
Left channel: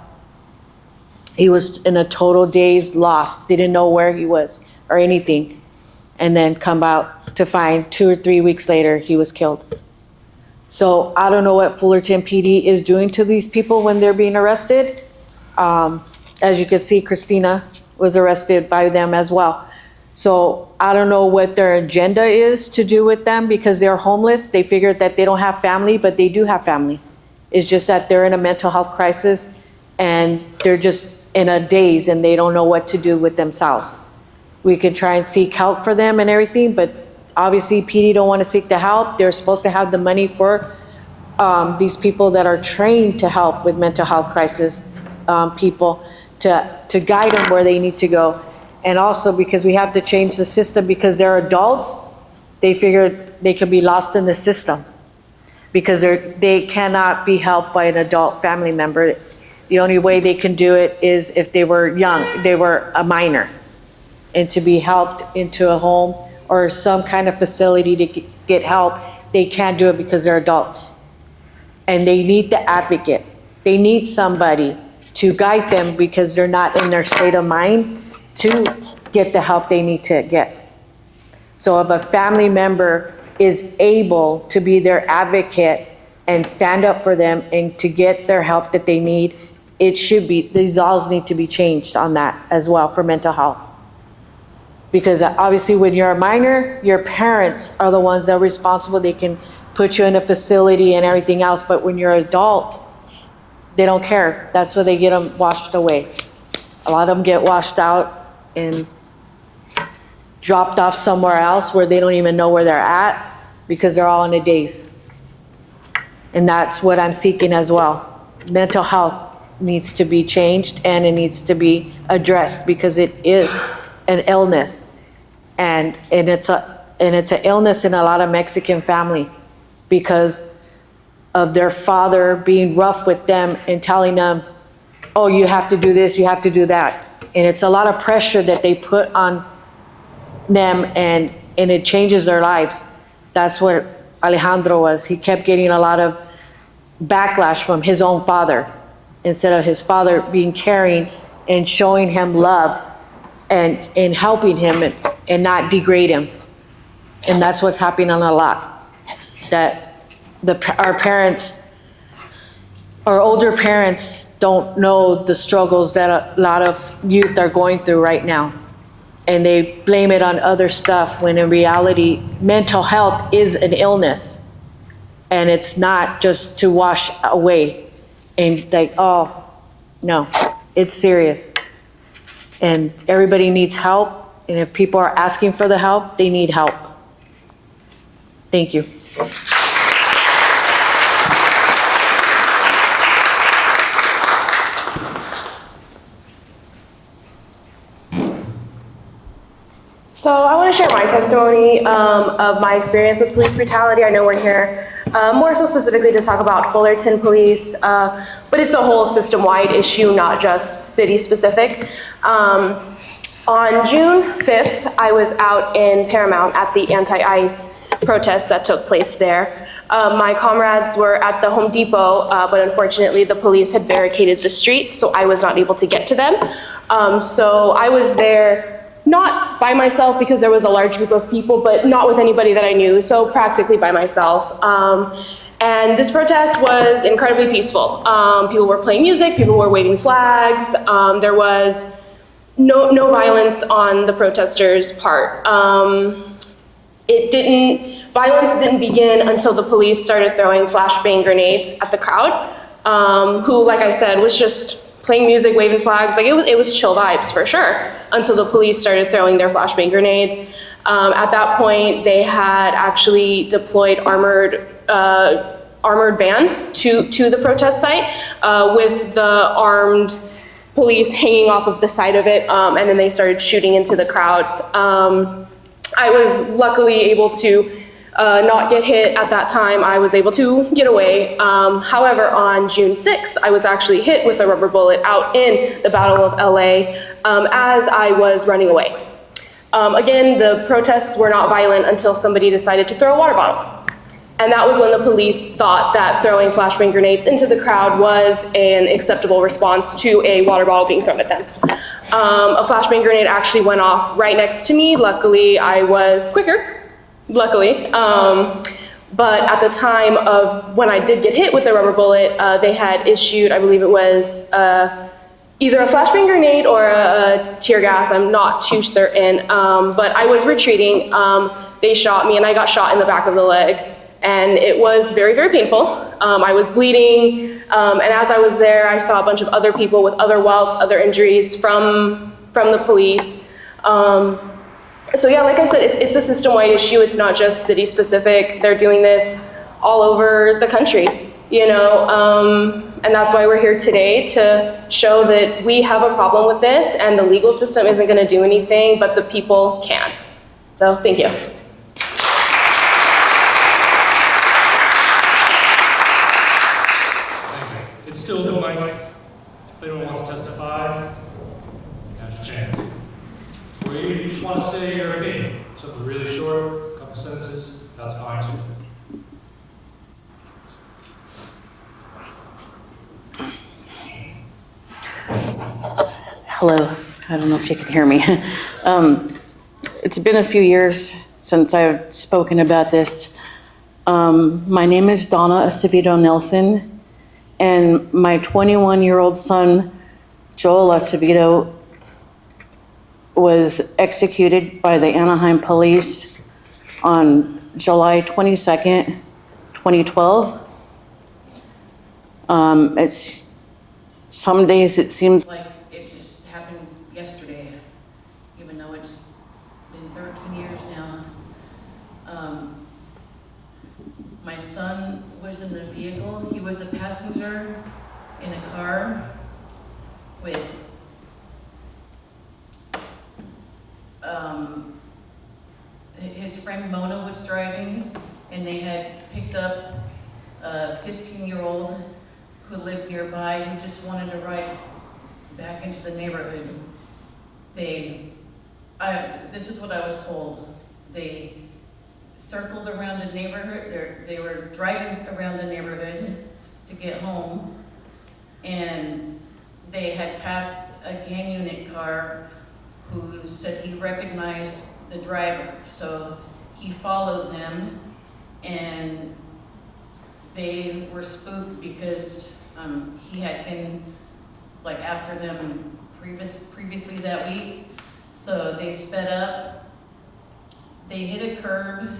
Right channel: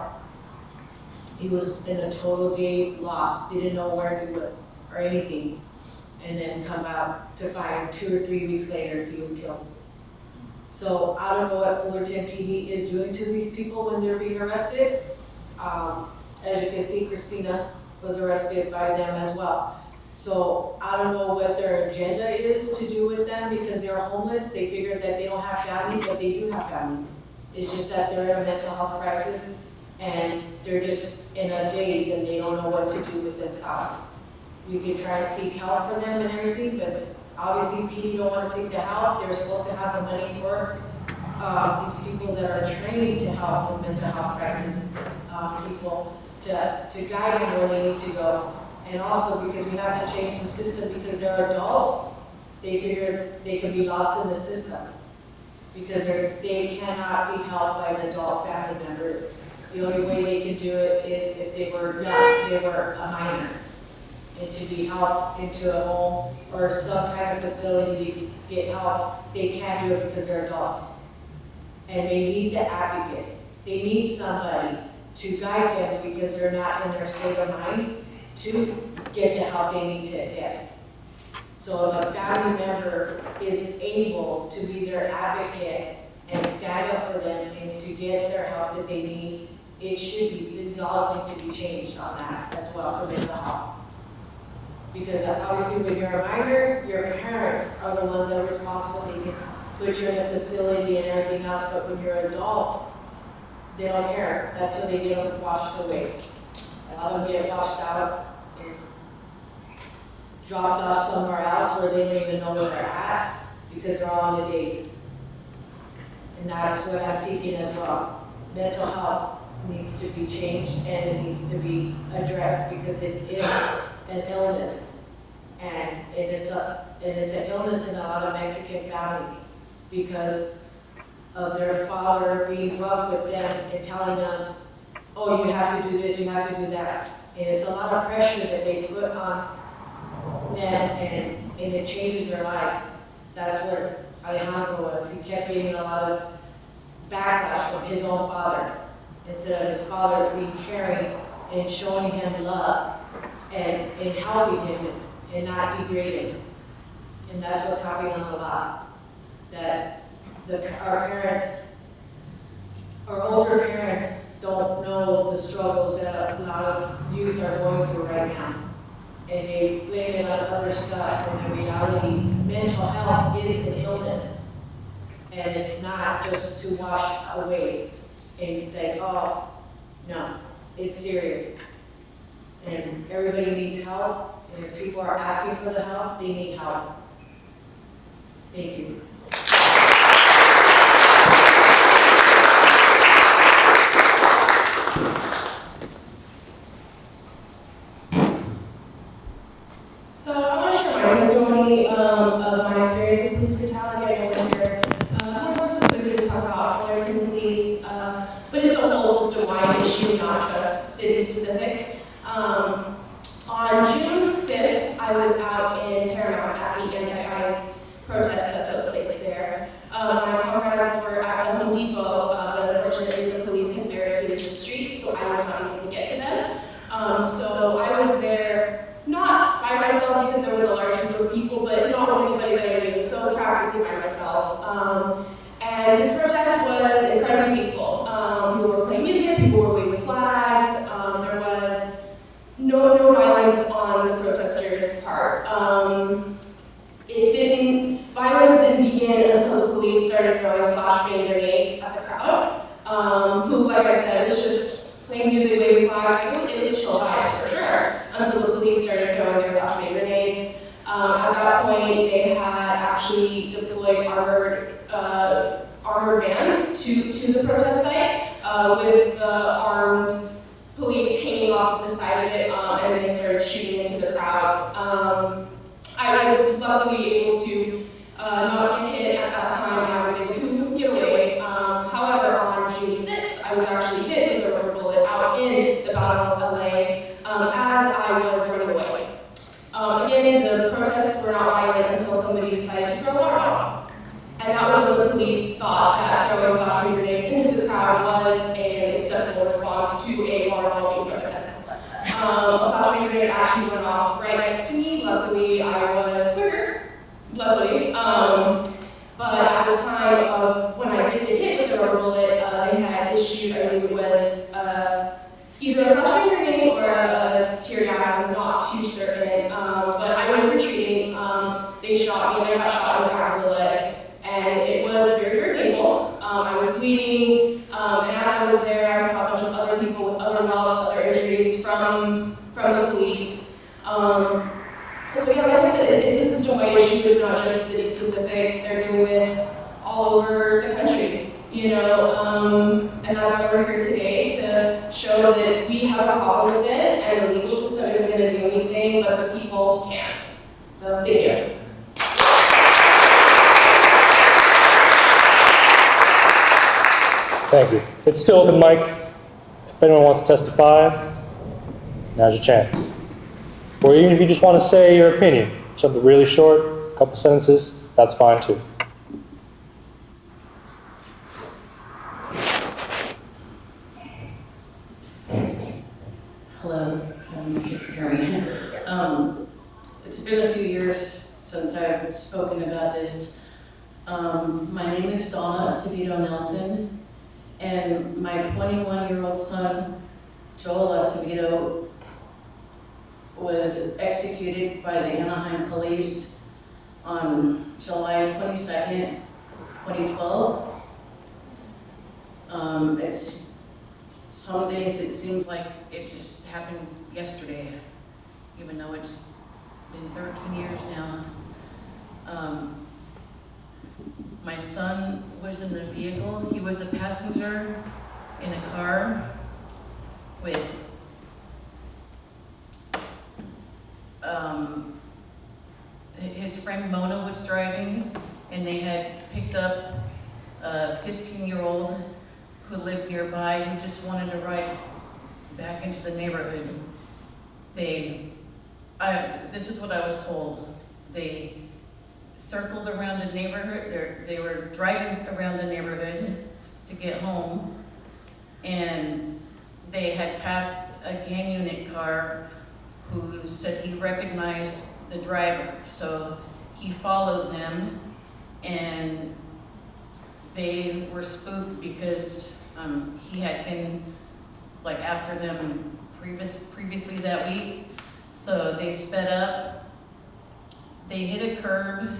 he was in a total daze, lost, didn't know where he was or anything. And then come out to find 2 or 3 weeks later, he was killed. So I don't know what Fullerton PD is doing to these people when they're being arrested. As you can see, Christina was arrested by them as well. So I don't know what their agenda is to do with them because they're homeless. They figured that they don't have family, but they do have family. It's just that they're in a mental health crisis and they're just in a daze and they don't know what to do with themselves. We could try and seek help for them and everything, but obviously PD don't want to seek the help. They're supposed to have the money for these people that are trained to help with mental health crisis people to guide them where they need to go. And also because we have to change the system because they're adults, they figured they could be lost in the system because they cannot be helped by an adult family member. The only way they can do it is if they were young, they were a minor, and to be helped into a home or some kind of facility to get help, they can't do it because they're adults. And they need the advocate. They need somebody to guide them because they're not in their state of mind to get the help they need to get. So if a family member is able to be their advocate and stand up for them and to get their help that they need, it should be, these laws need to be changed on that as well for mental health. Because obviously when you're a minor, your parents are the ones that are responsible. They can put you in a facility and everything else, but when you're an adult, they don't care. That's where they get them washed away. A lot of them get washed out and dropped off somewhere else where they don't even know where they're at because they're all in a daze. And that's what I'm seeking as well. Mental health needs to be changed and it needs to be addressed because it is an illness, and it's an illness in a lot of Mexican family because of their father being rough with them and telling them, oh, you have to do this, you have to do that. And it's a lot of pressure that they put on them and it changes their lives. That's what Alejandro was. He kept getting a lot of backlash from his own father instead of his father being caring and showing him love and helping him and not degrade him. And that's what's happening a lot. That our parents, our older parents don't know the struggles that a lot of youth are going through right now. And they blame it on other stuff when in reality, mental health is an illness. And it's not just to wash away and like, oh, no, it's serious. And everybody needs help, and if people are asking for the help, they need help. Thank you. So I want to share my testimony of my experience with police brutality. I know we're here more so specifically to talk about Fullerton Police, but it's a whole system-wide issue, not just city-specific. On June 5th, I was out in Paramount at the anti-ICE protest that took place there. My comrades were at the Home Depot, but unfortunately the police had barricaded the street, so I was not able to get to them. So I was there not by myself because there was a large group of people, but not with anybody that I knew, so practically by myself. And this protest was incredibly peaceful. People were playing music, people were waving flags, there was no violence on the protesters' part. Violence didn't begin until the police started throwing flashbang grenades at the crowd, who, like I said, was just playing music, waving flags. Like it was chill vibes for sure, until the police started throwing their flashbang grenades. At that point, they had actually deployed armored vans to the protest site with the armed police hanging off of the side of it, and then they started shooting into the crowds. I was luckily able to not get hit at that time. I was able to get away. However, on June 6th, I was actually hit with a rubber bullet out in the Battle of LA as I was running away. Again, the protests were not violent until somebody decided to throw a water bottle. And that was when the police thought that throwing flashbang grenades into the crowd was an acceptable response to a water bottle being thrown at them. A flashbang grenade actually went off right next to me. Luckily, I was quicker, luckily. But at the time of when I did get hit with the rubber bullet, they had issued, I believe it was either a flashbang grenade or a tear gas, I'm not too certain. But I was retreating, they shot me and I got shot in the back of the leg. And it was very, very painful. I was bleeding, and as I was there, I saw a bunch of other people with other welts, other injuries from the police. So yeah, like I said, it's a system-wide issue. It's not just city-specific. They're doing this all over the country, you know? And that's why we're here today, to show that we have a problem with this, and the legal system isn't gonna do anything, but the people can. So, thank you. Thank you. It's still open mic. If anyone wants to testify, now's your chance. Or even if you just want to say your opinion, something really short, a couple sentences, that's fine too. Hello, I don't know if you can hear me. It's been a few years since I've spoken about this. My name is Donna Acevedo Nelson. And my 21-year-old son, Joel Acevedo, was executed by the Anaheim police on July 22nd, 2012. Some days it seems like it just happened yesterday, even though it's been 13 years now. My son was in the vehicle. He was a passenger in a car with his friend Mona was driving, and they had picked up a 15-year-old who lived nearby who just wanted to ride back into the neighborhood. This is what I was told. They circled around the neighborhood. They were driving around the neighborhood to get home, and they had passed a gang unit car who said he recognized the driver. So he followed them, and they were spooked because he had been like after them previously that week. So they sped up, they hit a curb,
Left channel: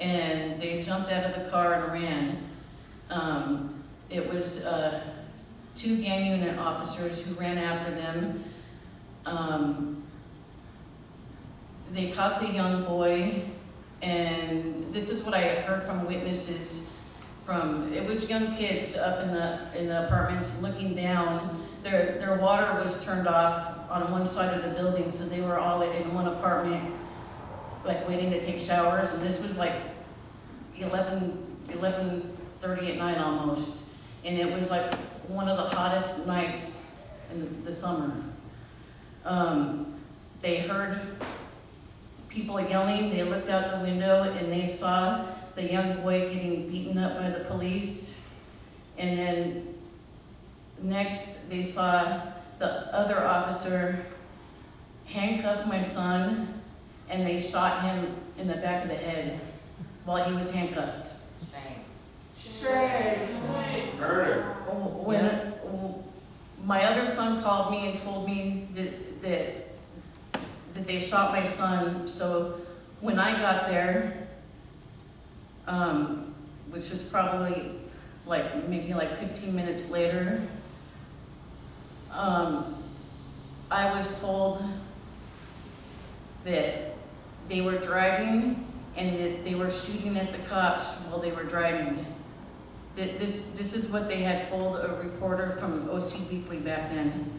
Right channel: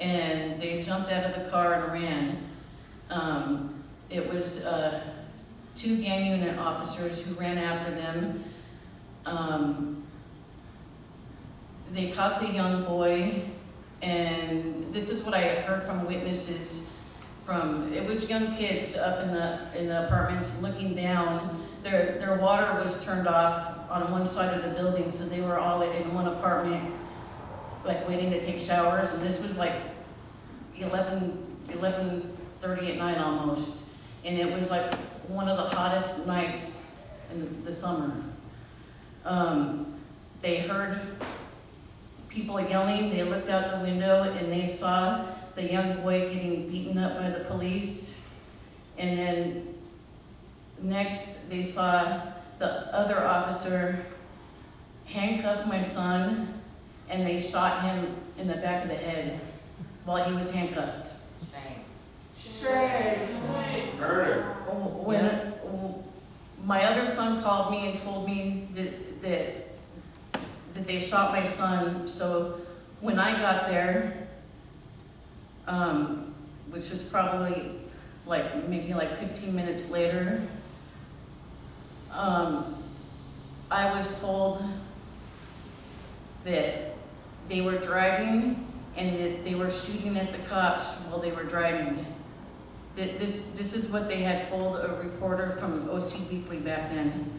and they jumped out of the car and ran. It was 2 gang unit officers who ran after them. They caught the young boy, and this is what I heard from witnesses. It was young kids up in the apartments looking down. Their water was turned off on one side of the building, so they were all in one apartment like waiting to take showers, and this was like 11:30 at night almost. And it was like one of the hottest nights in the summer. They heard people yelling, they looked out the window and they saw the young boy getting beaten up by the police. And then next they saw the other officer handcuff my son, and they shot him in the back of the head while he was handcuffed. Shame. Murder. When my other son called me and told me that they shot my son, so when I got there, which was probably maybe 15 minutes later, I was told that they were driving and that they were shooting at the cops while they were driving. This is what they had told a reporter from OC Weekly back then.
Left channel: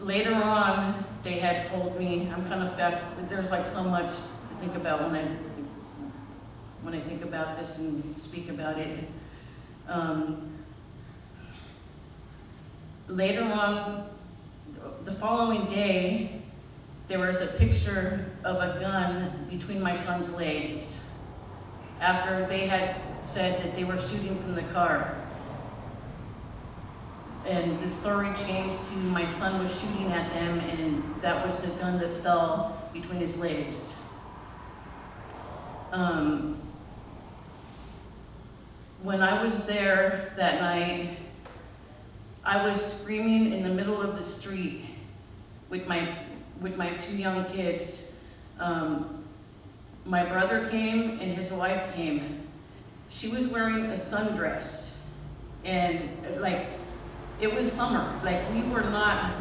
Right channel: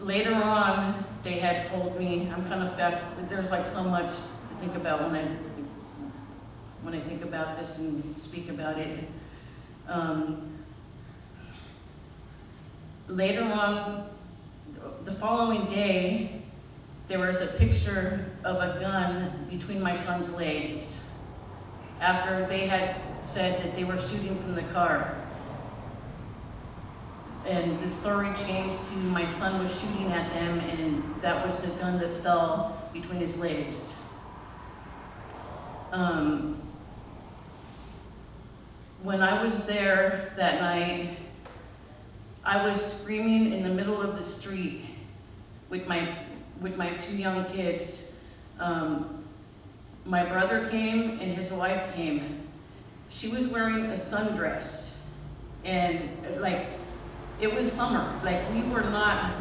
Later on, they had told me, I'm kind of fast, there's like so much to think about when I think about this and speak about it. Later on, the following day, there was a picture of a gun between my son's legs after they had said that they were shooting from the car. And the story changed to my son was shooting at them, and that was the gun that fell between his legs. When I was there that night, I was screaming in the middle of the street with my 2 young kids. My brother came and his wife came. She was wearing a sundress, and it was summer. We were not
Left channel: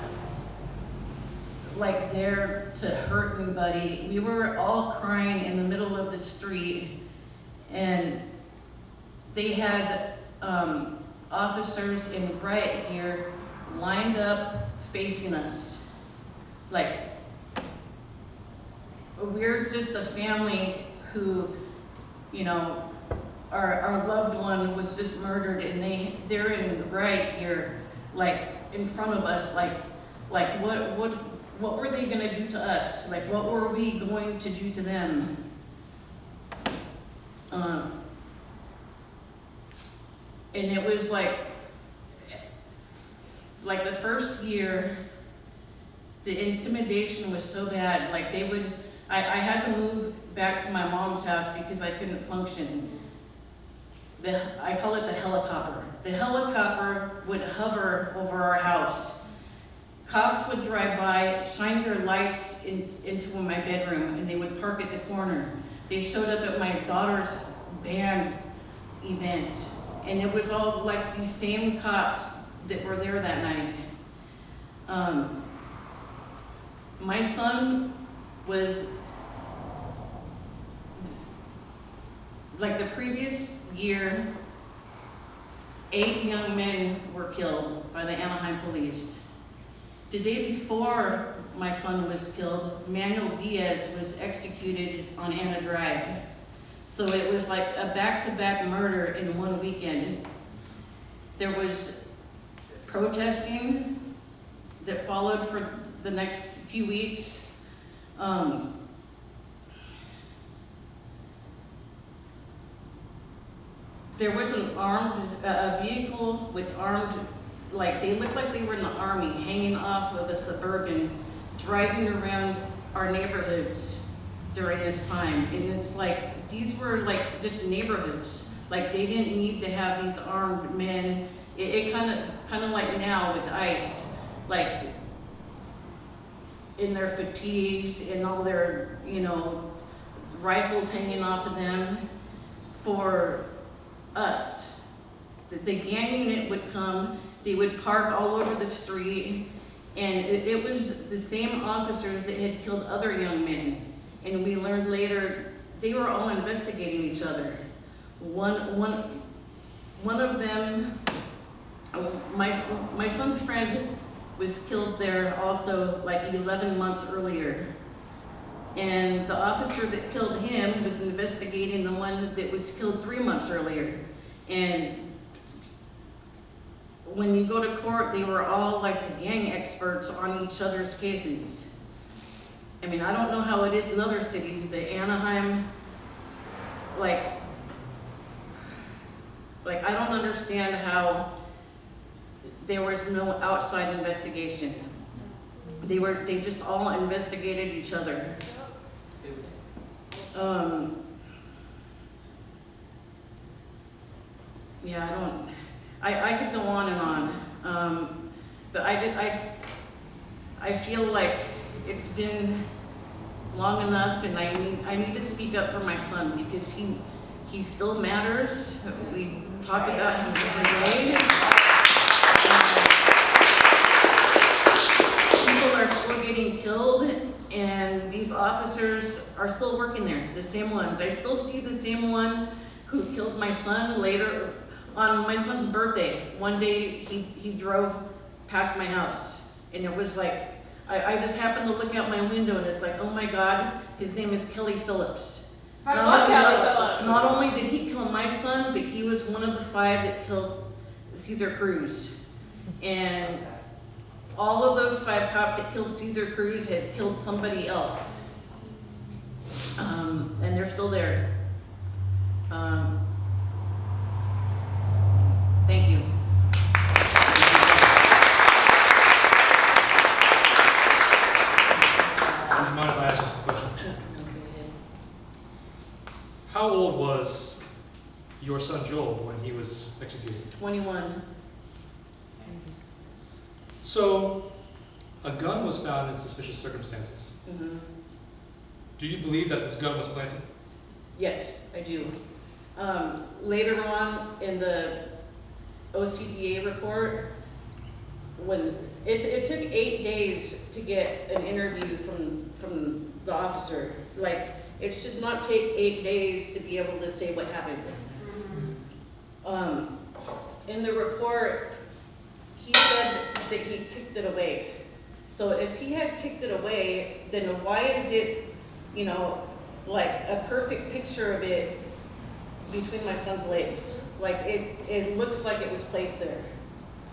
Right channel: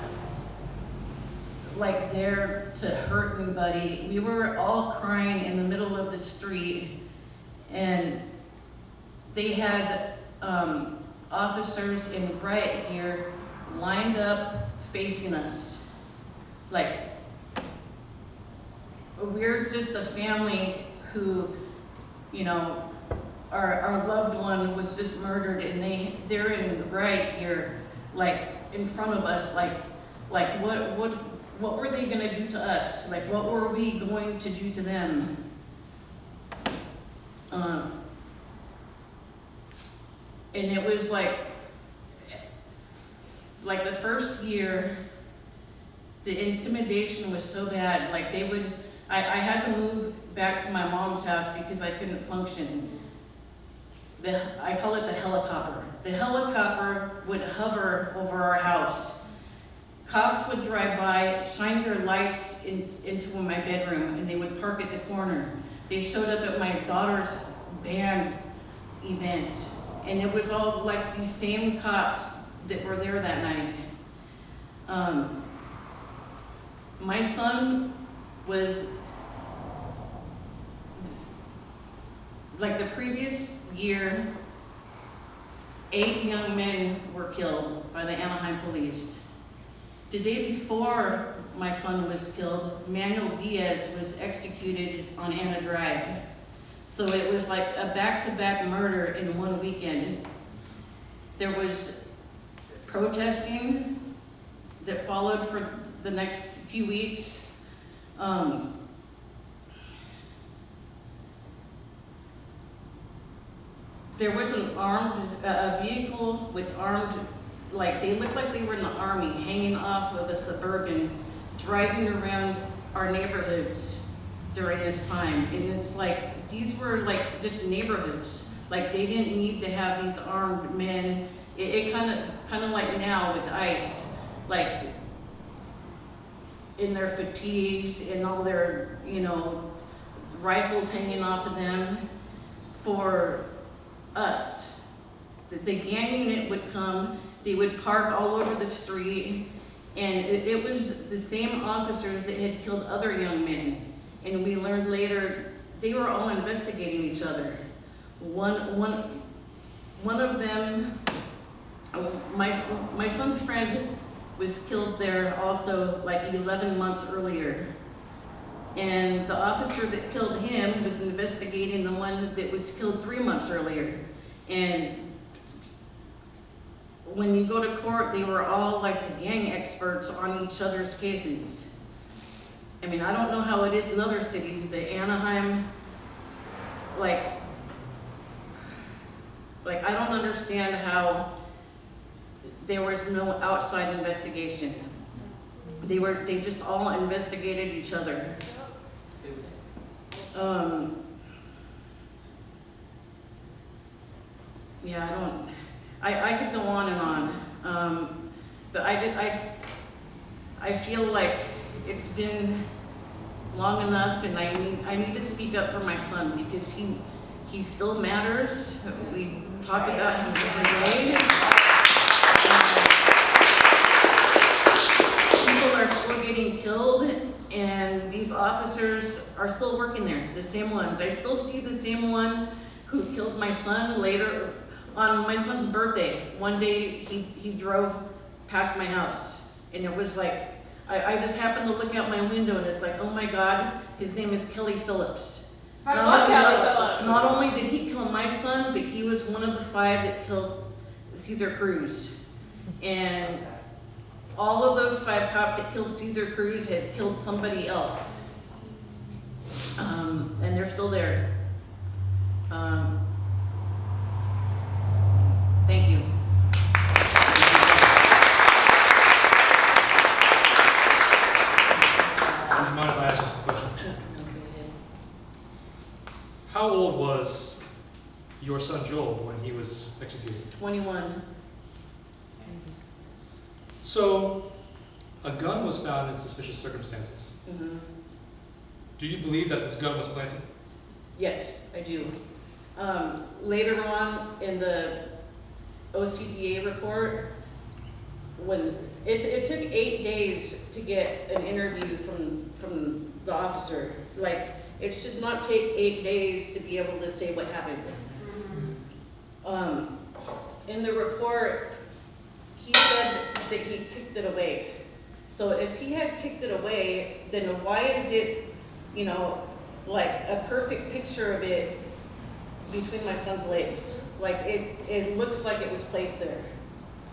there to hurt anybody. We were all crying in the middle of the street, and they had officers in riot gear lined up facing us. We're just a family who, our loved one was just murdered, and they're in riot gear, in front of us, what were they gonna do to us? What were we going to do to them? And it was like the first year, the intimidation was so bad. I had to move back to my mom's house because I couldn't function. I call it the helicopter. The helicopter would hover over our house. Cops would drive by, shine their lights into my bedroom, and they would park at the corner. They showed up at my daughter's band event, and it was all these same cops that were there that night. My son was, the previous year, 8 young men were killed by the Anaheim police. The day before my son was killed, Manuel Diaz was executed on Anna Drive. So it was like a back-to-back murder in one weekend. There was protesting that followed for the next few weeks. There was an a vehicle with armed, they looked like they were in the army, hanging off of a Suburban, driving around our neighborhoods during this time. And it's these were just neighborhoods. They didn't need to have these armed men. It kind of like now with ICE, in their fatigues and all their, rifles hanging off of them. For us, the gang unit would come, they would park all over the street, and it was the same officers that had killed other young men. And we learned later, they were all investigating each other. One of them, my son's friend was killed there also like 11 months earlier. And the officer that killed him was investigating the one that was killed 3 months earlier. And when you go to court, they were all like the gang experts on each other's cases. I mean, I don't know how it is in other cities, but Anaheim, like I don't understand how there was no outside investigation. They just all investigated each other. Yeah, I could go on and on. But I feel like it's been long enough, and I need to speak up for my son, because he still matters. We talk about him every day. People are still getting killed, and these officers are still working there, the same ones. I still see the same one who killed my son later on my son's birthday. One day he drove past my house, and it was like, I just happened to look out my window, and it's like, oh my God, his name is Kelly Phillips. Not only did he kill my son, but he was one of the 5 that killed Cesar Cruz. And all of those 5 cops that killed Cesar Cruz had killed somebody else. And they're still there. Thank you. Would you mind if I ask you some questions? How old was your son Joel when he was executed? 21. So, a gun was found in suspicious circumstances. Mm-hmm. Do you believe that this gun was planted? Yes, I do. Later on in the OCDA report, when it took 8 days to get an interview from the officer. Like, it should not take 8 days to be able to say what happened. In the report, he said that he kicked it away. So if he had kicked it away, then why is it, you know, like a perfect picture of it between my son's legs? Like it looks like it was placed there.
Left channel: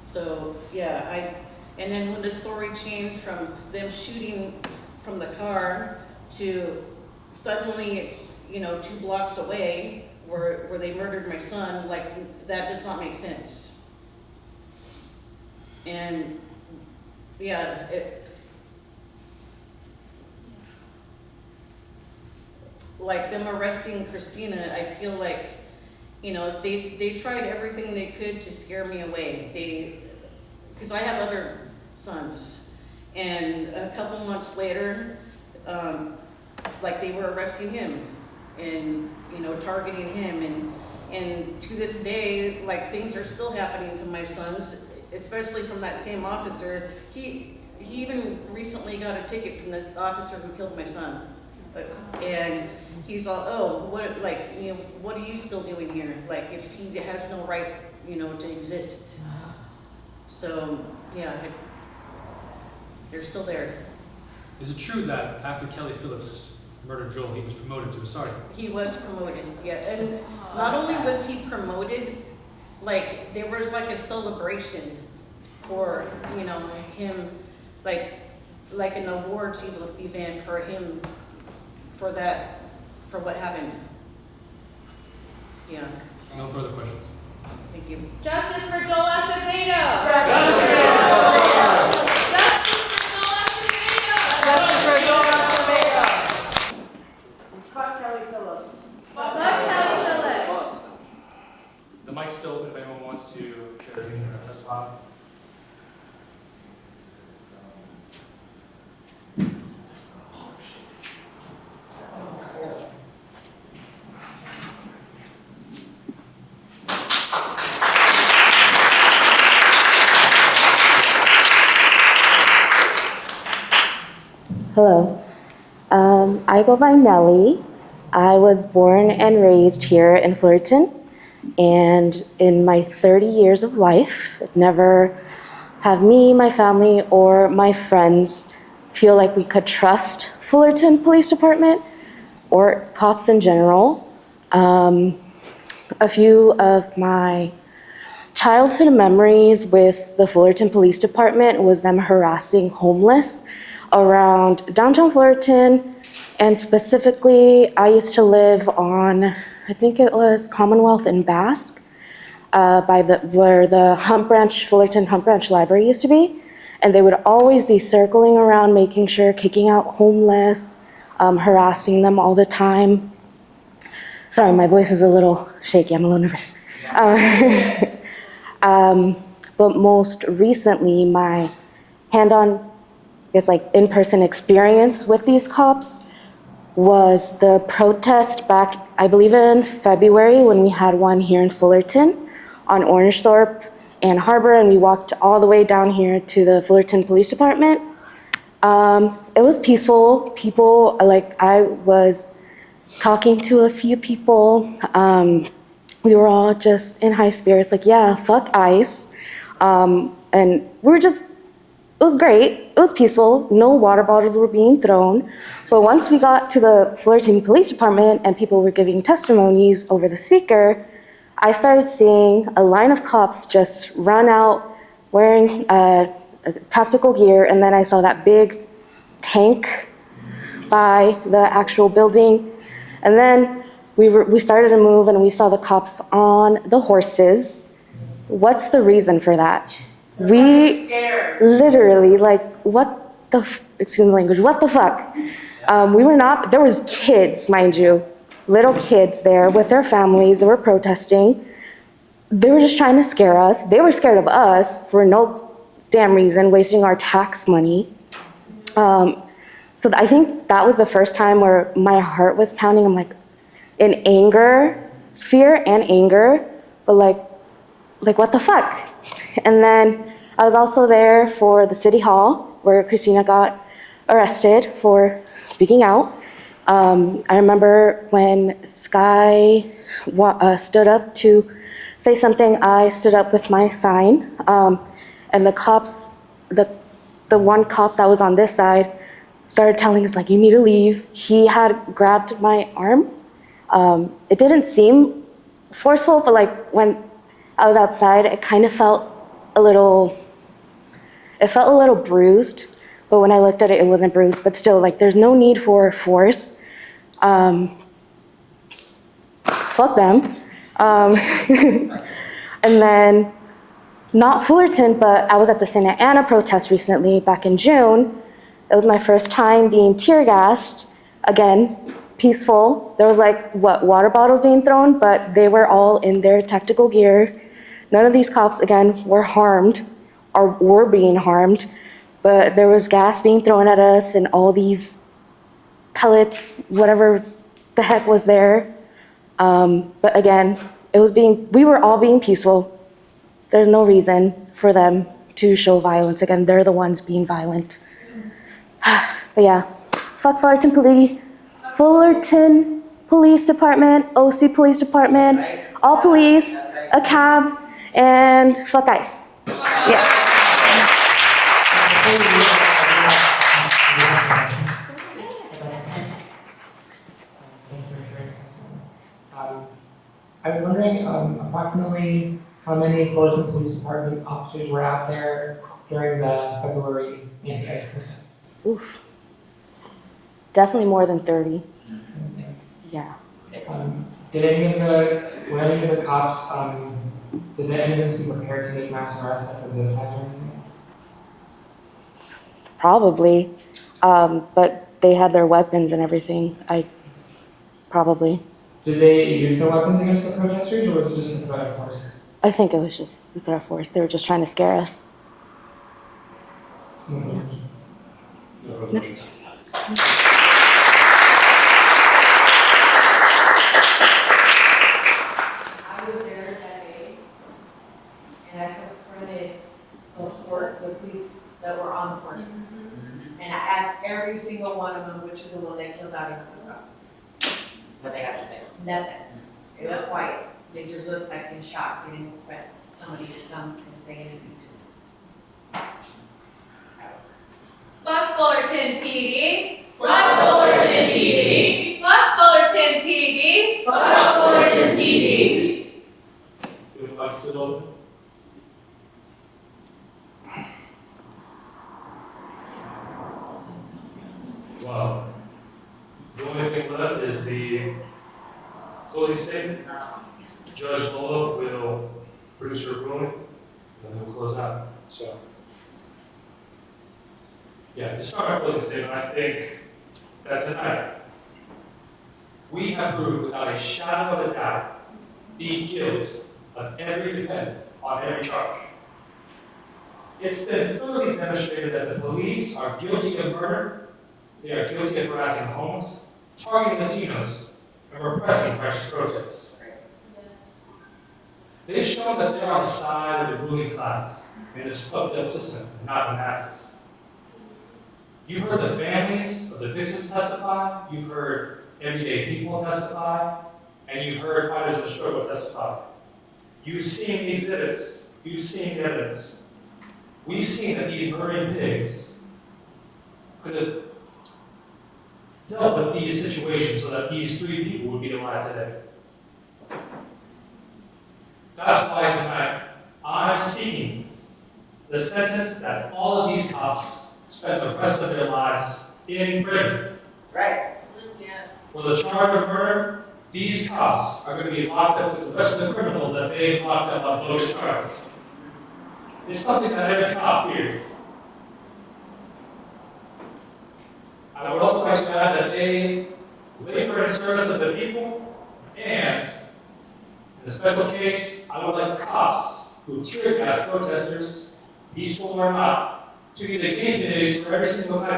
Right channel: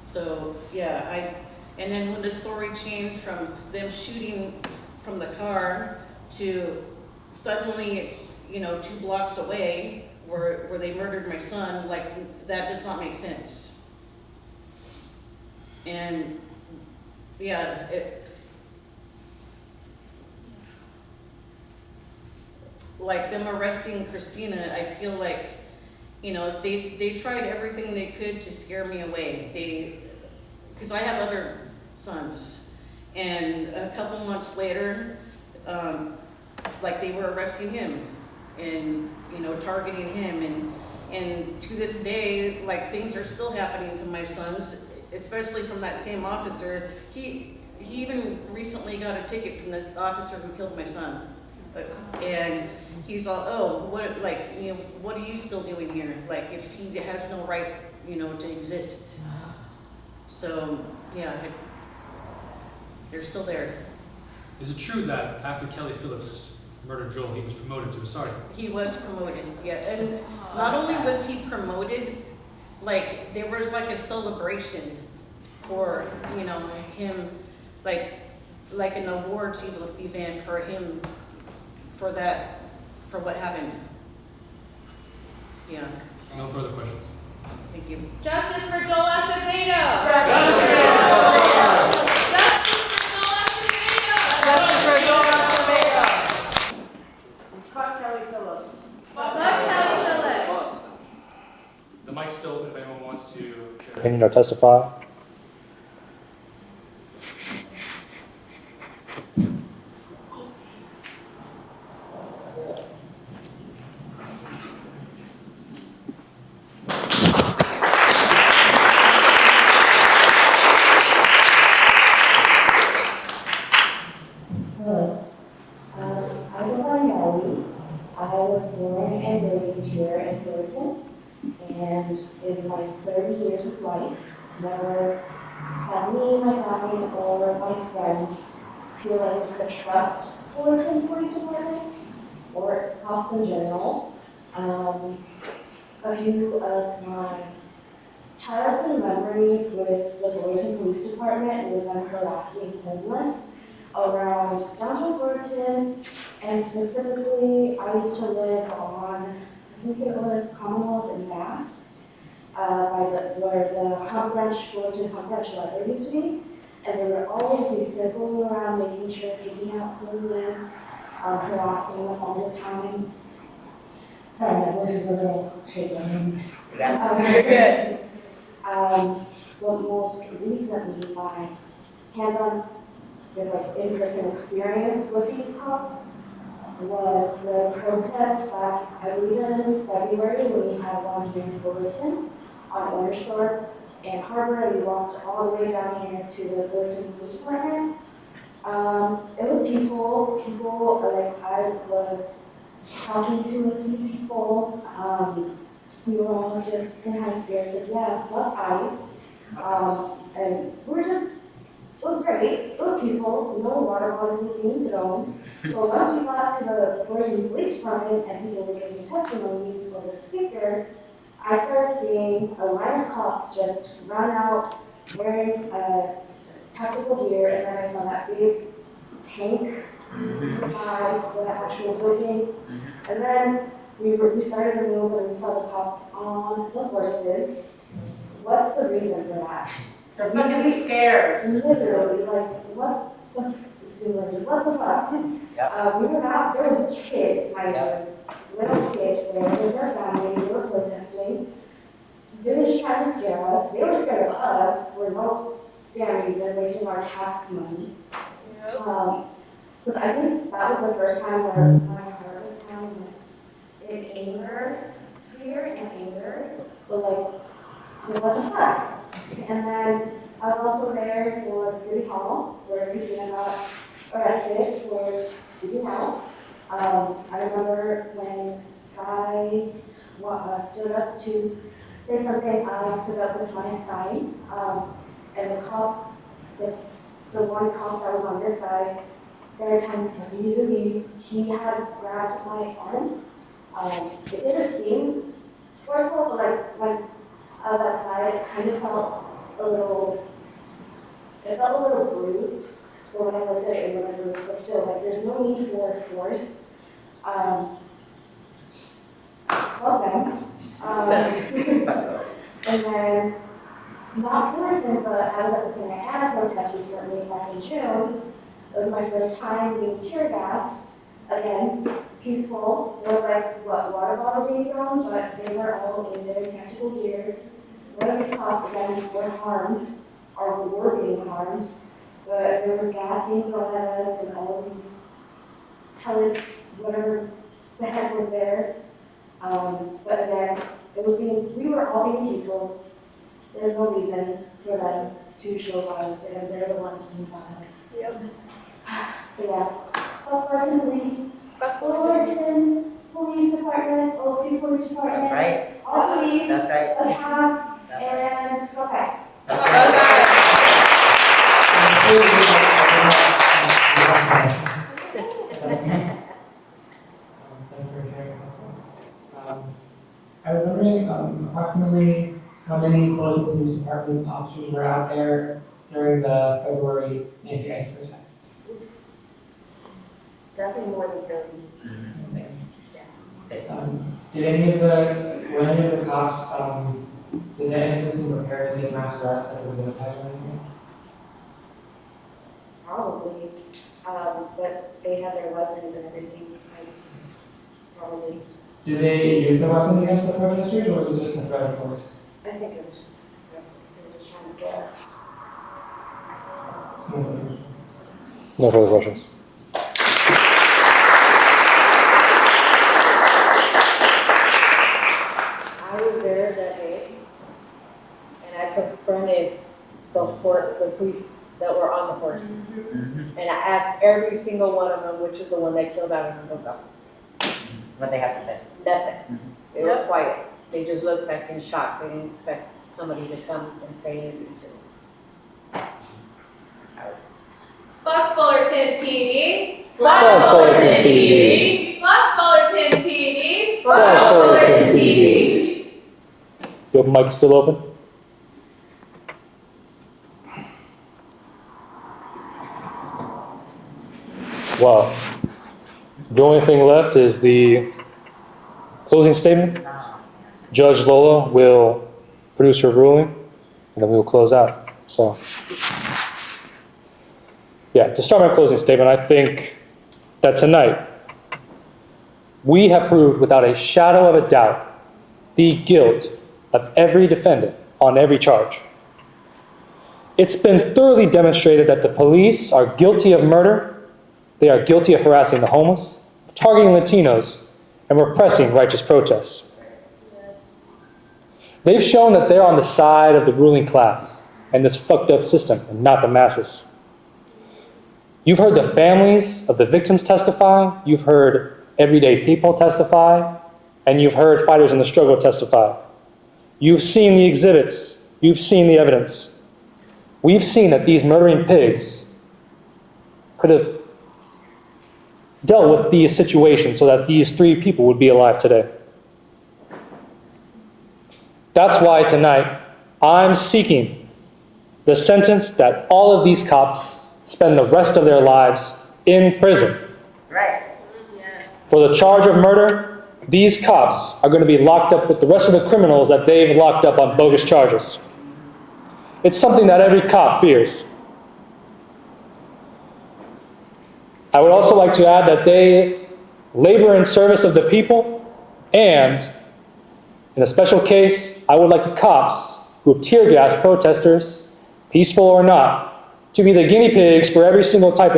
So yeah, and then when the story changed from them shooting from the car to suddenly it's, you know, 2 blocks away where they murdered my son, like that does not make sense. And yeah, like them arresting Christina, I feel like, you know, they tried everything they could to scare me away. Because I have other sons, and a couple months later, like they were arresting him and, you know, targeting him, and to this day, like things are still happening to my sons, especially from that same officer. He even recently got a ticket from this officer who killed my son. And he's all, oh, what, like, you know, what are you still doing here? Like, if he has no right, you know, to exist. So, yeah, they're still there. Is it true that after Kelly Phillips murdered Joel, he was promoted to a sergeant? He was promoted, yeah. And not only was he promoted, like, there was like a celebration for, you know, him, like an awards event for him, for that, for what happened. Yeah. No further questions. Thank you. Justice for Joel Acevedo. Justice for Joel Acevedo. Fuck Kelly Phillips. Fuck Kelly Phillips. The mic's still open if anyone wants to share their opinion or testify. Hello. I go by Nellie. I was born and raised here in Fullerton, and in my 30 years of life, I've never have me, my family, or my friends feel like we could trust Fullerton Police Department or cops in general. A few of my childhood memories with the Fullerton Police Department was them harassing homeless around downtown Fullerton, and specifically, I used to live on, I think it was Commonwealth and Basque, where the Fullerton Hump Branch Library used to be, and they would always be circling around, making sure, kicking out homeless, harassing them all the time. Sorry, my voice is a little shaky, I'm a little nervous. But most recently, my hand-on, it's like in-person experience with these cops was the protest back, I believe in February, when we had one here in Fullerton on Orangethorpe and Harbor, and we walked all the way down here to the Fullerton Police Department. It was peaceful. People, like, I was talking to a few people. We were all just in high spirits, like, yeah, fuck ICE. And we were just, it was great. It was peaceful. No water bottles were being thrown. But once we got to the Fullerton Police Department and people were giving testimonies over the speaker, I started seeing a line of cops just run out wearing tactical gear, and then I saw that big tank by the actual building. And then we started to move and we saw the cops on the horses. What's the reason for that? We scared. Literally, like, what the, excuse the language, what the fuck? We were not, there was kids, mind you, little kids there with their families. They were protesting. They were just trying to scare us. They were scared of us for no damn reason, wasting our tax money. So I think that was the first time where my heart was pounding. I'm like, in anger, fear and anger, but like what the fuck? And then I was also there for the city hall where Christina got arrested for speaking out. I remember when Sky stood up to say something, I stood up with my sign, and the cops, the one cop that was on this side started telling us, like, you need to leave. He had grabbed my arm. It didn't seem forceful, but like when I was outside, it kind of felt a little bruised, but when I looked at it, it wasn't bruised, but still, like, there's no need for force. Fuck them. And then, not Fullerton, but I was at the Santa Ana protest recently, back in June. It was my first time being tear gassed. Again, peaceful. There was like, water bottles being thrown, but they were all in their tactical gear. None of these cops, again, were harmed or were being harmed, but there was gas being thrown at us and all these pellets, whatever the heck was there. But again, we were all being peaceful. There's no reason for them to show violence. Again, they're the ones being violent. But yeah, fuck Fullerton Police Department, OC Police Department, all police, a cab, and fuck ICE. Yeah. I was wondering approximately how many Fullerton Police Department officers were out there during the February anti-ICE protests? Oof. Definitely more than 30. Yeah. Were any of the cops, did any of them seem prepared to take mass arrests after the attacks or anything? Probably, but they had their weapons and everything. Probably. Did they use their weapons against the protesters, or was it just a threat of force? I think it was just a threat of force. They were just trying to scare us. No further questions. I was there that day, and I confronted the police that were on the horse. And I asked every single one of them, which is the one that killed out in the What they have to say? Nothing. They were quiet. They just looked like in shock. They didn't expect somebody to come and say anything to them. Fuck Fullerton PD. Fuck Fullerton PD. Fuck Fullerton PD. Fuck Fullerton PD. Your mic still open? Wow. The only thing left is the closing statement. Judge Lola will produce her ruling, and then we will close out. So, yeah, to start my closing statement, I think that tonight we have proved without a shadow of a doubt the guilt of every defendant on every charge. It's been thoroughly demonstrated that the police are guilty of murder, they are guilty of harassing the homeless, targeting Latinos, and repressing righteous protests. They've shown that they're on the side of the ruling class and this fucked up system, and not the masses. You've heard the families of the victims testify, you've heard everyday people testify, and you've heard fighters in the struggle testify. You've seen the exhibits, you've seen the evidence. We've seen that these murdering pigs could have dealt with these situations so that these 3 people would be alive today. That's why tonight I'm seeking the sentence that all of these cops spend the rest of their lives in prison. Right. For the charge of murder, these cops are going to be locked up with the rest of the criminals that they've locked up on bogus charges. It's something that every cop fears. I would also like to add that they labor in service of the people, and in a special case, I would like the cops who have tear gassed protesters, peaceful or not, to be the guinea pigs for every single type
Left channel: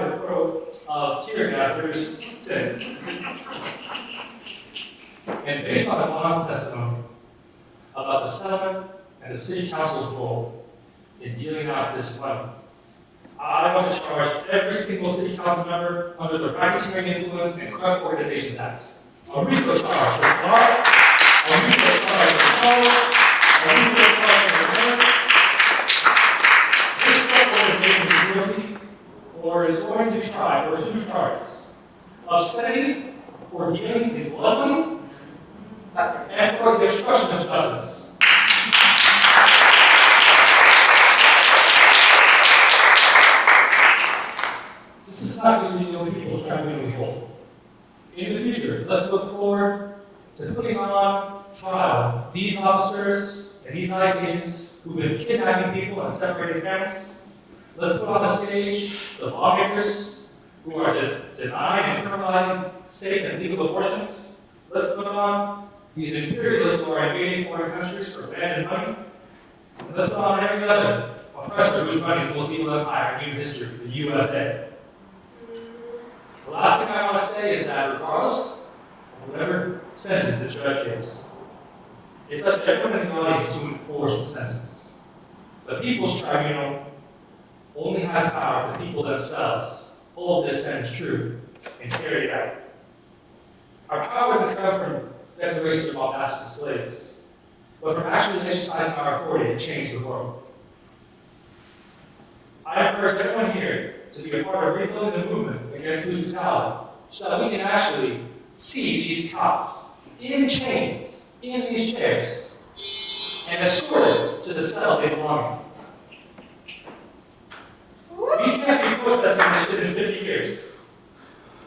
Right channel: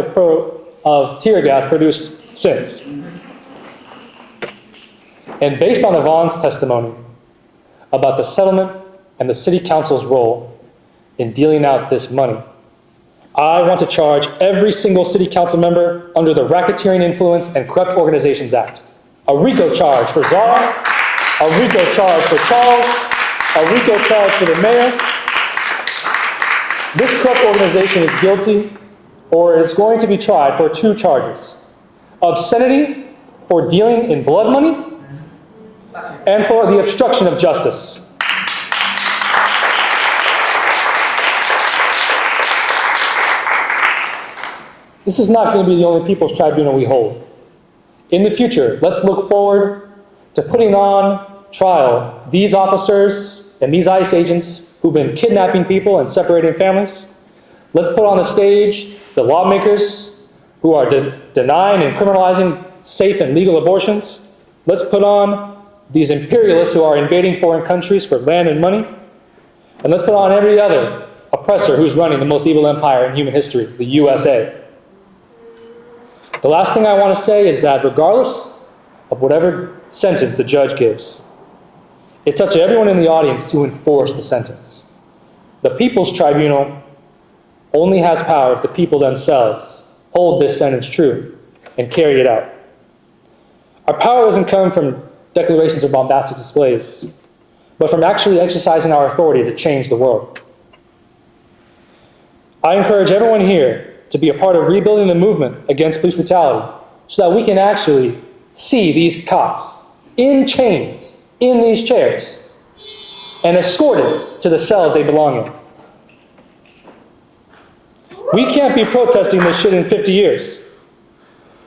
of tear gas produced since. And based on Yvonne's testimony about the settlement and the city council's role in dealing out this money, I want to charge every single city council member under the Racketeering Influence and Corrupt Organizations Act. A RICO charge for Czar, a RICO charge for Charles, a RICO charge for the mayor. This corrupt organization is guilty or is going to be tried for 2 charges. Obscenity for dealing in blood money and for the obstruction of justice. This is not going to be the only people's tribunal we hold. In the future, let's look forward to putting on trial these officers and these ICE agents who've been kidnapping people and separating families. Let's put on the stage the lawmakers who are denying and criminalizing safe and legal abortions. Let's put on these imperialists who are invading foreign countries for land and money. And let's put on every other oppressor who's running the most evil empire in human history, the USA. The last thing I want to say is that regardless of whatever sentence the judge gives, it's up to everyone in the audience to enforce the sentence. The People's Tribunal only has power if the people themselves hold this sentence true and carry it out. Our power doesn't come from declarations or bombastic displays, but from actually exercising our authority to change the world. I encourage everyone here to be a part of rebuilding the movement against police brutality so that we can actually see these cops in chains, in these chairs, and escorted to the cells they belong in. We can't be protesting this shit in 50 years.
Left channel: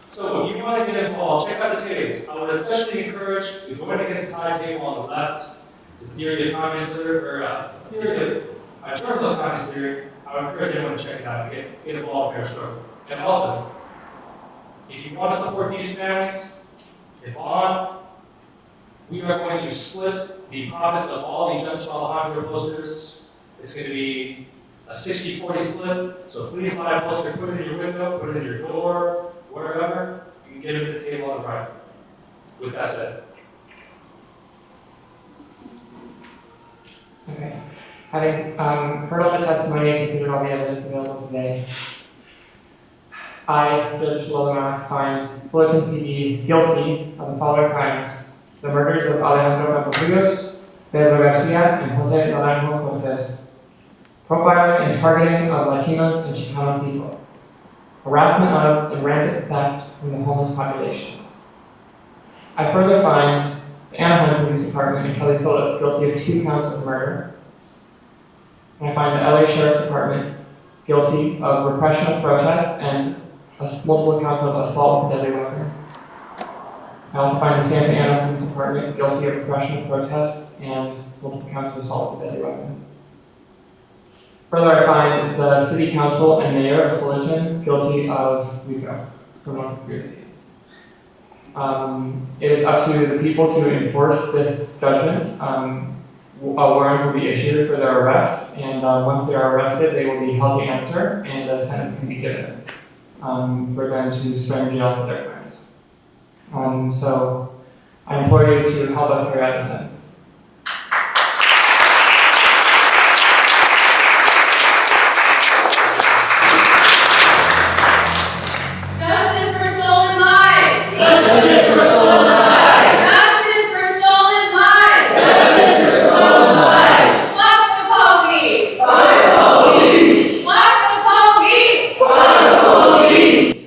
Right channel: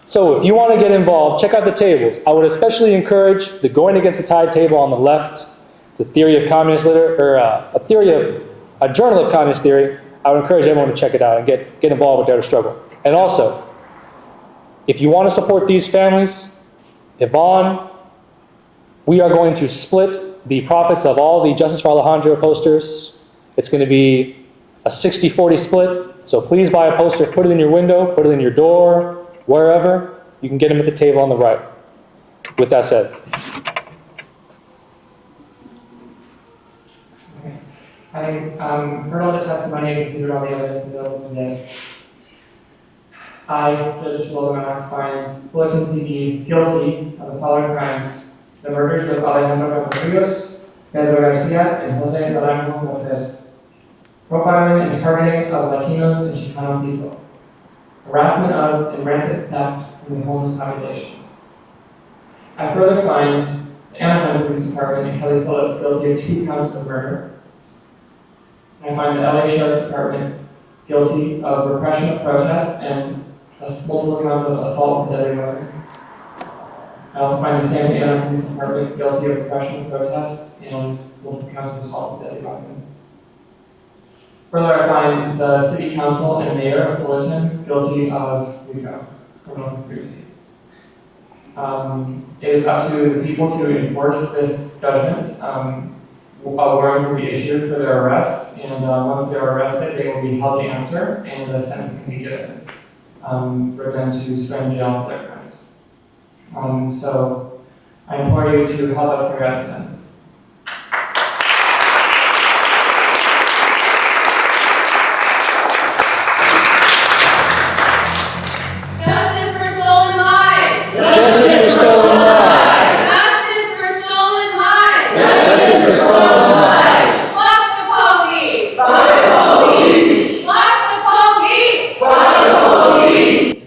So if you want to get involved, check out the tables. I would especially encourage the Going Against the Tide table on the left. It's a theory of communist literature, a journal of communist theory. I would encourage everyone to check it out and get involved with Dare to Struggle. And also, if you want to support these families, Yvonne, we are going to split the profits of all the Justice for Alejandro posters. It's going to be a 60-40 split. So please buy a poster, put it in your window, put it in your door, wherever. You can get them at the table on the right. With that said. Having heard all the testimony and considered all the evidence available today, I, Judge Lola, find Fullerton PD guilty of the following crimes: the murders of Alejandro Campos Rios, Pedro Garcia, and Jose Naranjo-Cortez, profiling and targeting of Latinos and Chicano people, harassment of and rampant theft from the homeless population. I further find the Anaheim Police Department and Kelly Phillips guilty of 2 counts of murder. And I find the LA Sheriff's Department guilty of repression of protests and multiple counts of assault with a deadly weapon. I also find the Santa Ana Police Department guilty of repression of protests and multiple counts of assault with a deadly weapon. Further, I find the City Council and Mayor of Fullerton guilty of RICO, criminal conspiracy. It is up to the people to enforce this judgment. A warrant will be issued for their arrest, and once they are arrested, they will be held to answer, and a sentence can be given for them to spend in jail for their crimes. So I implore you to help us carry out the sentence. Justice for stolen lives! Justice for stolen lives! Justice for stolen lives! Justice for stolen lives! Fuck the police! Fuck the police! Fuck the police! Fuck the police!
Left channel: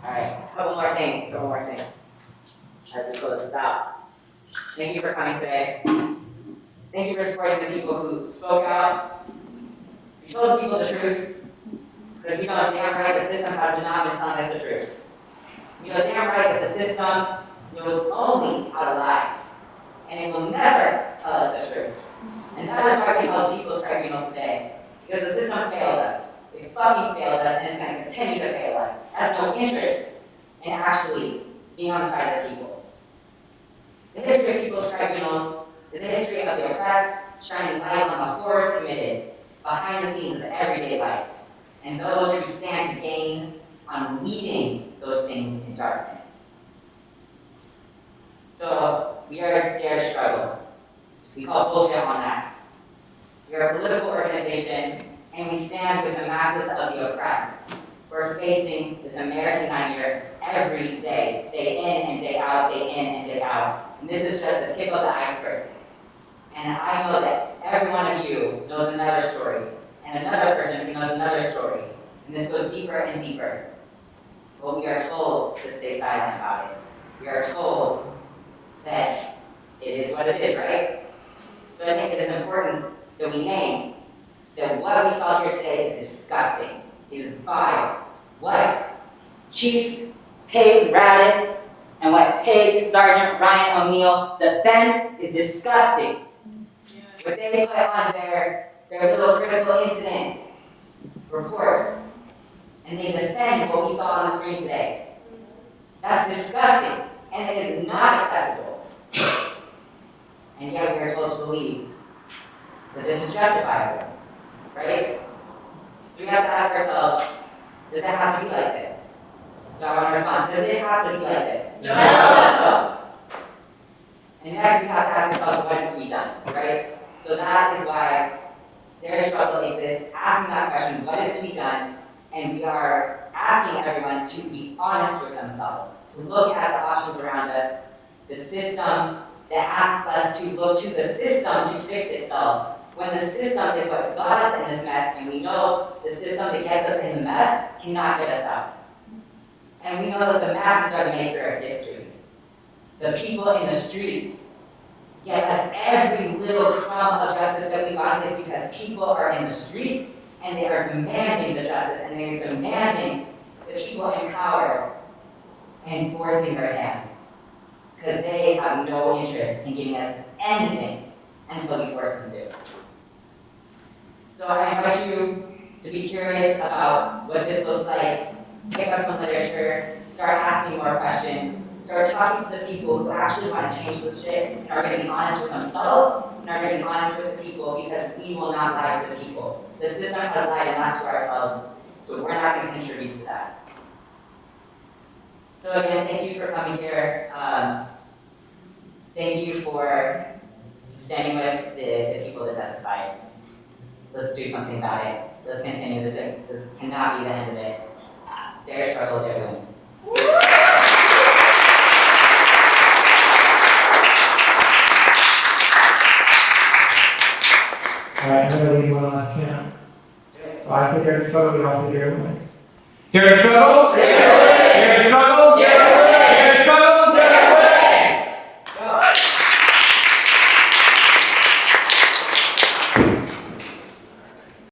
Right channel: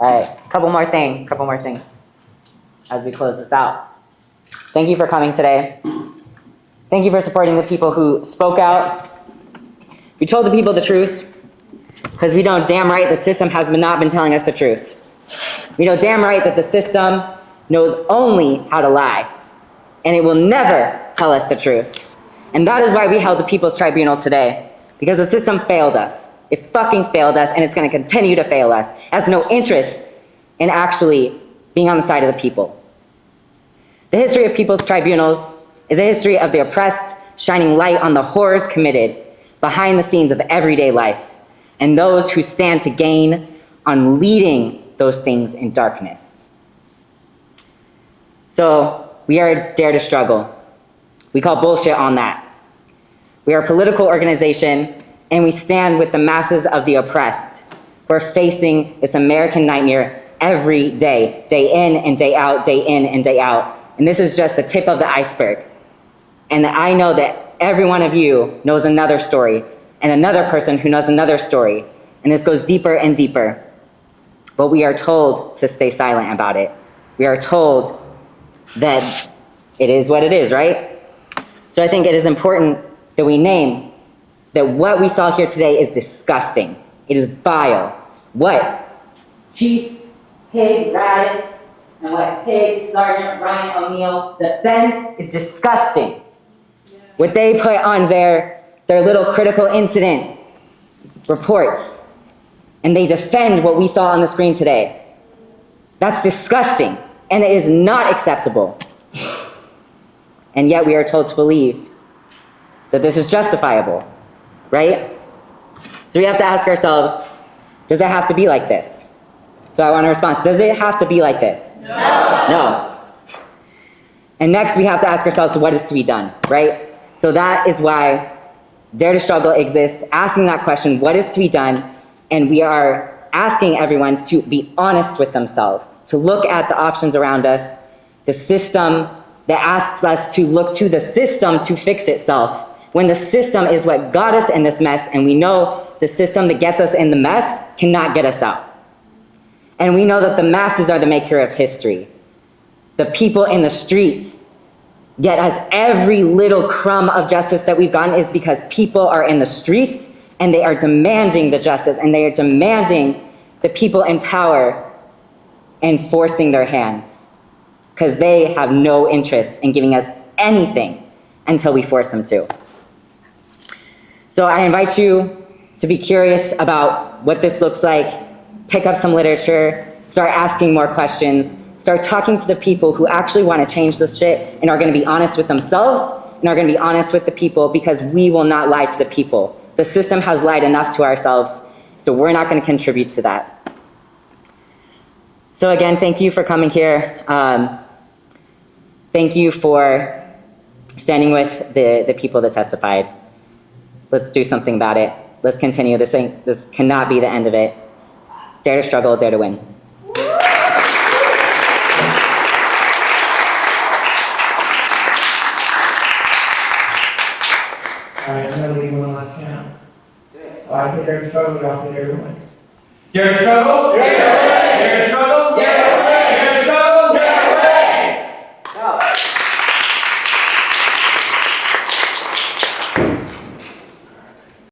All right, couple more things as we close this out. Thank you for coming today. Thank you for supporting the people who spoke out. We told the people the truth because we know damn right the system has not been telling us the truth. We know damn right that the system knows only how to lie, and it will never tell us the truth. And that is why we held the People's Tribunal today, because the system failed us. It fucking failed us, and it's going to continue to fail us. It has no interest in actually being on the side of the people. The history of People's Tribunals is a history of the oppressed, shining light on the horrors committed behind the scenes of everyday life, and those who stand to gain on leading those things in darkness. So we are Dare to Struggle. We call bullshit on that. We are a political organization, and we stand with the masses of the oppressed. We're facing this American nightmare every day, day in and day out, day in and day out. And this is just the tip of the iceberg. And I know that every one of you knows another story, and another person who knows another story. And this goes deeper and deeper. But we are told to stay silent about it. We are told that it is what it is, right? So I think it is important that we name that what we saw here today is disgusting. It is vile. What Chief Pig Radis and what Pig Sergeant Ryan O'Neill defend is disgusting. What they put on their little critical incident reports, and they defend what we saw on the screen today. That's disgusting, and it is not acceptable. And yet we are told to believe that this is justifiable, right? So we have to ask ourselves, does it have to be like this? So I want a response. Does it have to be like this? No. No. And next we have to ask ourselves what is to be done, right? So that is why Dare to Struggle exists, asking that question, what is to be done? And we are asking everyone to be honest with themselves, to look at the options around us, the system that asks us to look to the system to fix itself, when the system is what got us in this mess, and we know the system that gets us in the mess cannot get us out. And we know that the masses are the maker of history. The people in the streets get us every little crumb of justice that we've gotten is because people are in the streets and they are demanding the justice, and they are demanding the people in power and forcing their hands, because they have no interest in giving us anything until we force them to. So I invite you to be curious about what this looks like, pick up some literature, start asking more questions, start talking to the people who actually want to change this shit and are going to be honest with themselves and are going to be honest with the people, because we will not lie to the people. The system has lied enough to ourselves, so we're not going to contribute to that. So again, thank you for coming here. Thank you for standing with the people that testified. Let's do something about it. Let's continue. This cannot be the end of it. Dare to struggle, dare to win. struggle, we also hear the mic. Here to struggle.